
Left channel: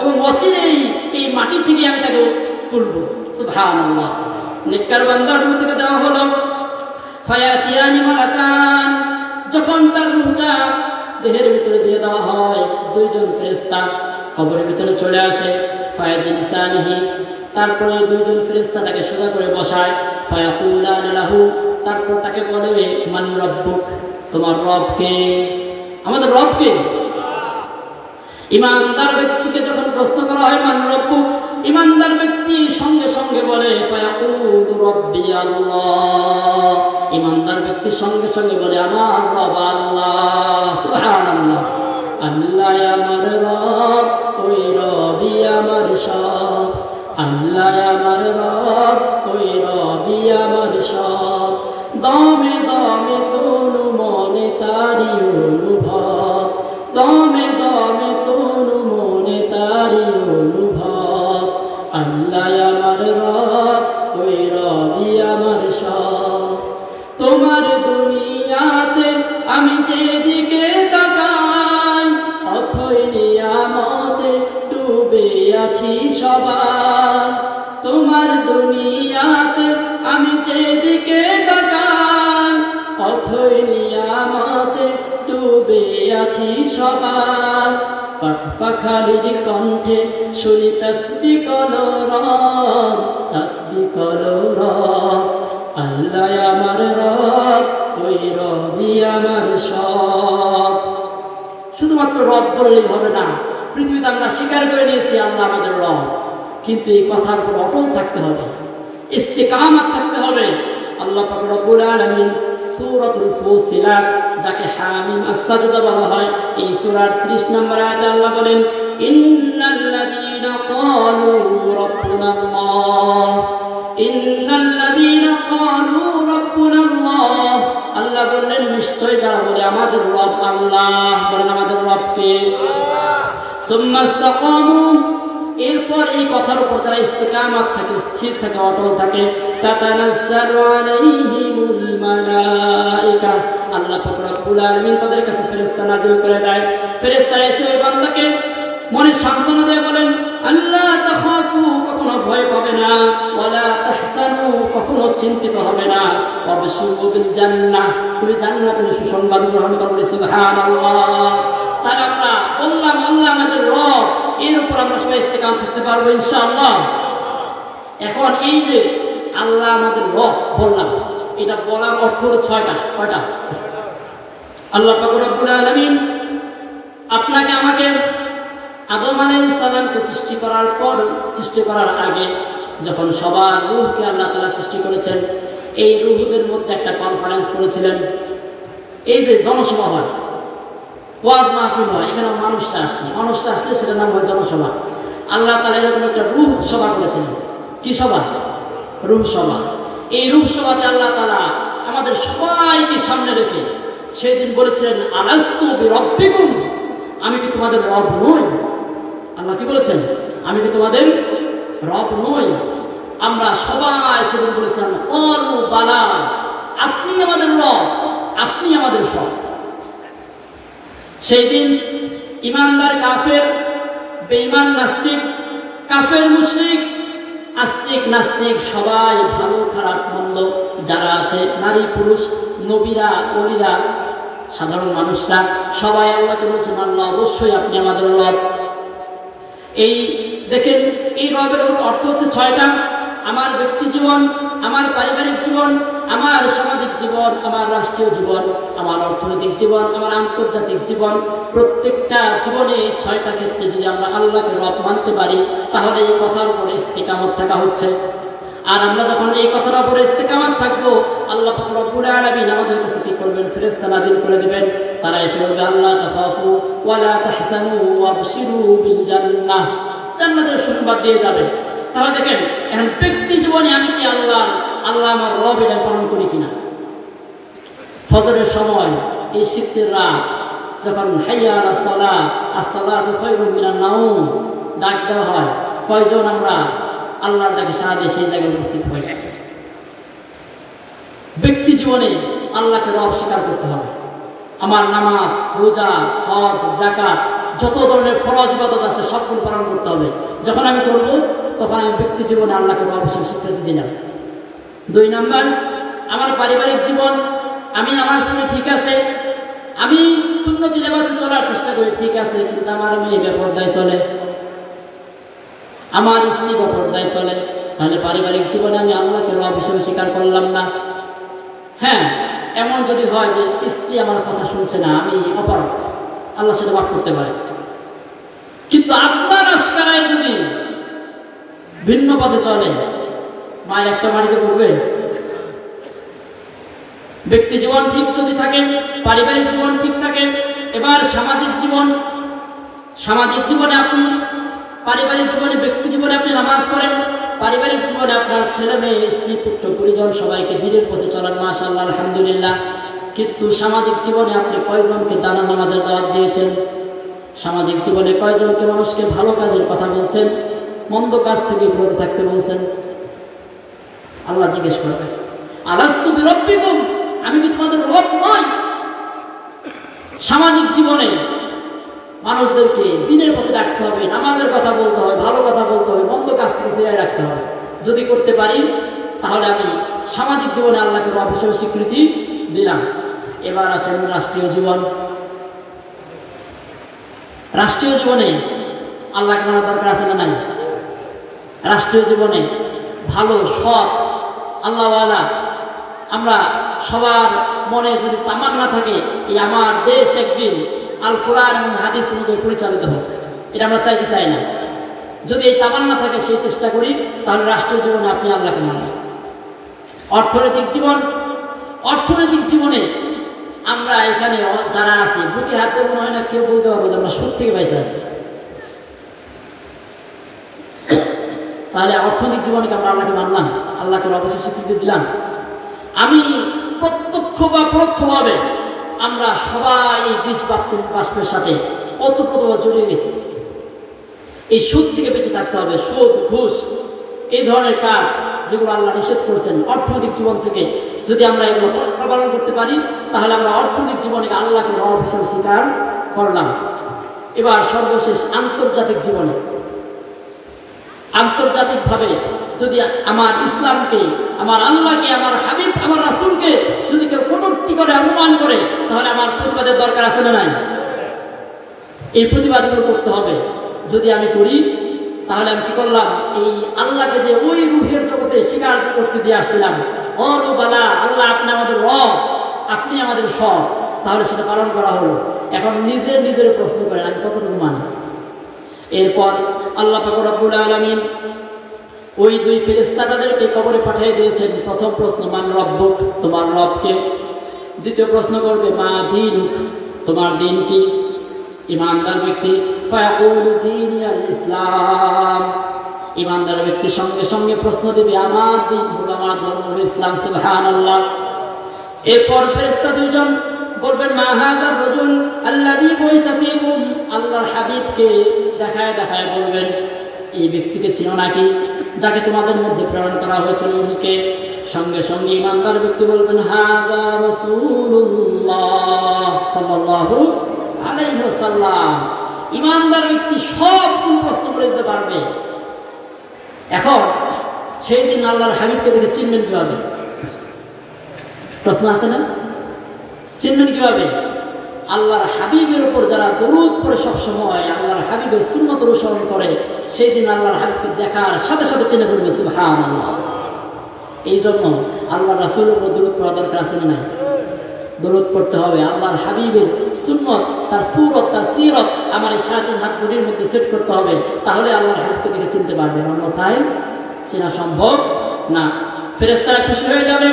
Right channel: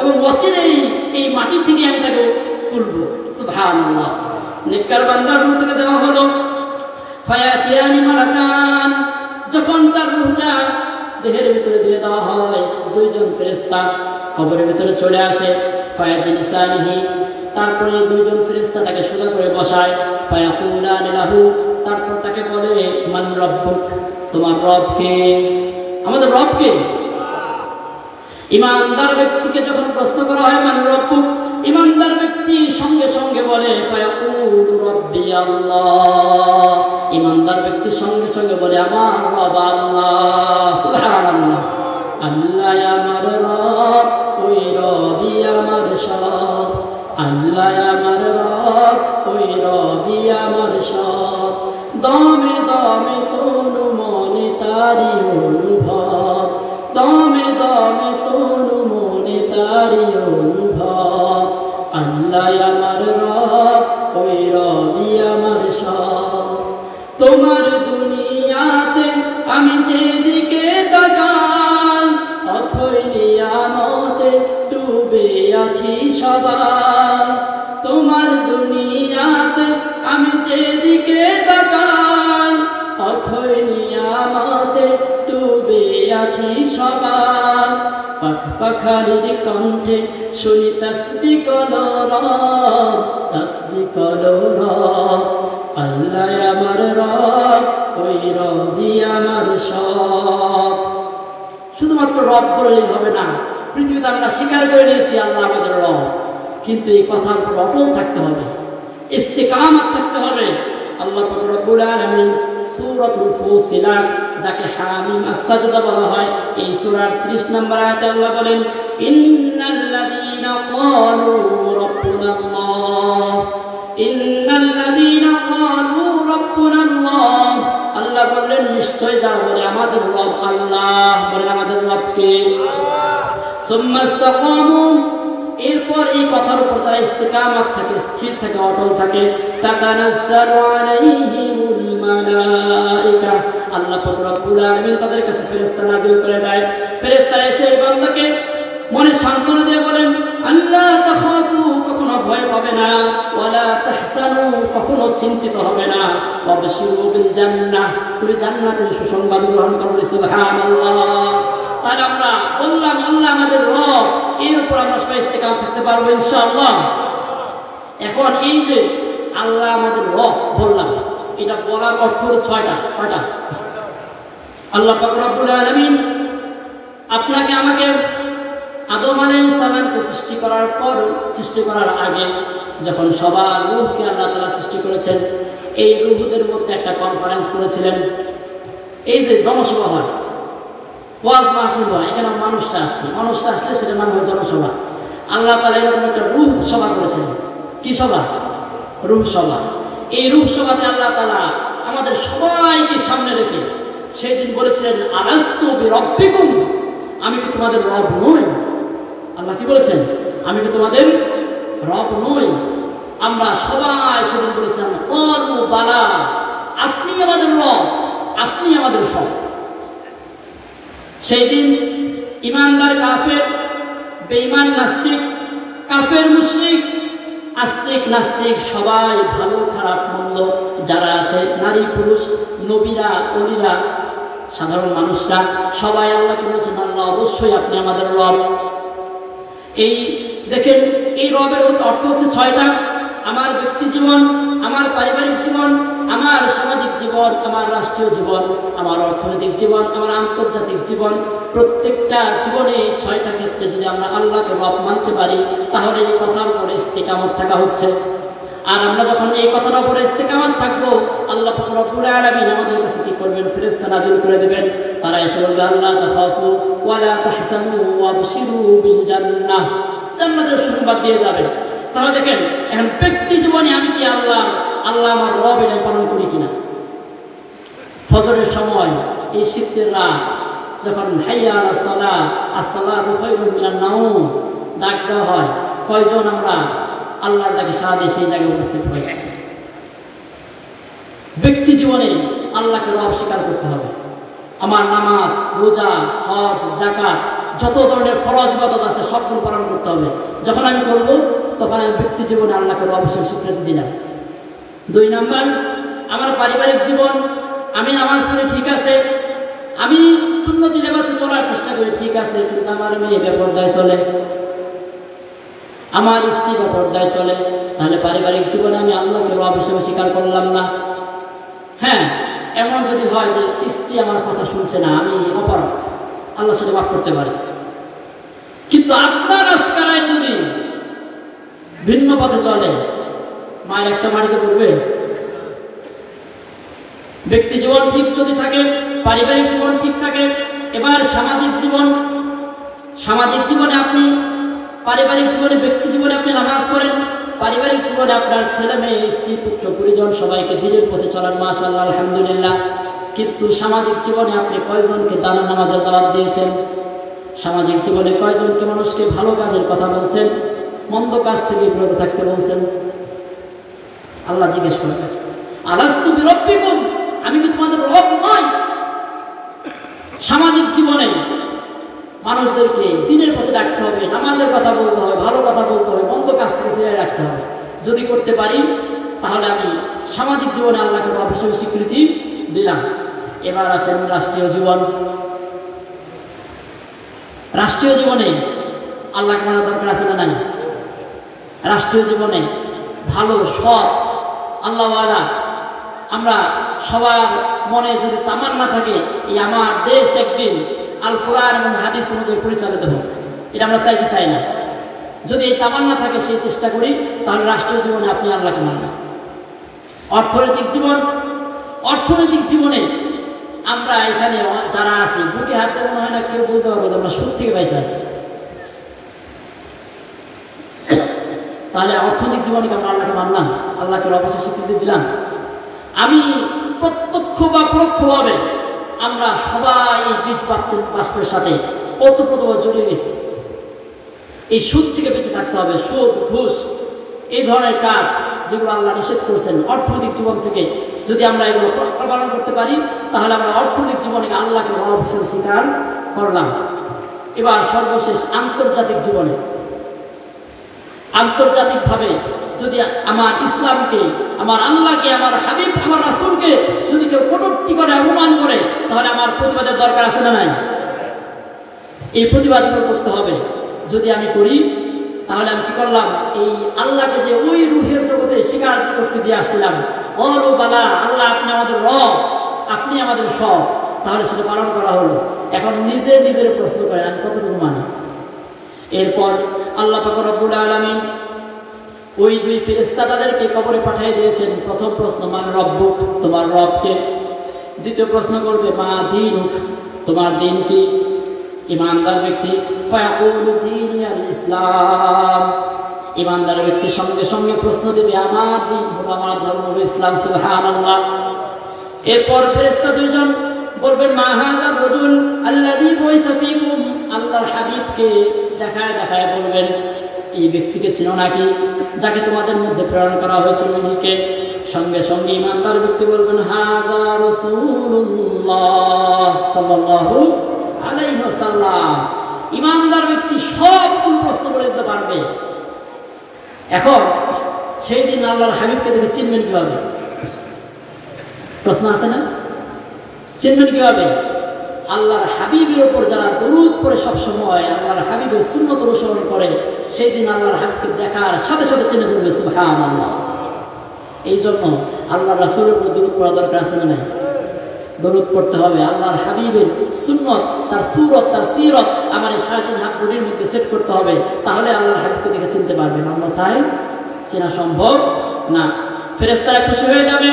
এবং অচিরেই এই মাটি থেকে আমি তাকে তুলব। সুবহানাল্লাহ। নেককার বান্দার রূহ থেকে দেওয়া হলো। ফায়াতিয়ানি মালাকান, যখন তার রূহটা দেহের ভিতরে দিয়ে দেওয়া হয়, 2 জন ফেরেশতা কবরের ভিতরে চলে আসে। ফায়াজিলিসানিহি, তারপরে 2 জন ফেরেশতা তাকে সোজা করে বসায়। ফায়াকুলান লাহু, তারপর তাকে বলে, মান রাব্বুক, তোমার রব কে? আমাদের রব কে? ইমানদার ব্যক্তিকে যখন প্রশ্ন করা হয় মান রাব্বুক, ইমানদার ব্যক্তি সঙ্গে সঙ্গে বলে ফায়াকুলু রাব্বি আল্লাহ, ইমানদার ব্যক্তি সঙ্গে সঙ্গে বলে আমার রব আল্লাহ। সুবহানাল্লাহ। আল্লাহ আমার রব, ওই রবই আমার সব, আল্লাহ আমার রব, ওই রবি আমার সব, দমে দমে তনু মনে তারি অনুভব, দমে দমে তনু মনে তারি অনুভব, আল্লাহ আমার রব, ওই রবি আমার সব। তোমার দুনিয়াতে আমি যেদিকে তাকাই, অথই নিয়ামতে ডুবে আছি সবাই, তোমার দুনিয়াতে আমি যেদিকে তাকাই, অথই নিয়ামতে ডুবে আছি সবাই। পাখালির কণ্ঠে শুনি তাসবিহ কলরব, তাসবিহ কলরব, আল্লাহ আমার রব, ওই রবি আমার সব। শুধুমাত্র রব বললেই হবে না, পৃথিবীতে আমরা স্বীকার করে নিয়েছি আল্লাহ আমাদের রব, কিন্তু এই কথার উপর অটল থাকতে হবে, ইস্তিকামাত থাকতে হবে। আল্লাহ পাক রব্বুল আলামিন সূরাতুল ফুসিলাত, যাকে হামিম আস-সাজদা বলা হয়, এই সূরার 30 নম্বর আয়াতে আল্লাহ বলেন, ইন্নাল্লাযীনা ক্বালু রাব্বুনাল্লাহ, ইন্নাল্লাযীনা ক্বালু রাব্বুনাল্লাহ, আল্লাহ বললেন নিশ্চয় যারা বলে আমাদের রব আল্লাহ, বলেন আমাদের রবকে। সুম্মা ইসতাকামু, এরপর এই কথার উপর যারা ইস্তিকামাত থাকে, স্থির থাকে, অটল থাকে, তাতানাজ্জালু আলাইহিমুল মালায়েকা, আল্লাহ পাক রব্বুল আলামিন তাদের কাছে ফেরেশতা নাযিল করে দেয়। ফেরেশতারা এসে ওই বান্দাকে মনে সান্ত্বনা দেয়, বলেন আল্লাহ তাখাফু, কখনো ভয় পাবে না, ওয়ালা তাহসানু, কখনো চিন্তিত হবে না, ওয়াবশিরু বিল জান্নাহ, তুমি জান্নাতের সুসংবাদ গ্রহণ করবে। সুবহানাল্লাহ। তাহলে আমরা বললাম আল্লাহ আমাদের রব, এর উপর আমরা সবাই ইস্তেকাম থাকতে পারবো ইনশাআল্লাহ। এখন এই যে আল্লাহ আমাদের রব বললাম, এটা বলার অর্থ হলো 6টা। কয়টা? আল্লাহ পাক রব্বুল আলামিন আপনাকে আমাকে আদম আলাইহিস সালামকে সৃষ্টি করার পর, সৃষ্টি করার আগে যখন সবার রূহকে আল্লাহ তাআলা সৃষ্টি করেছেন, এই রূহদের মধ্যে একটা কনফারেন্স করেছিলেন। এই যে জনসভা হয়, ওয়াজ মাহফিল হয়, এখানে মানুষরা আসলে সেটার নাম হয় জনসভা। আল্লাহ তাআলা এরকম একটা রূহ সভা করেছিলেন। কি সভা? রূহ সভা। এই রূহ সভাতে আল্লাহ তাআলা আমাদের সবাইকে সামনে রেখে সেই দিন বলেছিলেন, আলাস্তু বিরব্বিকুম, আমি কি তোমাদের রব নই? আল্লাহ কি বলেছেন? আমি কি তোমাদের রব নই? আমরা সবাই সেদিন বলেছিলাম, ক্বালু বালা, আপনি আমাদের রব। আপনি আমাদের সব। সেই দিন ইমানদার কাফের, বেঈমান নাস্তিক, কাফের মুশরিক, আস্তিক নাস্তিক সবাই, ভালো খারাপ মন্দ যারা আছে, নারী পুরুষ, নবীরা, ওলিরা, সাধারণ মানুষরা সবাই আল্লাহকে বলছেন, আল্লাহ অবশ্যই আপনি আমাদের রব। এই দেখেন, এই রবের অর্থ হচ্ছে 6টা। আমার ব্যক্তি জীবন, আমার পারিবারিক জীবন, আমার সামাজিক জীবন, আমার রাষ্ট্রীয় জীবন, আমার অর্থনৈতিক জীবন, আমার আন্তর্জাতিক জীবন, প্রত্যেকটা জীবনে 6টা ক্ষেত্রে যদি আমরা আল্লাহকে রব মানতে পারি, তাহলে এই কথার উপরে ইস্তেকামত থাকা হচ্ছে। আর আমরা যখন এই কথার উপরে ইস্তেকামত থাকবো, আল্লাহ পাক রব্বুল আলামিন আমাদের কাছে কি করবেন? ফেরেশতা নাযিল করে দিবেন। তারা এসে বলবে, আল্লাহ তাখাফু ওয়া লা তাহসানু ওয়াবশিরু বিল জান্নাহ, জান্নাতের সংবাদ দিয়ে যাবে। তাহলে দেখেন, এখন ব্যক্তি জীবনে আমি কি আল্লাহ আমার রব এটা পালন করি কিনা? ফজরের সময়, এই শীতের রাত যখন হাইয়া আলাস সালাহ, আস-সালাতু খায়রুম মিনান নাওম ডাক দেওয়া হয়, কয়জন আমরা আল্লাহর ডাকে সাড়া দিয়ে সেই জায়গায় উপস্থিত হই? ব্যক্তি জীবনে আল্লাহকে রব স্বীকার করতে হবে। আমার নামাজ, রোজা, হজ, যাকাত, যত ধরনের ফরজ ইবাদত আছে সবগুলো পালন করতে হবে। যখন আমি করব, তখন আমি ব্যক্তি জীবনে আল্লাহকে রব হিসেবে স্বীকৃতি দিলাম। 2 নাম্বার, আমার পারিবারিক জীবন, আমি নামাজ পড়ি ঠিক আছে, আমি সুন্নতি লিবাসে চলার চেষ্টা করি ঠিক আছে, কিন্তু আমার মেয়ে বেপরদায় চলে, আমার স্ত্রী বেপরদায় চলে, তাহলে পারিবারিক জীবনে আমি আল্লাহকে রব হিসেবে স্বীকার করলাম না। হ্যাঁ, এমন যদি হয় যে স্ত্রী আমার কথা শুনছে না, আমি অপরাধ, আল্লাহ সেটা মাফ করতে পারে। কিন্তু আল্লাহর আশকারায় যদি ভিন্ন পথে চলে, মায়ের একটা মাটিতে পড়বে। ব্যক্তি জীবন ঠিক যদি থাকে, পারিবারিক জীবন ঠিক থাকে, এবার সামাজিক জীবন, সামাজিক জীবনে আপনি, পারিবারিক জীবনে, ব্যক্তি জীবনে আপনি নামাজ পড়েন, পারিবারিক জীবনে আপনার ছেলে মেয়ে, স্ত্রী, পুত্র, পরিজন সবাইকে দ্বীনের পথে চলান, মাশাআল্লাহ, আলহামদুলিল্লাহ। কিন্তু সামাজিক জীবনে আপনি কয়জনকে দানের নামাজের দাওয়াত দিয়েছেন? সামাজিক জীবনে কয়জনকে মানুষকে ভালো কাজের কথা বলছেন, মন্দ কাজ থেকে বিরত থাকতে বলছেন? আল্লাহ জিজ্ঞেস করবেন, আলাস্তু বিরব্বিকুম, আমি কি তোমাদের রব নই? সামাজিক জীবনে মানুষদেরকে দ্বীনের পথে রাখতে হবে, নামাজের কথা বলতে হবে, ভালো কথা বলতে হবে, মন্দ কাজ থেকে ফিরিয়ে রাখতে হবে। যদি করতে পারি, তাহলে আমি সামাজিক জীবনে আল্লাহকে রব হিসেবে স্বীকৃতি দিলাম। এবার আসেন রাষ্ট্রীয় জীবন। রাষ্ট্রীয় জীবনে আল্লাহকে মানার দরকার আছে না নাই? রাষ্ট্রীয় জীবনে ভালো, সৎ, আল্লাহওয়ালা, আমরা সবার মনে যদি তামান্না থাকে, এই আমার দেশ একদিন আল কোরআন এবং হাদিস অনুযায়ী পরিচালিত হোক, এটা আমরা চাইতে চাই না। যদি এই তামান্না থাকে, সেই চেষ্টা করি, তাহলে রাষ্ট্রীয় জীবনে আপনি আল্লাহকে মানবেন। অর্থনৈতিক জীবন, অর্থনৈতিক জীবনে আমরা এখানে যারা আছি, বুকে হাতে মনে হয় না কেউ বলতে পারবো যে আমরা সুদ থেকে পয়সা আছি। তাহলে অর্থনৈতিক জীবনে আমরা আল্লাহকে মানলাম, আল্লাহকে অবশ্যই স্বীকৃতি দিলাম। আমি প্রত্যক্ষ বা পরোক্ষভাবে আমরা সবাই বিষ বাষ্পের সাথে ওতপ্রোতভাবে জড়িয়ে গেছি। এই সুদ থেকে বেঁচে থাকতে হবে। সুদ, ঘুষ, এই ধরনের কাজ যেগুলো আল্লাহ নিষেধ করেছেন, অর্থনৈতিক জীবন থেকে যদি আমরা এগুলো পালন করতে পারি, তাহলে আমরা অর্থনৈতিক জীবনে আল্লাহকে রব হিসেবে স্বীকার করলাম। এবার সর্বশেষ আন্তর্জাতিক জীবনে, আন্তর্জাতিকভাবে যদি আমার ইসলামকে, আমার আল্লাহকে, আমার হাবিব, আমার রাসূলকে যদি কেউ কটূক্তি করে, অপমান করে, তাহলে আমার প্রতিবাদের দরকার আছে না নাই? এই প্রতিবাদগুলো করতে হবে। যদি আমি করি, তাহলে আমি কি করলাম? এই আল্লাহকে যে ওই রূহের জগতে স্বীকার করতে দিয়ে আসছিলাম, বালা, আল্লাহ আপনি আমাদের রব, আপনি আমাদের সব, তাহলে সেটা পালন করা হলো। এখন নিজের প্রশ্ন করে আমি কতটুকু মানি। এরপর আল্লাহ পাক রব্বুল আলামিন ওই 2 ফেরেশতা তাদেরকে কবরে পাঠিয়ে দিয়েছেন। প্রথম প্রশ্ন, মান রব্বুক, তোমার রবকে। দ্বিতীয় প্রশ্ন করবে, মা দীনুক, তোমার দিন কি? ইমানদার ব্যক্তি ফায়াকুলু দীনি আল ইসলাম, ইমানদার ব্যক্তি সঙ্গে সঙ্গে প্রশ্ন দেবে, আমার দিন হলো, আমার ধর্ম হলো ইসলাম। সুবহানাল্লাহ। এরপর ফেরেশতা 2 জন বলবেন, মা হাযার রাজুল আল্লাযী বুইসা ফীকুম, আল্লাহর হাবিবকে দেখায় দেখায় বলবেন, এই ব্যক্তিকে চিনো নাকি, যাকে তোমাদের মধ্যে প্রেরণ করা হয়েছিল? লোকে সঙ্গে সঙ্গে ইমানদার ব্যক্তি বলবেন হাযা রাসূলুল্লাহ সাল্লাল্লাহু আলাইহি ওয়াসাল্লাম। ইমানদার ব্যক্তি সবগুলো প্রশ্ন করে দিতে পারবে। এখন সেই দিন আল্লাহর হাবিবকে দেখে চিনবেন কিভাবে? প্রশ্ন আছে না? চিনবেন কিভাবে? আল্লাহর হাবিবের উপর যারা দরুদ পড়ে সবসময় আল্লাহর হাবিবের সুন্নত অনুসরণ করে, সেই দিন আল্লাহর হাবিবকে দেখার সাথে সাথে চিনে ফেলবে সুবহানাল্লাহ। এই জন্য আল্লাহ রাসূলের উপর দরুদ পড়া দরকার আছে না? দরুদ পড়তে হবে। আল্লাহর হাবিবের সুন্নত, তার সুরত, তার সিরত আমার এই 3.5 হাত ঘড়ির মধ্যে সেট করতে হবে, তাহলে আল্লাহর হাবিবকে দেখে চিনতে পারবেন, অন্যথায় চেনা সম্ভব না। ফেরেশতারা খুশি হয়ে যাবে,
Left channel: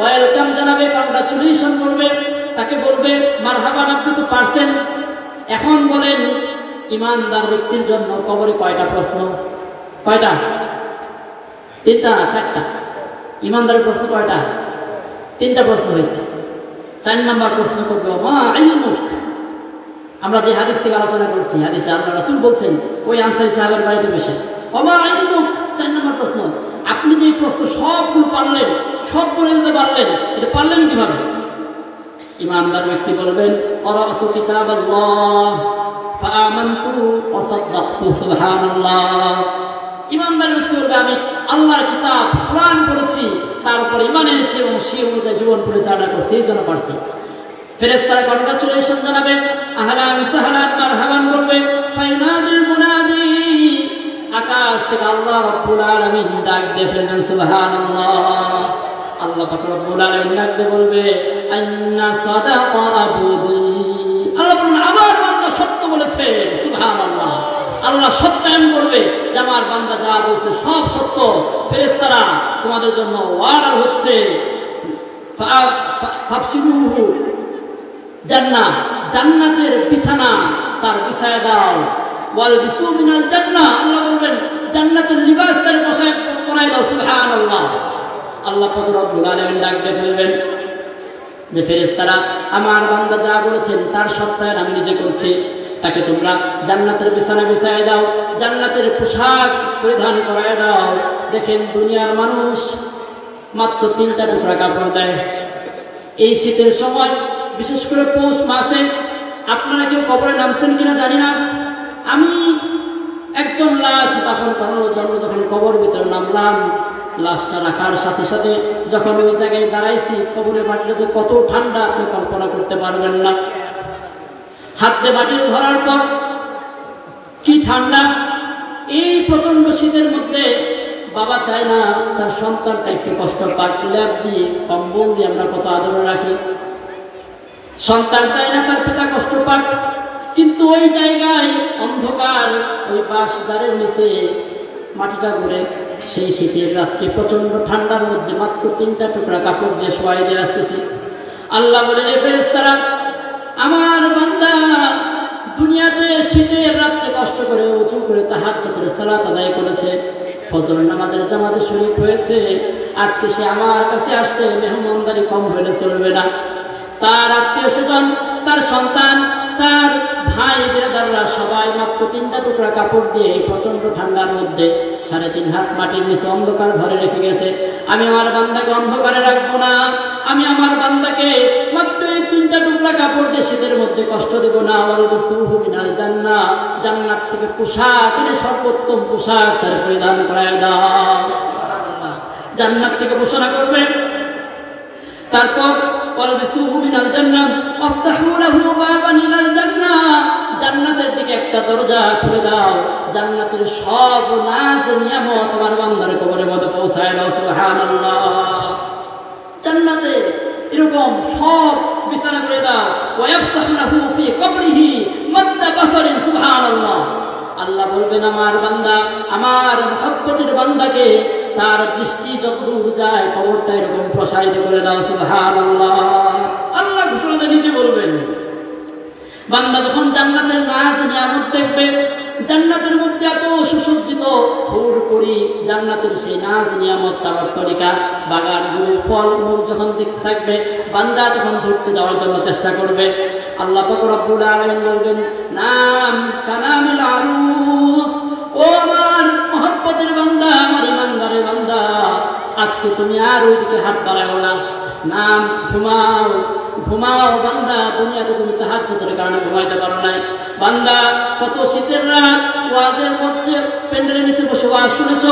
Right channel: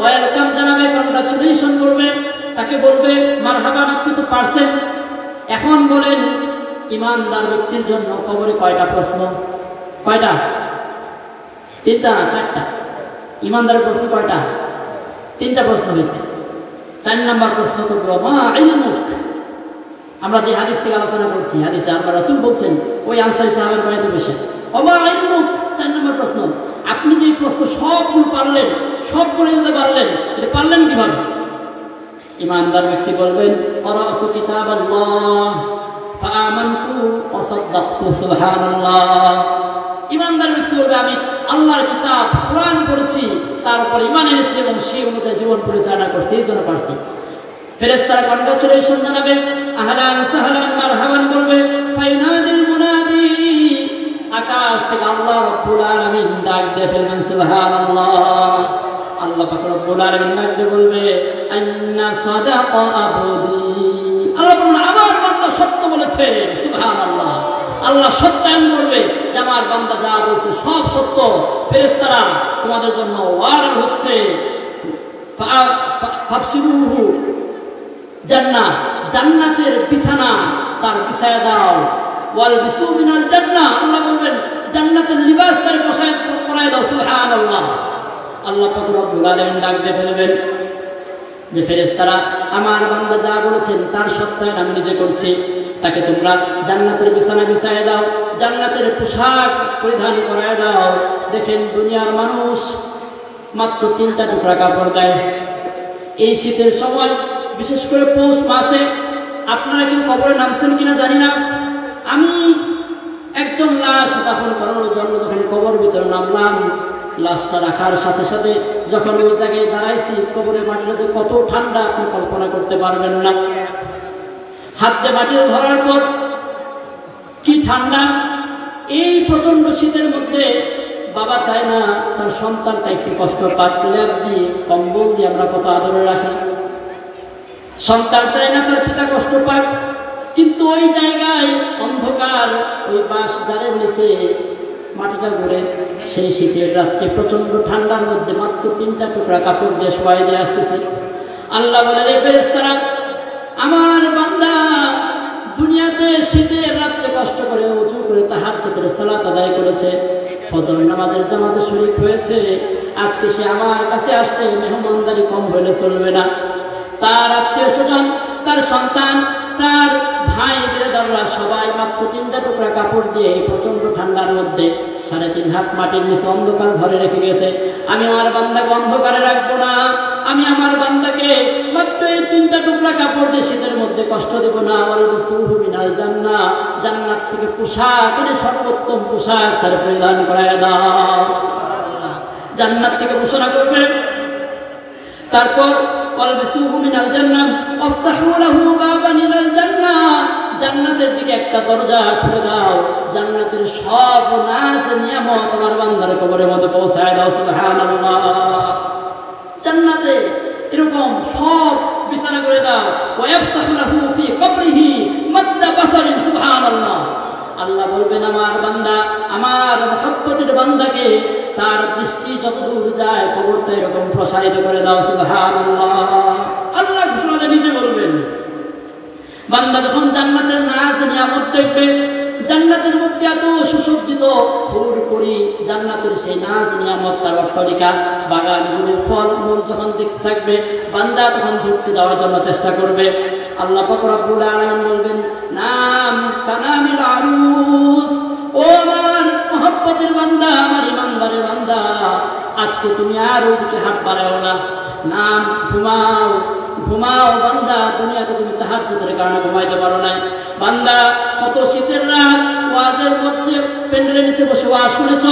ওয়েলকাম জানাবে, কংগ্রাচুলেশন করবে, তাকে বলবে মারহাবান, আপনি তো পারছেন। এখন বলেন ইমানদার ব্যক্তির জন্য কবরে কয়টা প্রশ্ন? কয়টা? 3টা, 4টা? ইমানদারের প্রশ্ন কয়টা? 3টা প্রশ্ন হয়েছে। 4 নম্বর প্রশ্ন করবে মা ইলমুক। আমরা যে হাদিস থেকে আলোচনা করছি, হাদিসে আল্লাহ রাসূল বলছেন ওই আনসারী সাহাবের বাড়িতে বসে, মা ইলমুক, 4 নম্বর প্রশ্ন, আপনি যে প্রশ্ন সবগুলো পারলেন, সব করে দিতে পারলেন, এটা পারলেন কিভাবে? ইমানদার ব্যক্তি বলবেন ক্বারাতু কিতাবাল্লাহ ফাআমানতু ওয়া সাদ্দাকতু সুবহানাল্লাহ। ইমানদার ব্যক্তি বলবে আমি আল্লাহর কিতাব কোরআন পড়েছি, তারপর ঈমান এনেছি এবং সেই অনুযায়ী জীবন পরিচালনা করছি, এই জন্য পারছি। ফেরেশতারা কংগ্রাচুলেশন জানাবে, আহলান সাহলান মারহাবান বলবে। ফাইনাদিল মুনাদি, আকাশ থেকে আল্লাহ রাব্বুল আলামিন ডাক দিয়ে ফেলবেন সুবহানাল্লাহ। আল্লাহ পাক রব্বুল আলামিন ডাক দিয়ে বলবে আন্না সাদাকা আবদি। আল্লাহ বলেন আমার বান্দা সত্য বলেছে সুবহানাল্লাহ। আল্লাহ সত্যায়ন করবে যে আমার বান্দা যা বলছে সব সত্য। ফেরেশতারা তোমাদের জন্য ওয়াদা হচ্ছে ফাবশিরুহু জান্নাহ, জান্নাতের বিছানা তার বিছায়া দাও। ওয়াল বিসু মিনাল জান্নাহ, আল্লাহ বলবেন জান্নাতের লিবাস তার পোশাক পরায় দাও সুবহানাল্লাহ। আল্লাহ পাক রব্বুল আলামিন ডাক দিয়ে ফেলবেন যে ফেরেশতারা আমার বান্দা যা বলেছেন তার সত্যায়ন আমি নিজে করছি, তাকে তোমরা জান্নাতের বিছানা বিছায় দাও, জান্নাতের পোশাক পরিধান করায় দাও। দেখেন দুনিয়ার মানুষ মাত্র 3টা টুকরা কাপড় দেয়। এই শীতের সময় বিশেষ করে পৌষ মাসে, আপনারা কেউ কবরে নামছেন কিনা জানি না, আমি একজন লাশ দাফন করানোর জন্য যখন কবর ভিতরে নামলাম, লাশটা রাখার সাথে সাথে যখন ওই জায়গায় দাঁড়াইছি, কবরের মাটিটা যে কত ঠান্ডা আপনি কল্পনা করতে পারবেন না। হাতে মাটি ধরার পর কি ঠান্ডা! এই প্রচন্ড শীতের মধ্যে বাবা চায় না তার সন্তানটা একটু কষ্ট পাক, ল্যাপ দিয়ে কম্বল দিয়ে আমরা কত আদরে রাখি। সন্তান চায় না তার পিতা কষ্ট পাক, কিন্তু ওই জায়গায় অন্ধকার, ওই বাঁশ ঝাড়ের নিচে মাটিটা ঘুরে সেই শীতের রাত্রে প্রচন্ড ঠান্ডার মধ্যে মাত্র 3টা টুকরা কাপড় দিয়ে শোয়াই দিয়ে আসতেছে। আল্লাহ বলেন এই ফেরেশতারা আমার বান্দা দুনিয়াতে শীতের রাত্রে কষ্ট করে উঁচু করে তাহাজ্জুদের সালাত আদায় করেছে, ফজর নামাজের জামাতে শরীক হয়েছে, আজকে সে আমার কাছে আসছে, মেহমানদারি কম হলে চলবে না। তার আত্মীয় স্বজন, তার সন্তান, তার ভাই ব্রাদাররা সবাই মাত্র 3টা টুকরা কাপড় দিয়ে এই প্রচন্ড ঠান্ডার মধ্যে 3.5 হাত মাটির নিচে অন্ধকার ঘরে রেখে গেছে। আমি আমার বান্দাকে অন্ধকারে রাখবো না, আমি আমার বান্দাকে মাত্র এই 3টা টুকরা কাপড় দিয়ে শীতের মধ্যে কষ্ট দেবো না। জান্নাত থেকে পোশাক, সর্বোত্তম পোশাক তার পরিধান করায় দাও। জান্নাত থেকে ঘোষণা করবে, তারপর জান্নাতের দিকে একটা দরজা খুলে দাও, জান্নাতের সব নাজ নিয়ামত আমার বান্দার কবরের মধ্যে পৌঁছায় দাও সুবহানাল্লাহ। জান্নাতে এরকম সব বিছানা করে দাও। ওয়ায়াফসাহু লাহু ফি কবরিহি মাদ্দা বাসারিন সুবহানাল্লাহ। আল্লাহ বলবেন আমার বান্দা, আমার মহব্বতের বান্দাকে তার দৃষ্টি যতদূর যায় কবরটা এরকম প্রসারিত করে দাও সুবহানাল্লাহ। আল্লাহ ঘোষণাটা নিচে বলবেন। বান্দা যখন জান্নাতের নাজ নিয়ামত দেখবে, জান্নাতের মধ্যে এত সুসজ্জিত পুরোপুরি জান্নাতের সেই নাজ নিয়ামত, তার অট্টালিকা, বাগানগুলো, ফল মূল যখন দেখতে থাকবে, বান্দা তখন ধরতে যাওয়ার জন্য চেষ্টা করবে। আল্লাহ পাক রব্বুল আলামিন বলবেন নাম কানামিল আরুস, ও আমার মহব্বতের বান্দা, আমার ইমানদারের বান্দা, আজকে তুমি আর ওইদিকে হাত বাড়াও না, নাম ঘুমাও, ঘুমাও বান্দা। দুনিয়াতে তুমি তাহাজ্জুদের কারণে ঘুমাইতে পারো না বান্দা। কত শীতের রাত ওয়াজের মধ্যে প্যান্ডেলের নিচে বসে ওয়াজ শুনেছ।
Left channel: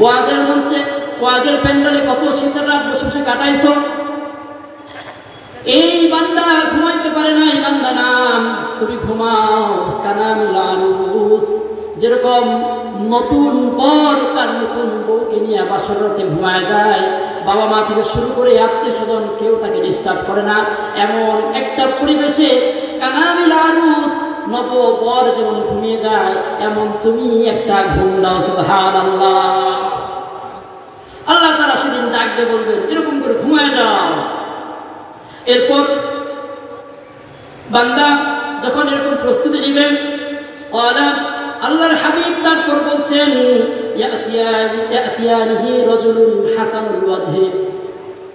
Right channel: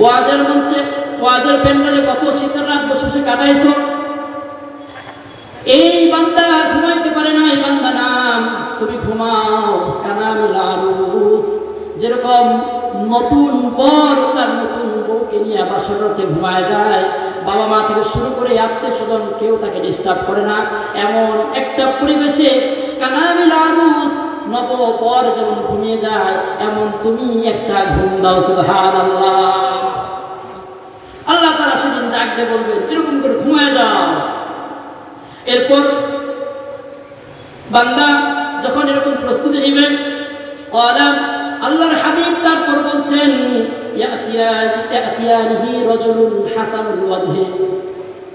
ওয়াজের মঞ্চে ওয়াজের প্যান্ডেলে কত শীতের রাত বসে বসে কাটাইছো। এই বান্দা ঘুমাইতে পারে না, এই বান্দা নাম, তুমি ঘুমাও। কানামিল আরুস, যেরকম নতুন বর তার নতুন বউকে নিয়ে বাসর রাতে ঘুমায় যায়, বাবা মা থেকে শুরু করে আত্মীয় স্বজন কেউ তাকে ডিস্টার্ব করে না, এমন একটা পরিবেশে কানামিল আরুস নব বর যেমন ঘুমিয়ে যায়, এমন তুমি একটা ঘুম দাও। সুবহানাল্লাহ। আল্লাহ তাআলা সেদিন ডাক দিয়ে বলবেন এরকম করে ঘুমায় যাও। এরপর বান্দা যখন এরকম প্রস্তুতি নেবেন, আল্লাহর হাবিব তারপর বলছেন ইয়াতিয়ানিহি রাজুলুন হাসানুল ওয়াজহি,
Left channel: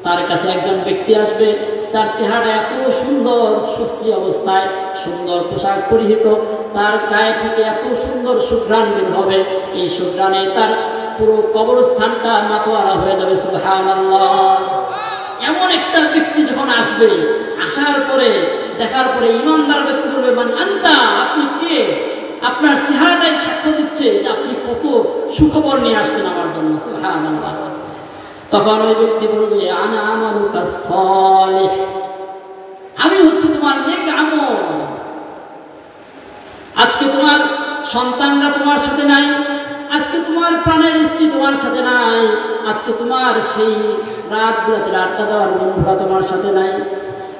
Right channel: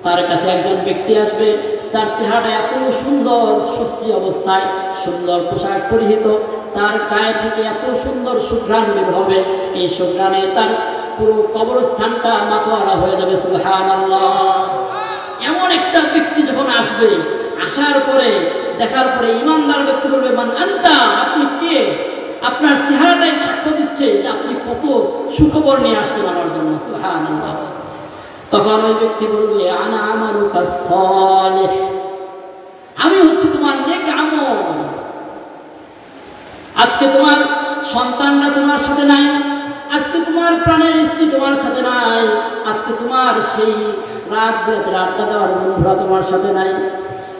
তার কাছে একজন ব্যক্তি আসবে, তার চেহারা এত সুন্দর, সুশ্রী অবস্থায়, সুন্দর পোশাক পরিহিত, তার গায়ে থেকে এত সুন্দর সুঘ্রাণ বের হবে, এই সুঘ্রাণে তার পুরো কবরস্থানটা মাতোয়ারা হয়ে যাবে। সুবহানাল্লাহ। এমন একটা ব্যক্তি যখন আসবে, আসার পরে দেখার পরে ইমানদার ব্যক্তি বলবে মান আনতা, আপনি কে? আপনার চেহারাটাই সাক্ষ্য দিচ্ছে যে আপনি কত সুখবর নিয়ে আসছেন আমার জন্য। সুবহানাল্লাহ। তখন ওই ব্যক্তি বলবে আনা আমালুকা সালিহ, আমি হচ্ছে তোমার নেক আমল। আজকে তোমার সন্তানরা তোমার সাথে নাই, আজকে তোমার প্রাণের স্ত্রী তোমার সাথে নাই, আজকে তোমার সেই রাত বিরাতের আড্ডা দেওয়ার বন্ধুরা তোমার সাথে নাই,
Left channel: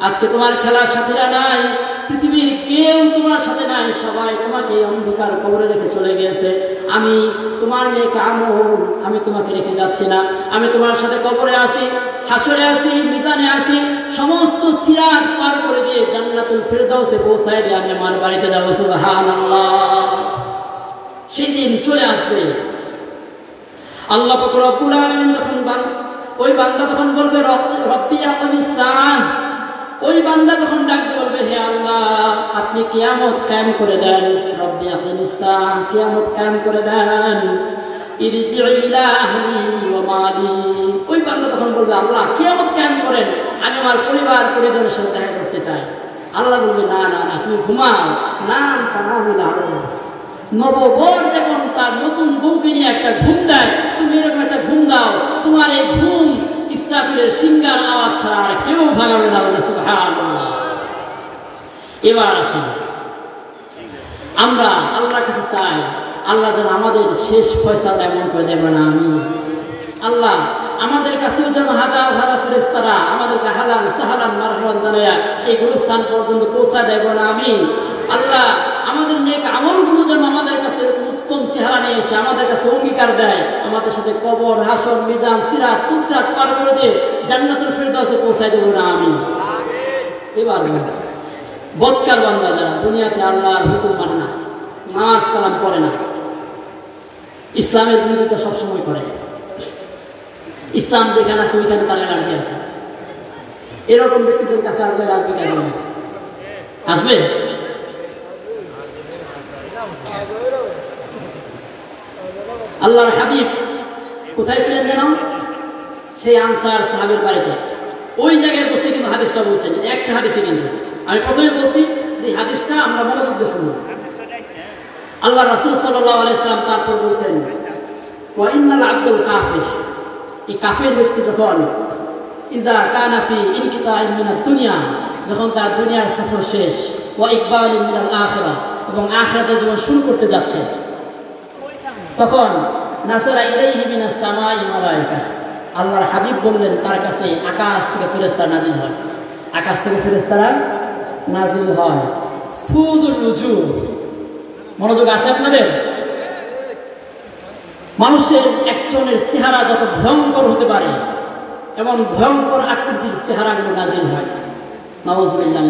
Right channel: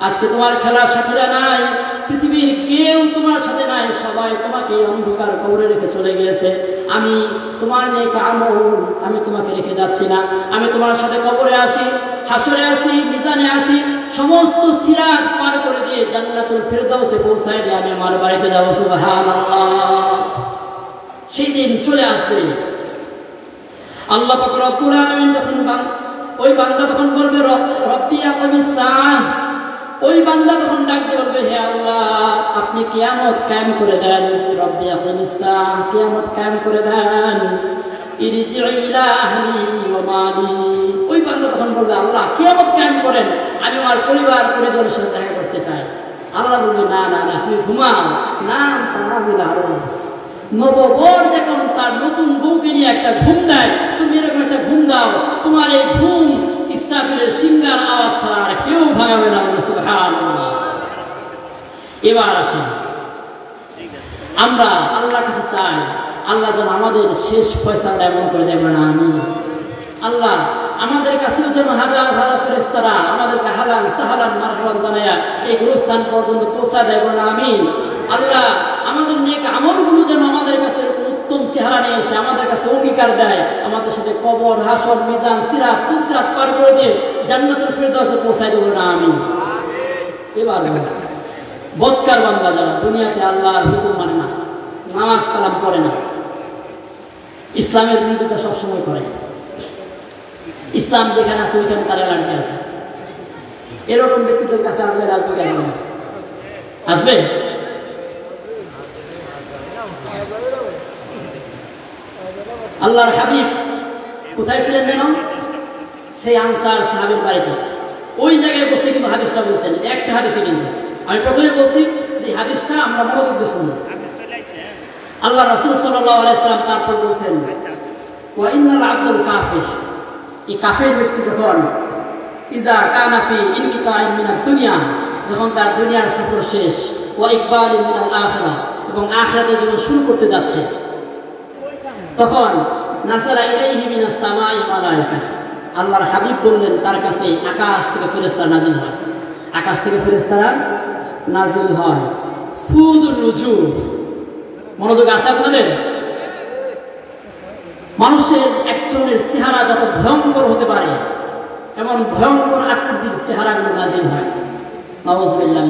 আজকে তোমার খেলার সাথীরা নাই, পৃথিবীর কেউ তোমার সাথে নাই, সবাই তোমাকে অন্ধকার কবরে রেখে চলে গিয়েছে। আমি তোমার নেক আমল আমি তোমাকে রেখে যাচ্ছি না, আমি তোমার সাথে কবরে আসি, হাসরে আসি, মিজানে আসি, সমস্ত সিরাত পার করে দিয়ে জান্নাতুল ফিরদাউসে পৌঁছায় দিয়ে আমি আমার বাড়িতে যাবো। সুবহানাল্লাহ। সেই দিন চলে আসবে। আল্লাহ পাক রব্বুল আলামিন যখন ওই বান্দা তখন বলবে রব্বি আকিমিস সাআহ, ওই বান্দা তখন ডাকতে বলবে হে আল্লাহ আপনি কিয়ামত কায়েম করে দেন। রব্বি আকিমিস সাআহ, কিয়ামত কায়েম করে দেন। ইরজি ইলা আহলি ওয়া মালি, ওই বান্দা তখন বলবে আল্লাহ কিয়ামত কায়েম করেন, আমি আমার পরিবার পরিজনের সাথে দেখা করতে চাই। আল্লাহ বলবে না না না, তুমি ঘুমাও। নাম তানামুল আরুস, নববর যখন তার নতুন বউকে নিয়ে একটা ঘুম দেয়, তুমি এরকম একটা ঘুম দাও, তোমার এই ঘুম ইসরাফিলের সিংহার আওয়াজ ছাড়া আর কেউ ভাঙাবে না। সুবহানাল্লাহ। এবার আসি, আমরা আল্লাহর কাছে চাই আল্লাহ যেন আমাদের শেষ ফয়সালা এমন করে দেবে না। আমি আল্লাহ আমাদের কাছেও যেন হাজার হাজার ফেরেশতারা আমাদেরকে হালাল সাহালান মারহাবান জানায়া এই গুরুস্থান পর্যন্ত পৌঁছায় দেবে না। আমি আল্লাহ আমাদের নেক আমলগুলো যেন আমাদের কাছে এরকম উত্তম চেহারা নিয়ে এসে আমাদের কাছে অঙ্গীকার দেয়, আমাদের সাথে কবর, হাসর, মিজান, সিরাত, ফুসরাত পার করে দিয়ে জান্নাতুল ফিরদাউসে পৌঁছায় দেবে না। আমি এবার বদকার বান্দা যারা দুনিয়াতে আল্লাহর হুকুম মানে না, নামাজ কালাম করে না, ইসলামের বিরোধিতা সবসময় করে, ইসলাম যেখানে আছে ওইখানে তারা রাজি আছে, এরকম ব্যক্তিদের কাছে আসবে রাজনীতি আসবে না? আসবে? আল্লাহর হাবিব কোথায় ছিলেন যেন? সেই আনসার সাহাবীর বাড়িতে, ওই জায়গায় বসে কিন্তু হাদিসটা বলছেন। একটা হাদিসে কিন্তু আমি প্রথমে বলছি যে হাদিসটা আমরা মনোযোগ দিয়ে শুনব। আল্লাহ রাসূল সাল্লাল্লাহু আলাইহি ওয়াসাল্লাম তারপর বলছেন ওয়া ইন্নাল আবদুল কাফির, এই কাফের ব্যক্তি যখন ইজা কানা ফি ইনকিতাইন মিনাদ দুনিয়া, যখন তার দুনিয়ার সফর শেষ, ওয়া ইকবালিন মিনাল আখিরাহ, এবং আখিরাতের জীবন শুরু করতে যাচ্ছে, তখন নাসারা ইলাইহি মিনাস সামাই মালায়েকা, আল্লাহর হাবিব বললেন তার কাছে আকাশ থেকে ফেরেশতা নাজিল হয়, আকাশ থেকে ফেরেশতারা নাজিল হয়। সুদুল উজু, মনোযোগ আছে আপনাদের? মানুষের একজনের চেহারা যত ভয়ঙ্কর হতে পারে এমন ভয়ঙ্কর আকৃতির চেহারাগুলো নাজিল হয়। নাউযুবিল্লাহ।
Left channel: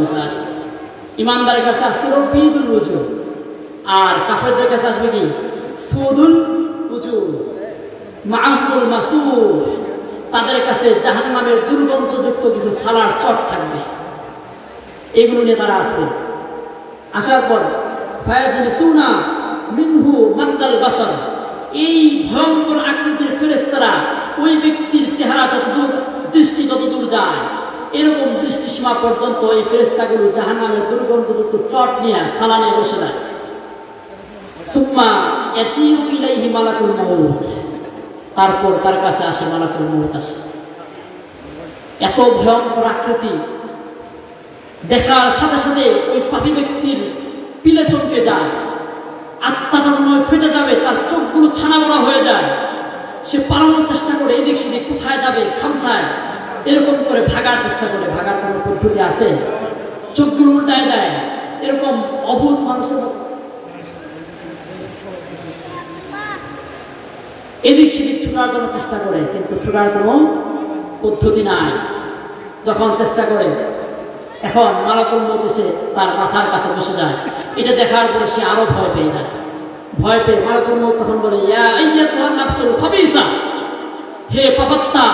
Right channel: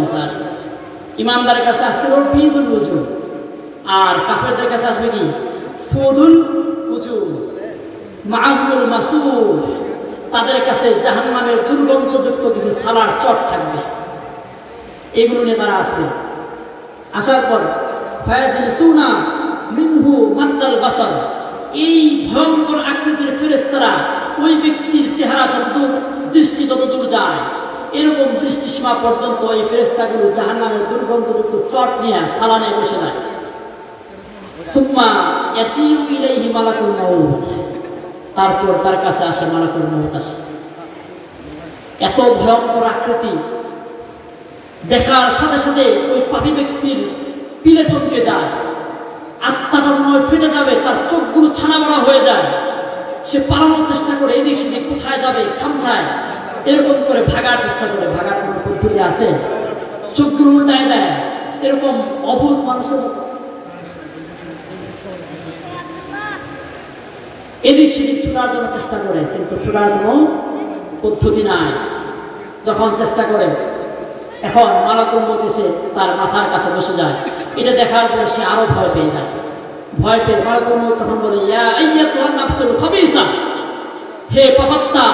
ইমানদারের কাছে আসছে রব্বিদুল উজু, আর কাফেরদের কাছে আসবে কি? সুদুল উজু মাআহুল মাসুর, তাদের কাছে জাহান্নামের দুর্গন্ধযুক্ত কিছু সালার চট থাকবে, এগুলো নিয়ে তারা আসবে। আসার পর ফায়াজিলসুনা মিনহু মাদ্দাল বাসার, এই ভয়ঙ্কর আকৃতির ফেরেশতারা ওই ব্যক্তির চেহারা যতদূর, দৃষ্টি যতদূর যায় এরকম দৃষ্টিসীমা পর্যন্ত এই ফেরেশতাগুলো জাহান্নামের দুর্গন্ধযুক্ত চট নিয়ে সালা নিয়ে বসে যায়। সুম্মা ইয়াজিউ ইলাইহি মালাকুল মাউত, তারপর তার কাছে আসে মালাকুল মাউত আসে। এত ভয়ঙ্কর আকৃতি দেখার সাথে সাথে ওই পাপী ব্যক্তির পিলে চমকে যায়, আত্মাটা মনে হয় ফেটে যাবে, তার চোখগুলো ছানা বড়া হয়ে যায়। সে পালানোর চেষ্টা করে, এদিক সেদিক কোথায় যাবে, খামছায় এরকম করে ভাগার চেষ্টা করে। ভাগার কোনো পদ্ধতি আছে? চোখগুলো উল্টায় দেয়, এরকম অবুঝ মাংস এদিক সেদিক ছুটার জন্য চেষ্টা করে, কিন্তু ছুটার কোনো পদ্ধতি নাই। যখন চেষ্টা করে, এখন মালাকুল মউত এসে তার মাথার কাছে বসে যায়। এটা দেখার পরে সে আরো ভয় পেয়ে যায়। ভয় পেয়ে মালাকুল মউত তখন বলে, ইয়া আইয়াতুহান নাফসুল খাবিসা, হে পাপাত্মা,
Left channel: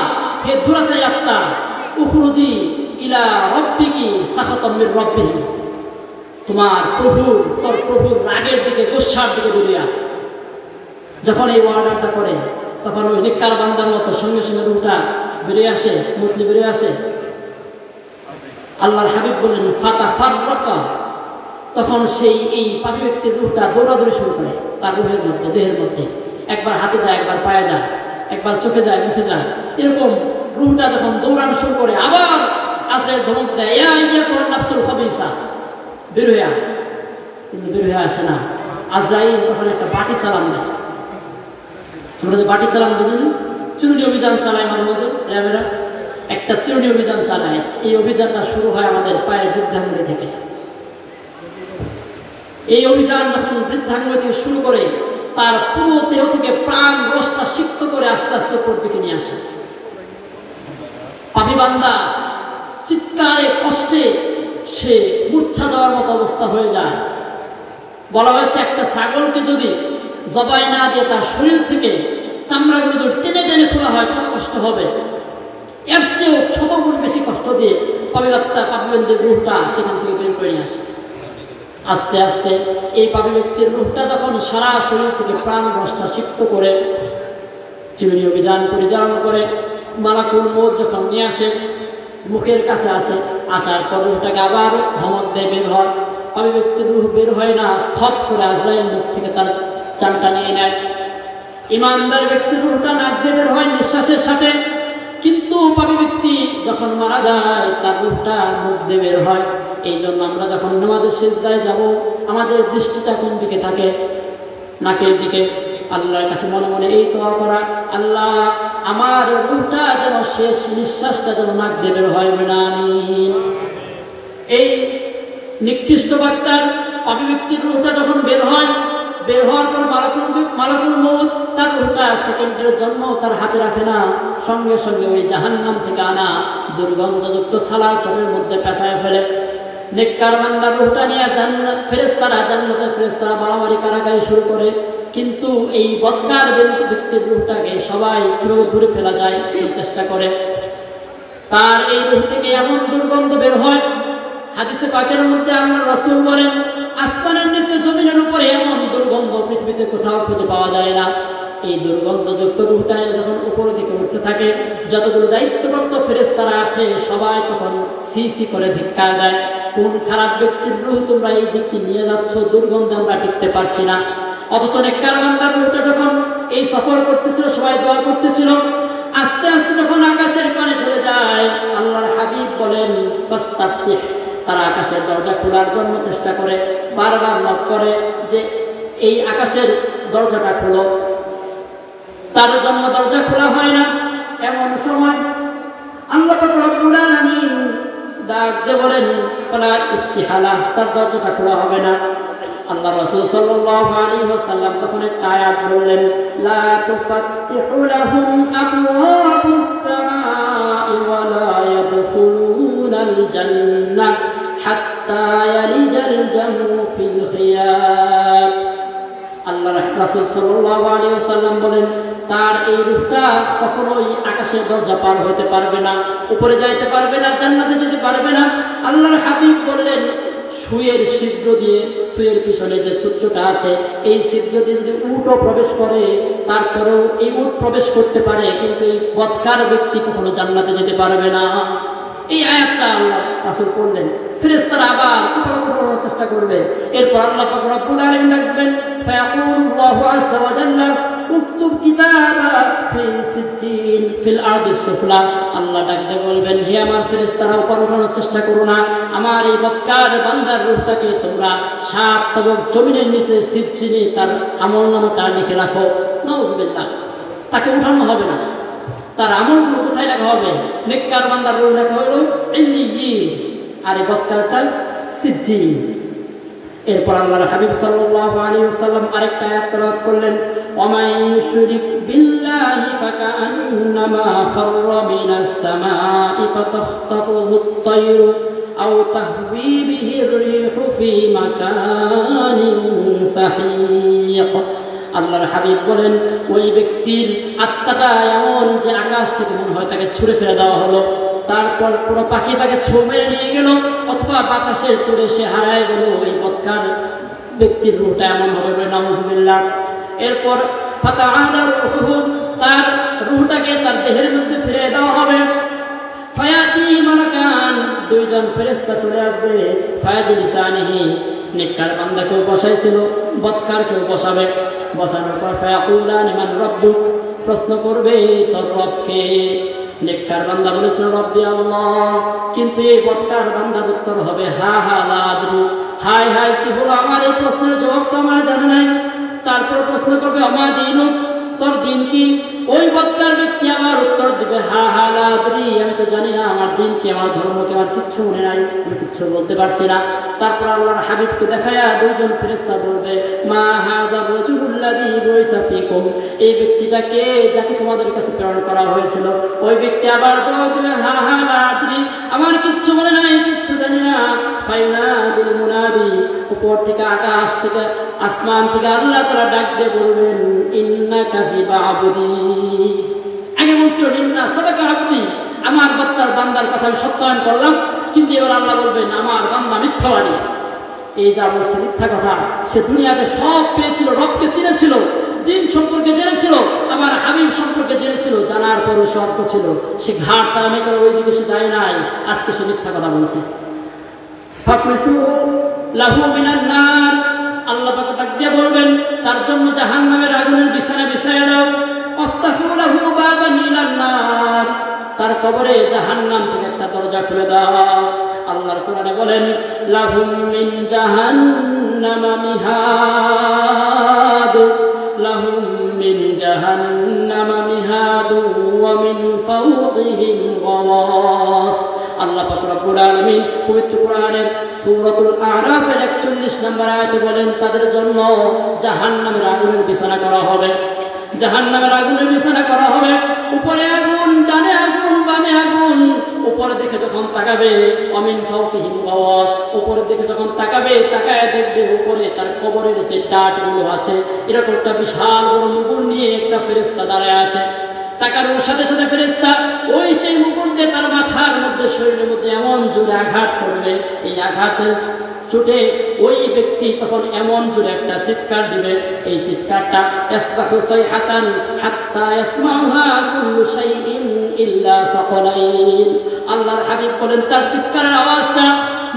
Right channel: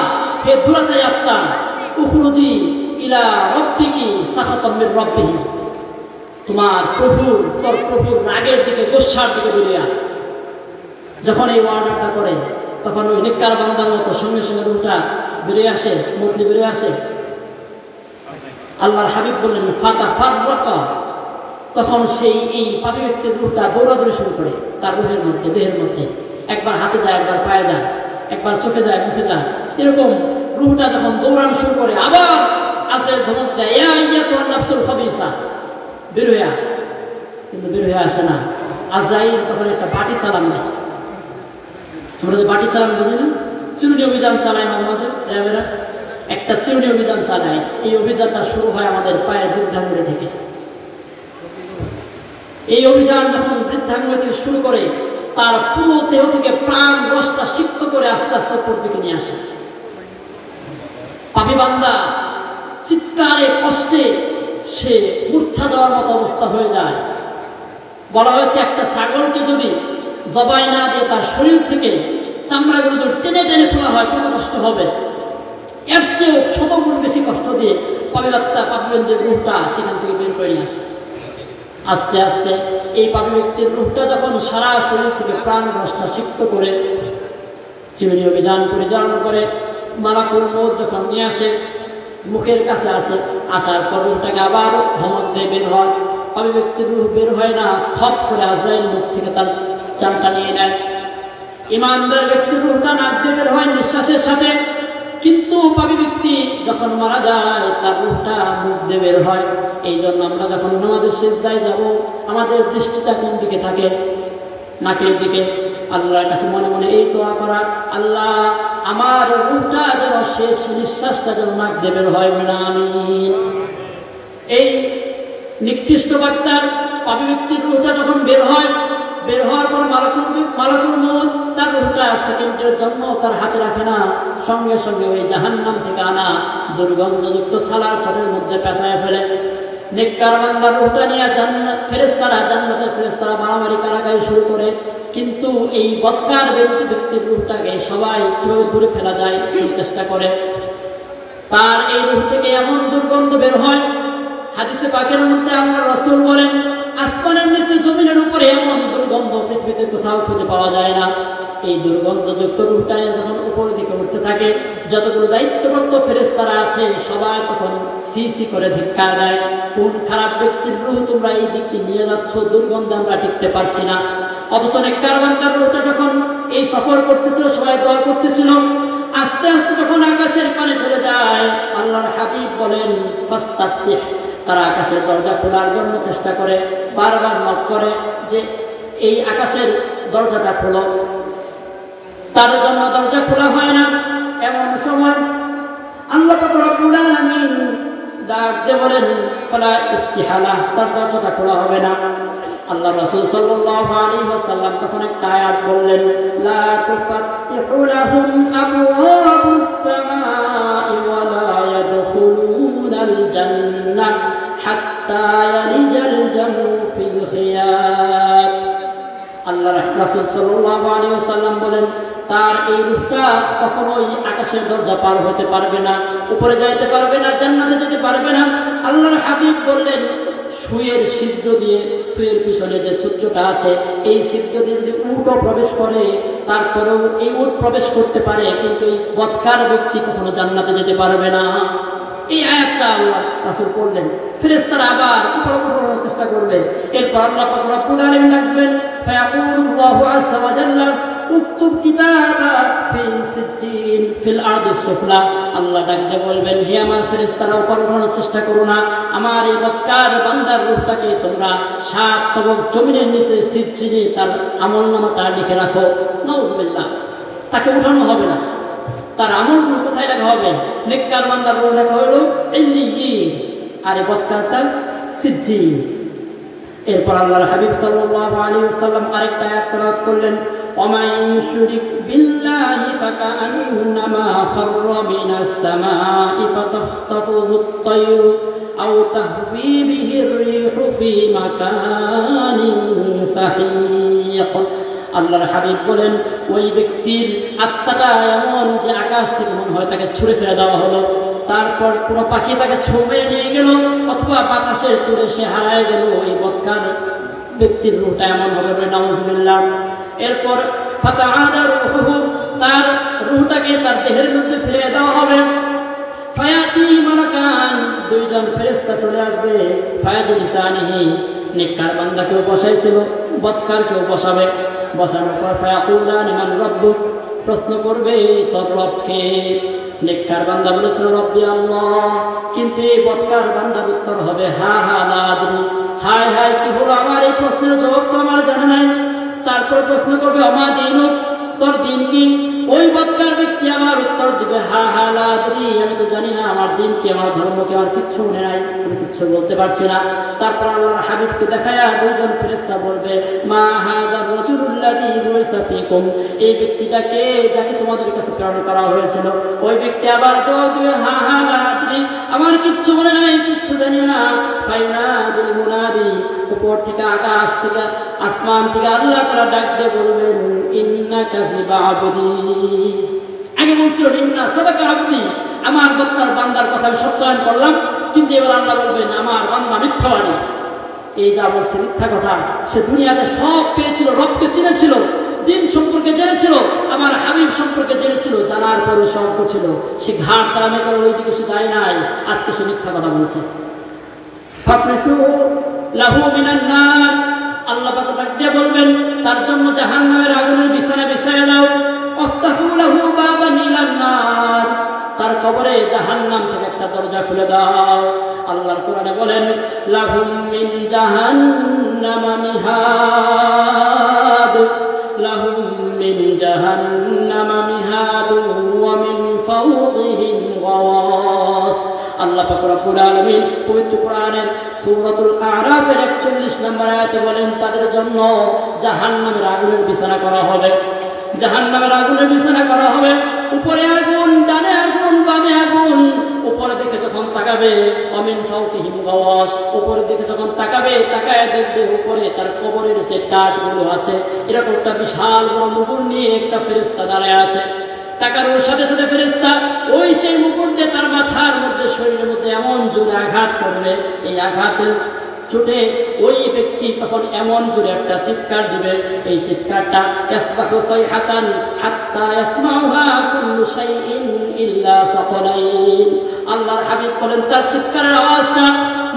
হে দুরাচারী আত্মা, উখরুজি ইলা রাব্বিকি সাখাতাম মির রাব্বিহি, তোমার তোর প্রভুর রাগের দিকে, গোসার দিকে বেরিয়ে আয়। যখন এই ওয়ার্ডারটা করে তখন ওই নিকার বান্দার মতো সঙ্গে সঙ্গে রুহটা বেরিয়ে আসে, স্মুথলি বেরিয়ে আসে। আল্লাহর হাবিব বললেন ফাতাফাররাকা, তখন সেই এই পাপী ব্যক্তির রুহটা দৌড়াদৌড়ি শুরু করে তার রুহের মধ্যে, দেহের মধ্যে। একবার হাতে যায়, একবার পায়ে যায়, একবার চোখে যায়, মুখে যায়, এরকম রুহটা যখন দৌড়ানো শুরু করে আবার আজরাইল ধমক দেয়, ইয়া আইয়াতুহান নাফসুল খাবিসা, বের হয়ে আয়। কিন্তু বের হয়ে আসে না। আজরাইল তখন একটা বাটি চালান দেয়। আমরা যে বাটি চালান বুঝিনি, চিরুনি অভিযান চালায় মাঝে মাঝে র্যাবেরা, একটা চিরুনি অভিযান চালায়। এই অভিযানটা শুরু হয় আমাদের পায়ের বৃদ্ধাঙ্গুলি থেকে। এই অভিযান যখন বৃদ্ধাঙ্গুলি থেকে শুরু করে, তার পুরো দেহ থেকে প্রাণ রসটা সিক্ত করে আস্তে আস্তে উপর দিকে নিয়ে আসে। পাপী বান্দা চিৎকারে কষ্টে সে মূর্ছা যাওয়ার মতো অবস্থা হয়ে যায়। বলা হয়েছে একটা ছাগলকে যদি জবাই না দিয়ে তার শরীর থেকে চামড়াগুলো যদি টেনে টেনে খোলা হয় কত কষ্ট হবে, এর চেয়েও 100 গুণ বেশি কষ্ট দিয়ে পাপীদের রুহটা সেখান থেকে বের করে নিয়ে আসে। আস্তে আস্তে এই পাপী ব্যক্তির রুহটা যখন সারা শরীর থেকে প্রাণ রসটা সিক্ত করে চিরুনি অভিযান পরিচালনা করে, মালাকুল মউত যখন নিয়ে আসে, মুখের কাছে আসে, আসার পর রুহটাকে আবার ধমক দিয়ে বের হয়। পাপী ব্যক্তির রুহ বের হয় না, খপ করে আজরাইল মুখ থেকে তার চানটা নিয়ে নেয়। ইমানদার ব্যক্তির রুহটা নাক দিয়ে বের হয় নিঃশ্বাসের সাথে, কিন্তু পাপী ব্যক্তি যখন মারা যায় তার রুহটা মুখ দিয়ে বের হয়। এই জন্য আমরা যখন নামাজের সিজদায় যাব, আমাদের দৃষ্টিটা কোন দিকে থাকে? নাকের দিকে। আল্লাহর কাছে মনে মনে এই দোয়া করা, আল্লাহ আমার রুহটা যেন শেষ নিঃশ্বাসটা যেন নাক দিয়ে বের হয়। আমিন। এই নিকৃষ্ট বার্তার পাপী ব্যক্তির রুহটা যখন বের হয়, বের হওয়ার পর মালাকুল মউত তার রুহটা সেকেন্ডের জন্য তার হাতে রাখে না, সঙ্গে সঙ্গে ওই জাহান্নাম থেকে আনা দুর্গন্ধযুক্ত ছালা চোখের মধ্যে পেঁচায় ফেলে। নেককার বান্দার রুহটা নিয়ে জান্নাতের ফেরেশতারা মারামারি কারাকারি শুরু করে, কিন্তু এই বদকার ব্যক্তির রুহটাকে সবাই কিভাবে দূরে ফেলা যায় সেই চেষ্টা করে। তার এই রুহ থেকে এমন দুর্গন্ধ বের হয়, হাদিসে পাকের মধ্যে আল্লাহর রাসূল বলেন, আসমানের নিচে জমিনের উপরে এমন দুর্গন্ধ পৃথিবীতে কোথাও খুঁজে পাওয়া যায় না। এই দুর্গন্ধযুক্ত রুহটা যখন উপরের দিকে উঠতে থাকে, যতগুলো দায়িত্বপ্রাপ্ত ফেরেশতারা আছে সবাই তখন সি সি করে ধিক্কার দেয়, কোন খারাপ ব্যক্তির রুহ তোমরা এই দিকটি নিয়ে যাচ্ছ, দুর্গন্ধ আমরা টিকতে পারছি না। অথচ নেককার বান্দার রুহটা যখন এই সফর করতেছিল, সবাই দোয়া করতেছিল, আস্তে আস্তে যখন আকাশের পানে চলে যায়, আল্লাহর হাবিব বলেন ফাস্তাফতিহ, তারা আকাশের দরজা খোলার জন্য চেষ্টা করে, বারবার নক করে যে এই আকাশের দরজাটা খোলো, তার জন্য দরজা খোলা হয় না। এমন সময় আল্লাহ পাক রব্বুল আলামিন ডাক দিয়ে বলেন ফালা ইফতিহালা, তার দরজাটা খোলা হবে না। আল্লাহ রাসূল সাল্লাল্লাহু আলাইহি ওয়াসাল্লাম তখন একটা আয়াত বললেন, লা তুফাত্তিহু লাহুম আবওয়াবুস সামাই ওয়া লা ইয়াদখুলুনাল জান্নাহ হাত্তা ইয়ালিজাল জামু ফিল খিয়াত। আল্লাহ রাসূল সাল্লাল্লাহু আলাইহি ওয়াসাল্লাম বলেন, তার এই রূহটা কখনোই আকাশের দরজা পার হতে পারবে না, উপরে যাইতে পারবে না, জান্নাতে যেতে পারবে না। আল্লাহর হাবিব বললেন, সুয়ের ছিদ্র দিয়ে, সুয়ের পিছনে যে ছিদ্রটা আছে এই ছিদ্র দিয়ে যদি উটও প্রবেশ করে তারপরেও এই উট প্রবেশ করতে পারে, কিন্তু এই বদকার ব্যক্তি কখনো জান্নাতে যেতে পারবে না। এই আয়াতটা আল্লাহ রাসূল বললেন। ফেরেশতারা আবার উপর উঠানোর চেষ্টা করবেন। এরপর আল্লাহ পাক রব্বুল আলামিন ডাকবেন, ফায়াকুলুল্লাহু আযজা ওয়া জাল্লা উকতুব কিতাবা ফি সিজ্জিন ফিল আরদিস সুফলা। আল্লাহ ডাকতে বলবেন, হে আমার ফেরেশতারা উপর উঠানোর চেষ্টা করো না, আমার এই বদকার বান্দার রূহটাকে তোমরা 7 তবক জমিনের নিচে সিজ্জিনে তার আমলনামাটা লিখে রাখো। নাউযুবিল্লাহ, তাকে উঠানো হবে না, তার আমলগুলো কোথায় রাখা হবে? নেককার বান্দার রূহ রাখা হলো ইল্লিয়িন, আর এই বদকারটা সিজ্জিন। এরপর আল্লাহর হাবিব সাল্লাল্লাহু আলাইহি ওয়াসাল্লাম আরেকটা আয়াত তেলাওয়াত করলেন, ওয়ামান ইউশরিক বিল্লাহি ফাকান্নামা খাররা মিনাস সামাই ফাতাখতাফুহু আত-তায়রু আও তাহবি বিহি আর-রিহু ফি মাকানিন সাহিক। আল্লাহর হাবিব বলেন, ওই ব্যক্তির আত্মাটা এমন যে আকাশ থেকে মনে হয় তাকে ছুঁড়ে ফেলে দেওয়া হলো, তারপর কোনো পাখি তাকে ছুঁড়ে নিয়ে গেল, অথবা বাতাসের তুলে সে হারায় গেল। এই বদকার ব্যক্তির রূহটা এমন হবে, নাউযুবিল্লাহ। এরপর ফাতাআদা রূহুহু, তার রূহটাকে তার দেহের মধ্যে ফিরিয়ে দেওয়া হবে। ফায়াতি মালাকান, দুইজন ফেরেশতা চলে আসবে। ফায়াজলিসানিহি, নেককার বান্দাকেও বসাইছিল, বদকারকেও বসাবে। বসানোর পর ফায়াকুলানি মান রাব্বুক, প্রশ্ন করবে তোর রবকে। নেককার বান্দা বলেছিল রব্বি আল্লাহ, কিন্তু এই বদকার বান্দার উত্তর হবে হা হা লা আদরি, হায় হায় কি হলো, আমার এই প্রশ্নের জবাব তো আমার জানা নাই। তারপর প্রশ্ন করবে আমা দীনুক, তোর দিন কি? ওই বদকার ব্যক্তি আমার উত্তর দিবে হা হা লা আদরি, আমি তো জানি না আমার দিন কি, আমার ধর্ম কি, আমার কিচ্ছু মনে নাই, আমি কিচ্ছু বলতে পারছি না। তারপর আল্লাহর হাবিবকে দেখায়া দুইজন ফেরেশতা বলবে মা হাযার রাজুলুল্লাযী বুইসা ফীকুম, এই ব্যক্তিটাকে যাকে তোমাদের কাছে প্রেরণ করা হয়েছিল। ওই ব্যক্তি আবার জবাব দিবে হা হা লা আদরি, আমার কিচ্ছু মনে নাই, কিচ্ছু জানি না। ফাইনাদুল মুনাদি, উপর থেকে আকাশ থেকে আসমান থেকে আল্লাহ তাআলা ডাক দিয়ে বলবেন ইন্নাকা ফিবা আবদি। আগে বলছিল ইন্না সাদাকা আবদি, আমার বান্দার কথা আমি সত্যায়ন করলাম, কিন্তু এবার আল্লাহ বলবেন আমার বান্দা মিথ্যাবাদী। এই যা বলছে মিথ্যা কথা, সে দুনিয়াতে সব পেয়েছিল, রবকে চিনেছিল, দিন সম্পর্কে জেনেছিল, আমার হাবিব সম্পর্কে জেনেছিল, জানার পরে সর্ব ছিল, সে ঘাট তারামে করে ওই দিকে সে যায় নাই, আজকে সে মিথ্যা কথা বলছে। ফাফরিশু লাহু মিনান নার, আল্লাহ পাক ডাক দিয়ে বলবেন তার জন্য জাহান্নামের আগুনের বিছানা বিছায় দাও। আফতাহু লাহু বাবান ইলান নার, তার কবরে জাহান্নাম থেকে একটা দরজা খুলে দাও। আল্লাহর কোরআনে বলেন লাহুম মিন জাহান্নামা মিহাদ, লাহুম মিন জাহান্নামা মিহাদ ওয়া মিন ফাওকিহিম গাওয়াস। আল্লাহ পাক রব্বুল আলামিন পবিত্র কোরআনের সূরাতুল আরাফের 41 নম্বর আয়াতে বলেন তাদের জন্য জাহান্নামের আগুনের বিছানা করা হবে, জাহান্নামের আগুনের বিছানা করা হবে। উপরে আগুন, ডানে আগুন, বামে আগুন। উপরে দেখে যখন তাকাবে অমিন ফাওকিহিম গাওয়াস, উপরে দেখে যখন তাকাবে, তাকায় দেখবে উপরে তার কবরের যে টাটগুলো আছে, এরকম একটা বিশাল বড় মুকুট নিয়ে একটা ফেরেশতা দাঁড়ায় আছে। তাকার ওই সাথে সাথে ফেরেশতা ওই সেই মুকুট দিয়ে তার মাথার মধ্যে, শরীরের মধ্যে এমন জোরে আঘাত করবে, এই আঘাতের চোটে ওই ব্যক্তি তখন এমন জোরে একটা চিৎকার দিবে, এই চিৎকারটা ইসবাহু সাইহাতান হাত্তা ইয়াসমাউহা কুল্লু শাইইন ইল্লা সাকালাইন। আল্লাহর হাবিব বলেন তার চিৎকারের আওয়াজটা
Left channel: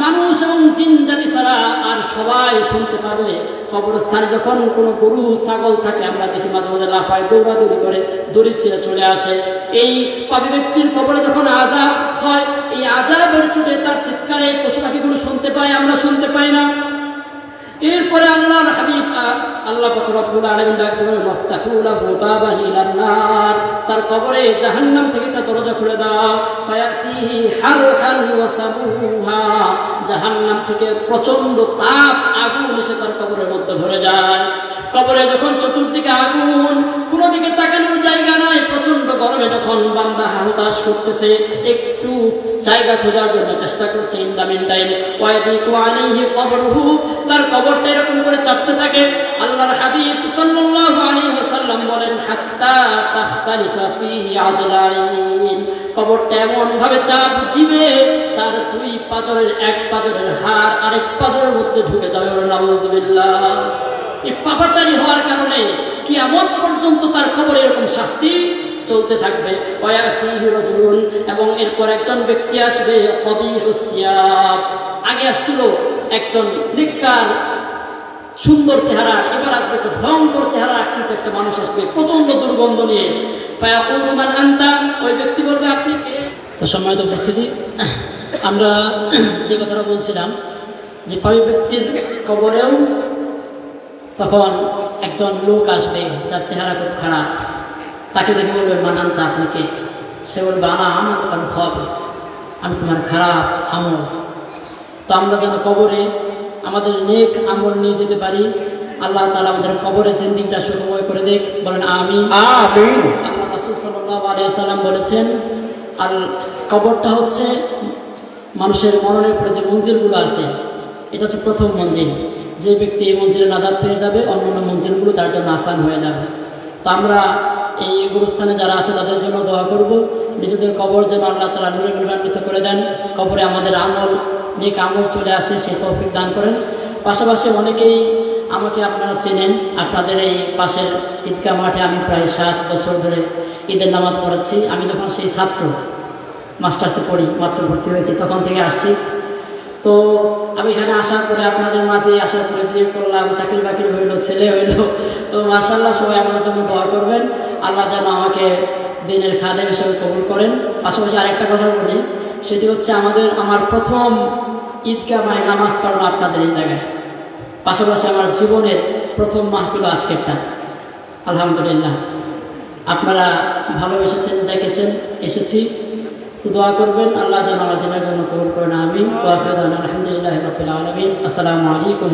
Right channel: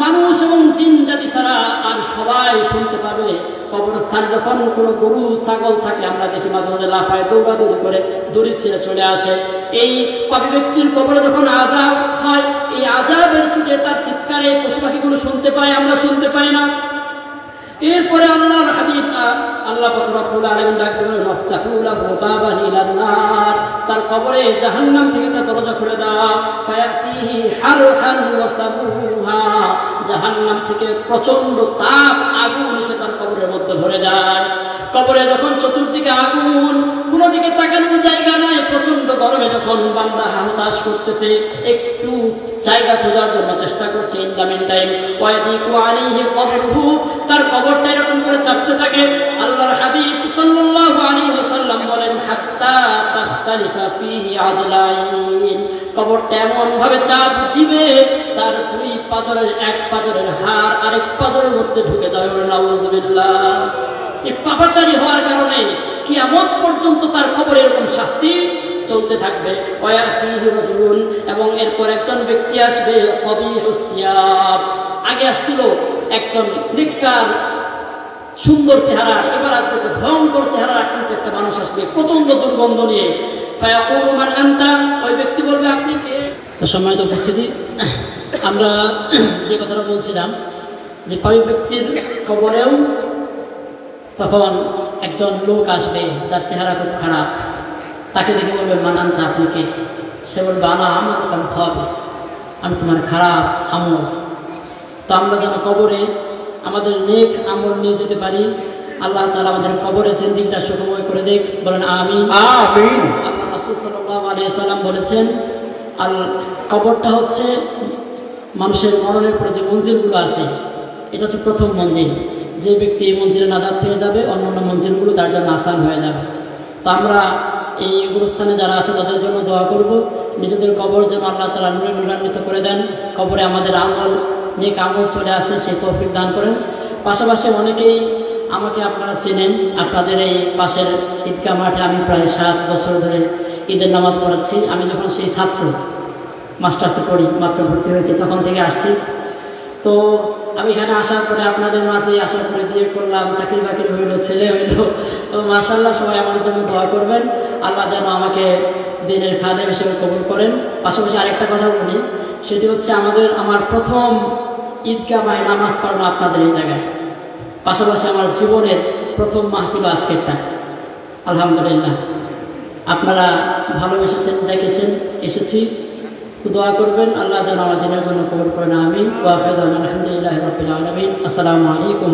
মানুষ এবং জিন জাতি ছাড়া আর সবাই শুনতে পাবে। কবরস্থানে যখন কোনো গরু ছাগল থাকে আমরা দেখি মাঝে মাঝে লাফায়, দৌড়াদৌড়ি করে, দড়ি ছিঁড়ে চলে আসে। এই পাপী ব্যক্তির কবরে যখন আযাব হয়, এই আযাবের চোটে তার চিৎকারে পশু পাখিগুলো শুনতে পায়, আমরা শুনতে পাই না। এরপরে আল্লাহর হাবিব আল্লাহ পাক রব্বুল আলামিন ডাক দিলেন মাফতাহু লাহু বাবান ইলান নার, তার কবরে জাহান্নাম থেকে একটা দরজা খুলে দাও। ফায়াতিহি হারহান ওয়া সামুহা, জাহান্নাম থেকে প্রচন্ড তাপ, আগুন এসে তার কবরের মধ্যে ভরে যায়। কবরে যখন চতুর্দিকে আগুন, কোনো দিকে তাকানোর জায়গা নাই, প্রচন্ড গরমে যখন বান্দা হাহুতাশ করতেছে, একটু জায়গা খোঁজার জন্য চেষ্টা করছে, ইন দ্য মিন টাইম ওয়ায়াদিকু আলাইহি কবরহু, তার কবরটা এরকম করে চাপতে থাকে। আল্লাহর হাবিব সাল্লাল্লাহু আলাইহি ওয়াসাল্লাম বলেন হাত্তা তাখতালিফা ফীহি আদলাইন, কবরটা এমনভাবে চাপ দিবে তার দুই পাঁজরের এক পাঁজরের হাড় আরেক পাঁজরের মধ্যে ঢুকে যাবে। নাউযুবিল্লাহ। এই পাপাচারী হওয়ার কারণে কিয়ামত পর্যন্ত তার কবরে এরকম শাস্তি চলতে থাকবে। এবং এরপর একজন ব্যক্তি আসবে কবিহুস সিয়াব। আগে আসছিল একজন নিকার সুন্দর চেহারা, এবার আসবে একটা ভয়ঙ্কর চেহারা আকৃতির একটা মানুষ আসবে প্রচন্ড দুর্গন্ধ নিয়ে। ফায়াকুলু মান আনতা, ওই ব্যক্তি বলবে আপনি কে? তো সম্মানিত উপস্থিতি, আমরা যে কথাটা বলছিলাম যে পাপী ব্যক্তির কবরেও তখন একজন লোক আসবে যার চেহারা খুব খারাপ, তাকে দেখে বলবে মান আনতা, আপনি কে? সে বলবে আনা আমাদের কাল খাবিস, আমি তোমার খারাপ আমল। তো আমরা যেন কবরে আমাদের নেক আমল নিয়ে যেতে পারি। আল্লাহ তাআলা আমাদের কবরে জিন্দেগিটা সুখময় করে দেখ, বলেন আমিন। আমিন। আল্লাহ রাসূল সাল্লাল্লাহু আলাইহি ওয়াসাল্লাম বলেছেন, আর কবরটা হচ্ছে মানুষের মরণের পরে যে মঞ্জিলগুলো আছে, এটা হচ্ছে প্রথম মঞ্জিল। যে ব্যক্তি এই মঞ্জিলে নাজাত পেয়ে যাবে, অন্যান্য মঞ্জিলগুলো তার জন্য আসান হয়ে যাবে। তো আমরা এই গুরুস্থানে যারা আছে তাদের জন্য দোয়া করব, নিজেদের কবর যেন আল্লাহ তাআলা নূরে নূরান্বিত করে দেন, কবরে আমাদের আমল নেক আমল চলে আসে সেই তৌফিক দান করেন। পাশাপাশি অনেকেই আমাকে আপনারা চেনেন, আপনাদের এই পাশের ঈদগাহ মাঠে আমি প্রায় 7 বছর ধরে ঈদের নামাজ পড়াচ্ছি। আমি যখন সেই ছাত্র মাস্টার্সে পড়ি, মাত্র ভর্তি হয়েছে, তখন থেকে আসছি। তো আমি এখানে আসার পরে আপনাদের মাঝে আসার পরে বিয়ে করলাম, চাকরি বাকরি হইলো, ছেলে হইলো। তো মাশাআল্লাহ, সবাই আমাদের জন্য দোয়া করবেন, আল্লাহ যেন আমাকে দিনের খাদেম হিসেবে কবুল করেন। পাশাপাশি আরেকটা কথা বলি, সেটি হচ্ছে আমার প্রথম ঈদগাহ মাঠে নামাজ পড়ানো আপনাদের এই জায়গায়। পাশাপাশি আমার জীবনের প্রথম মাহফিল আজকেরটা। আলহামদুলিল্লাহ, আপনারা ভালোবেসেছেন, দেখেছেন, এসেছি। তো দোয়া করবেন আল্লাহ যেন আমার দিনের জন্য কবুল করেন। আমিন। ওয়া আখিরু দাওয়ানা আলহামদুলিল্লাহি রাব্বিল আলামিন। আসসালামু আলাইকুম।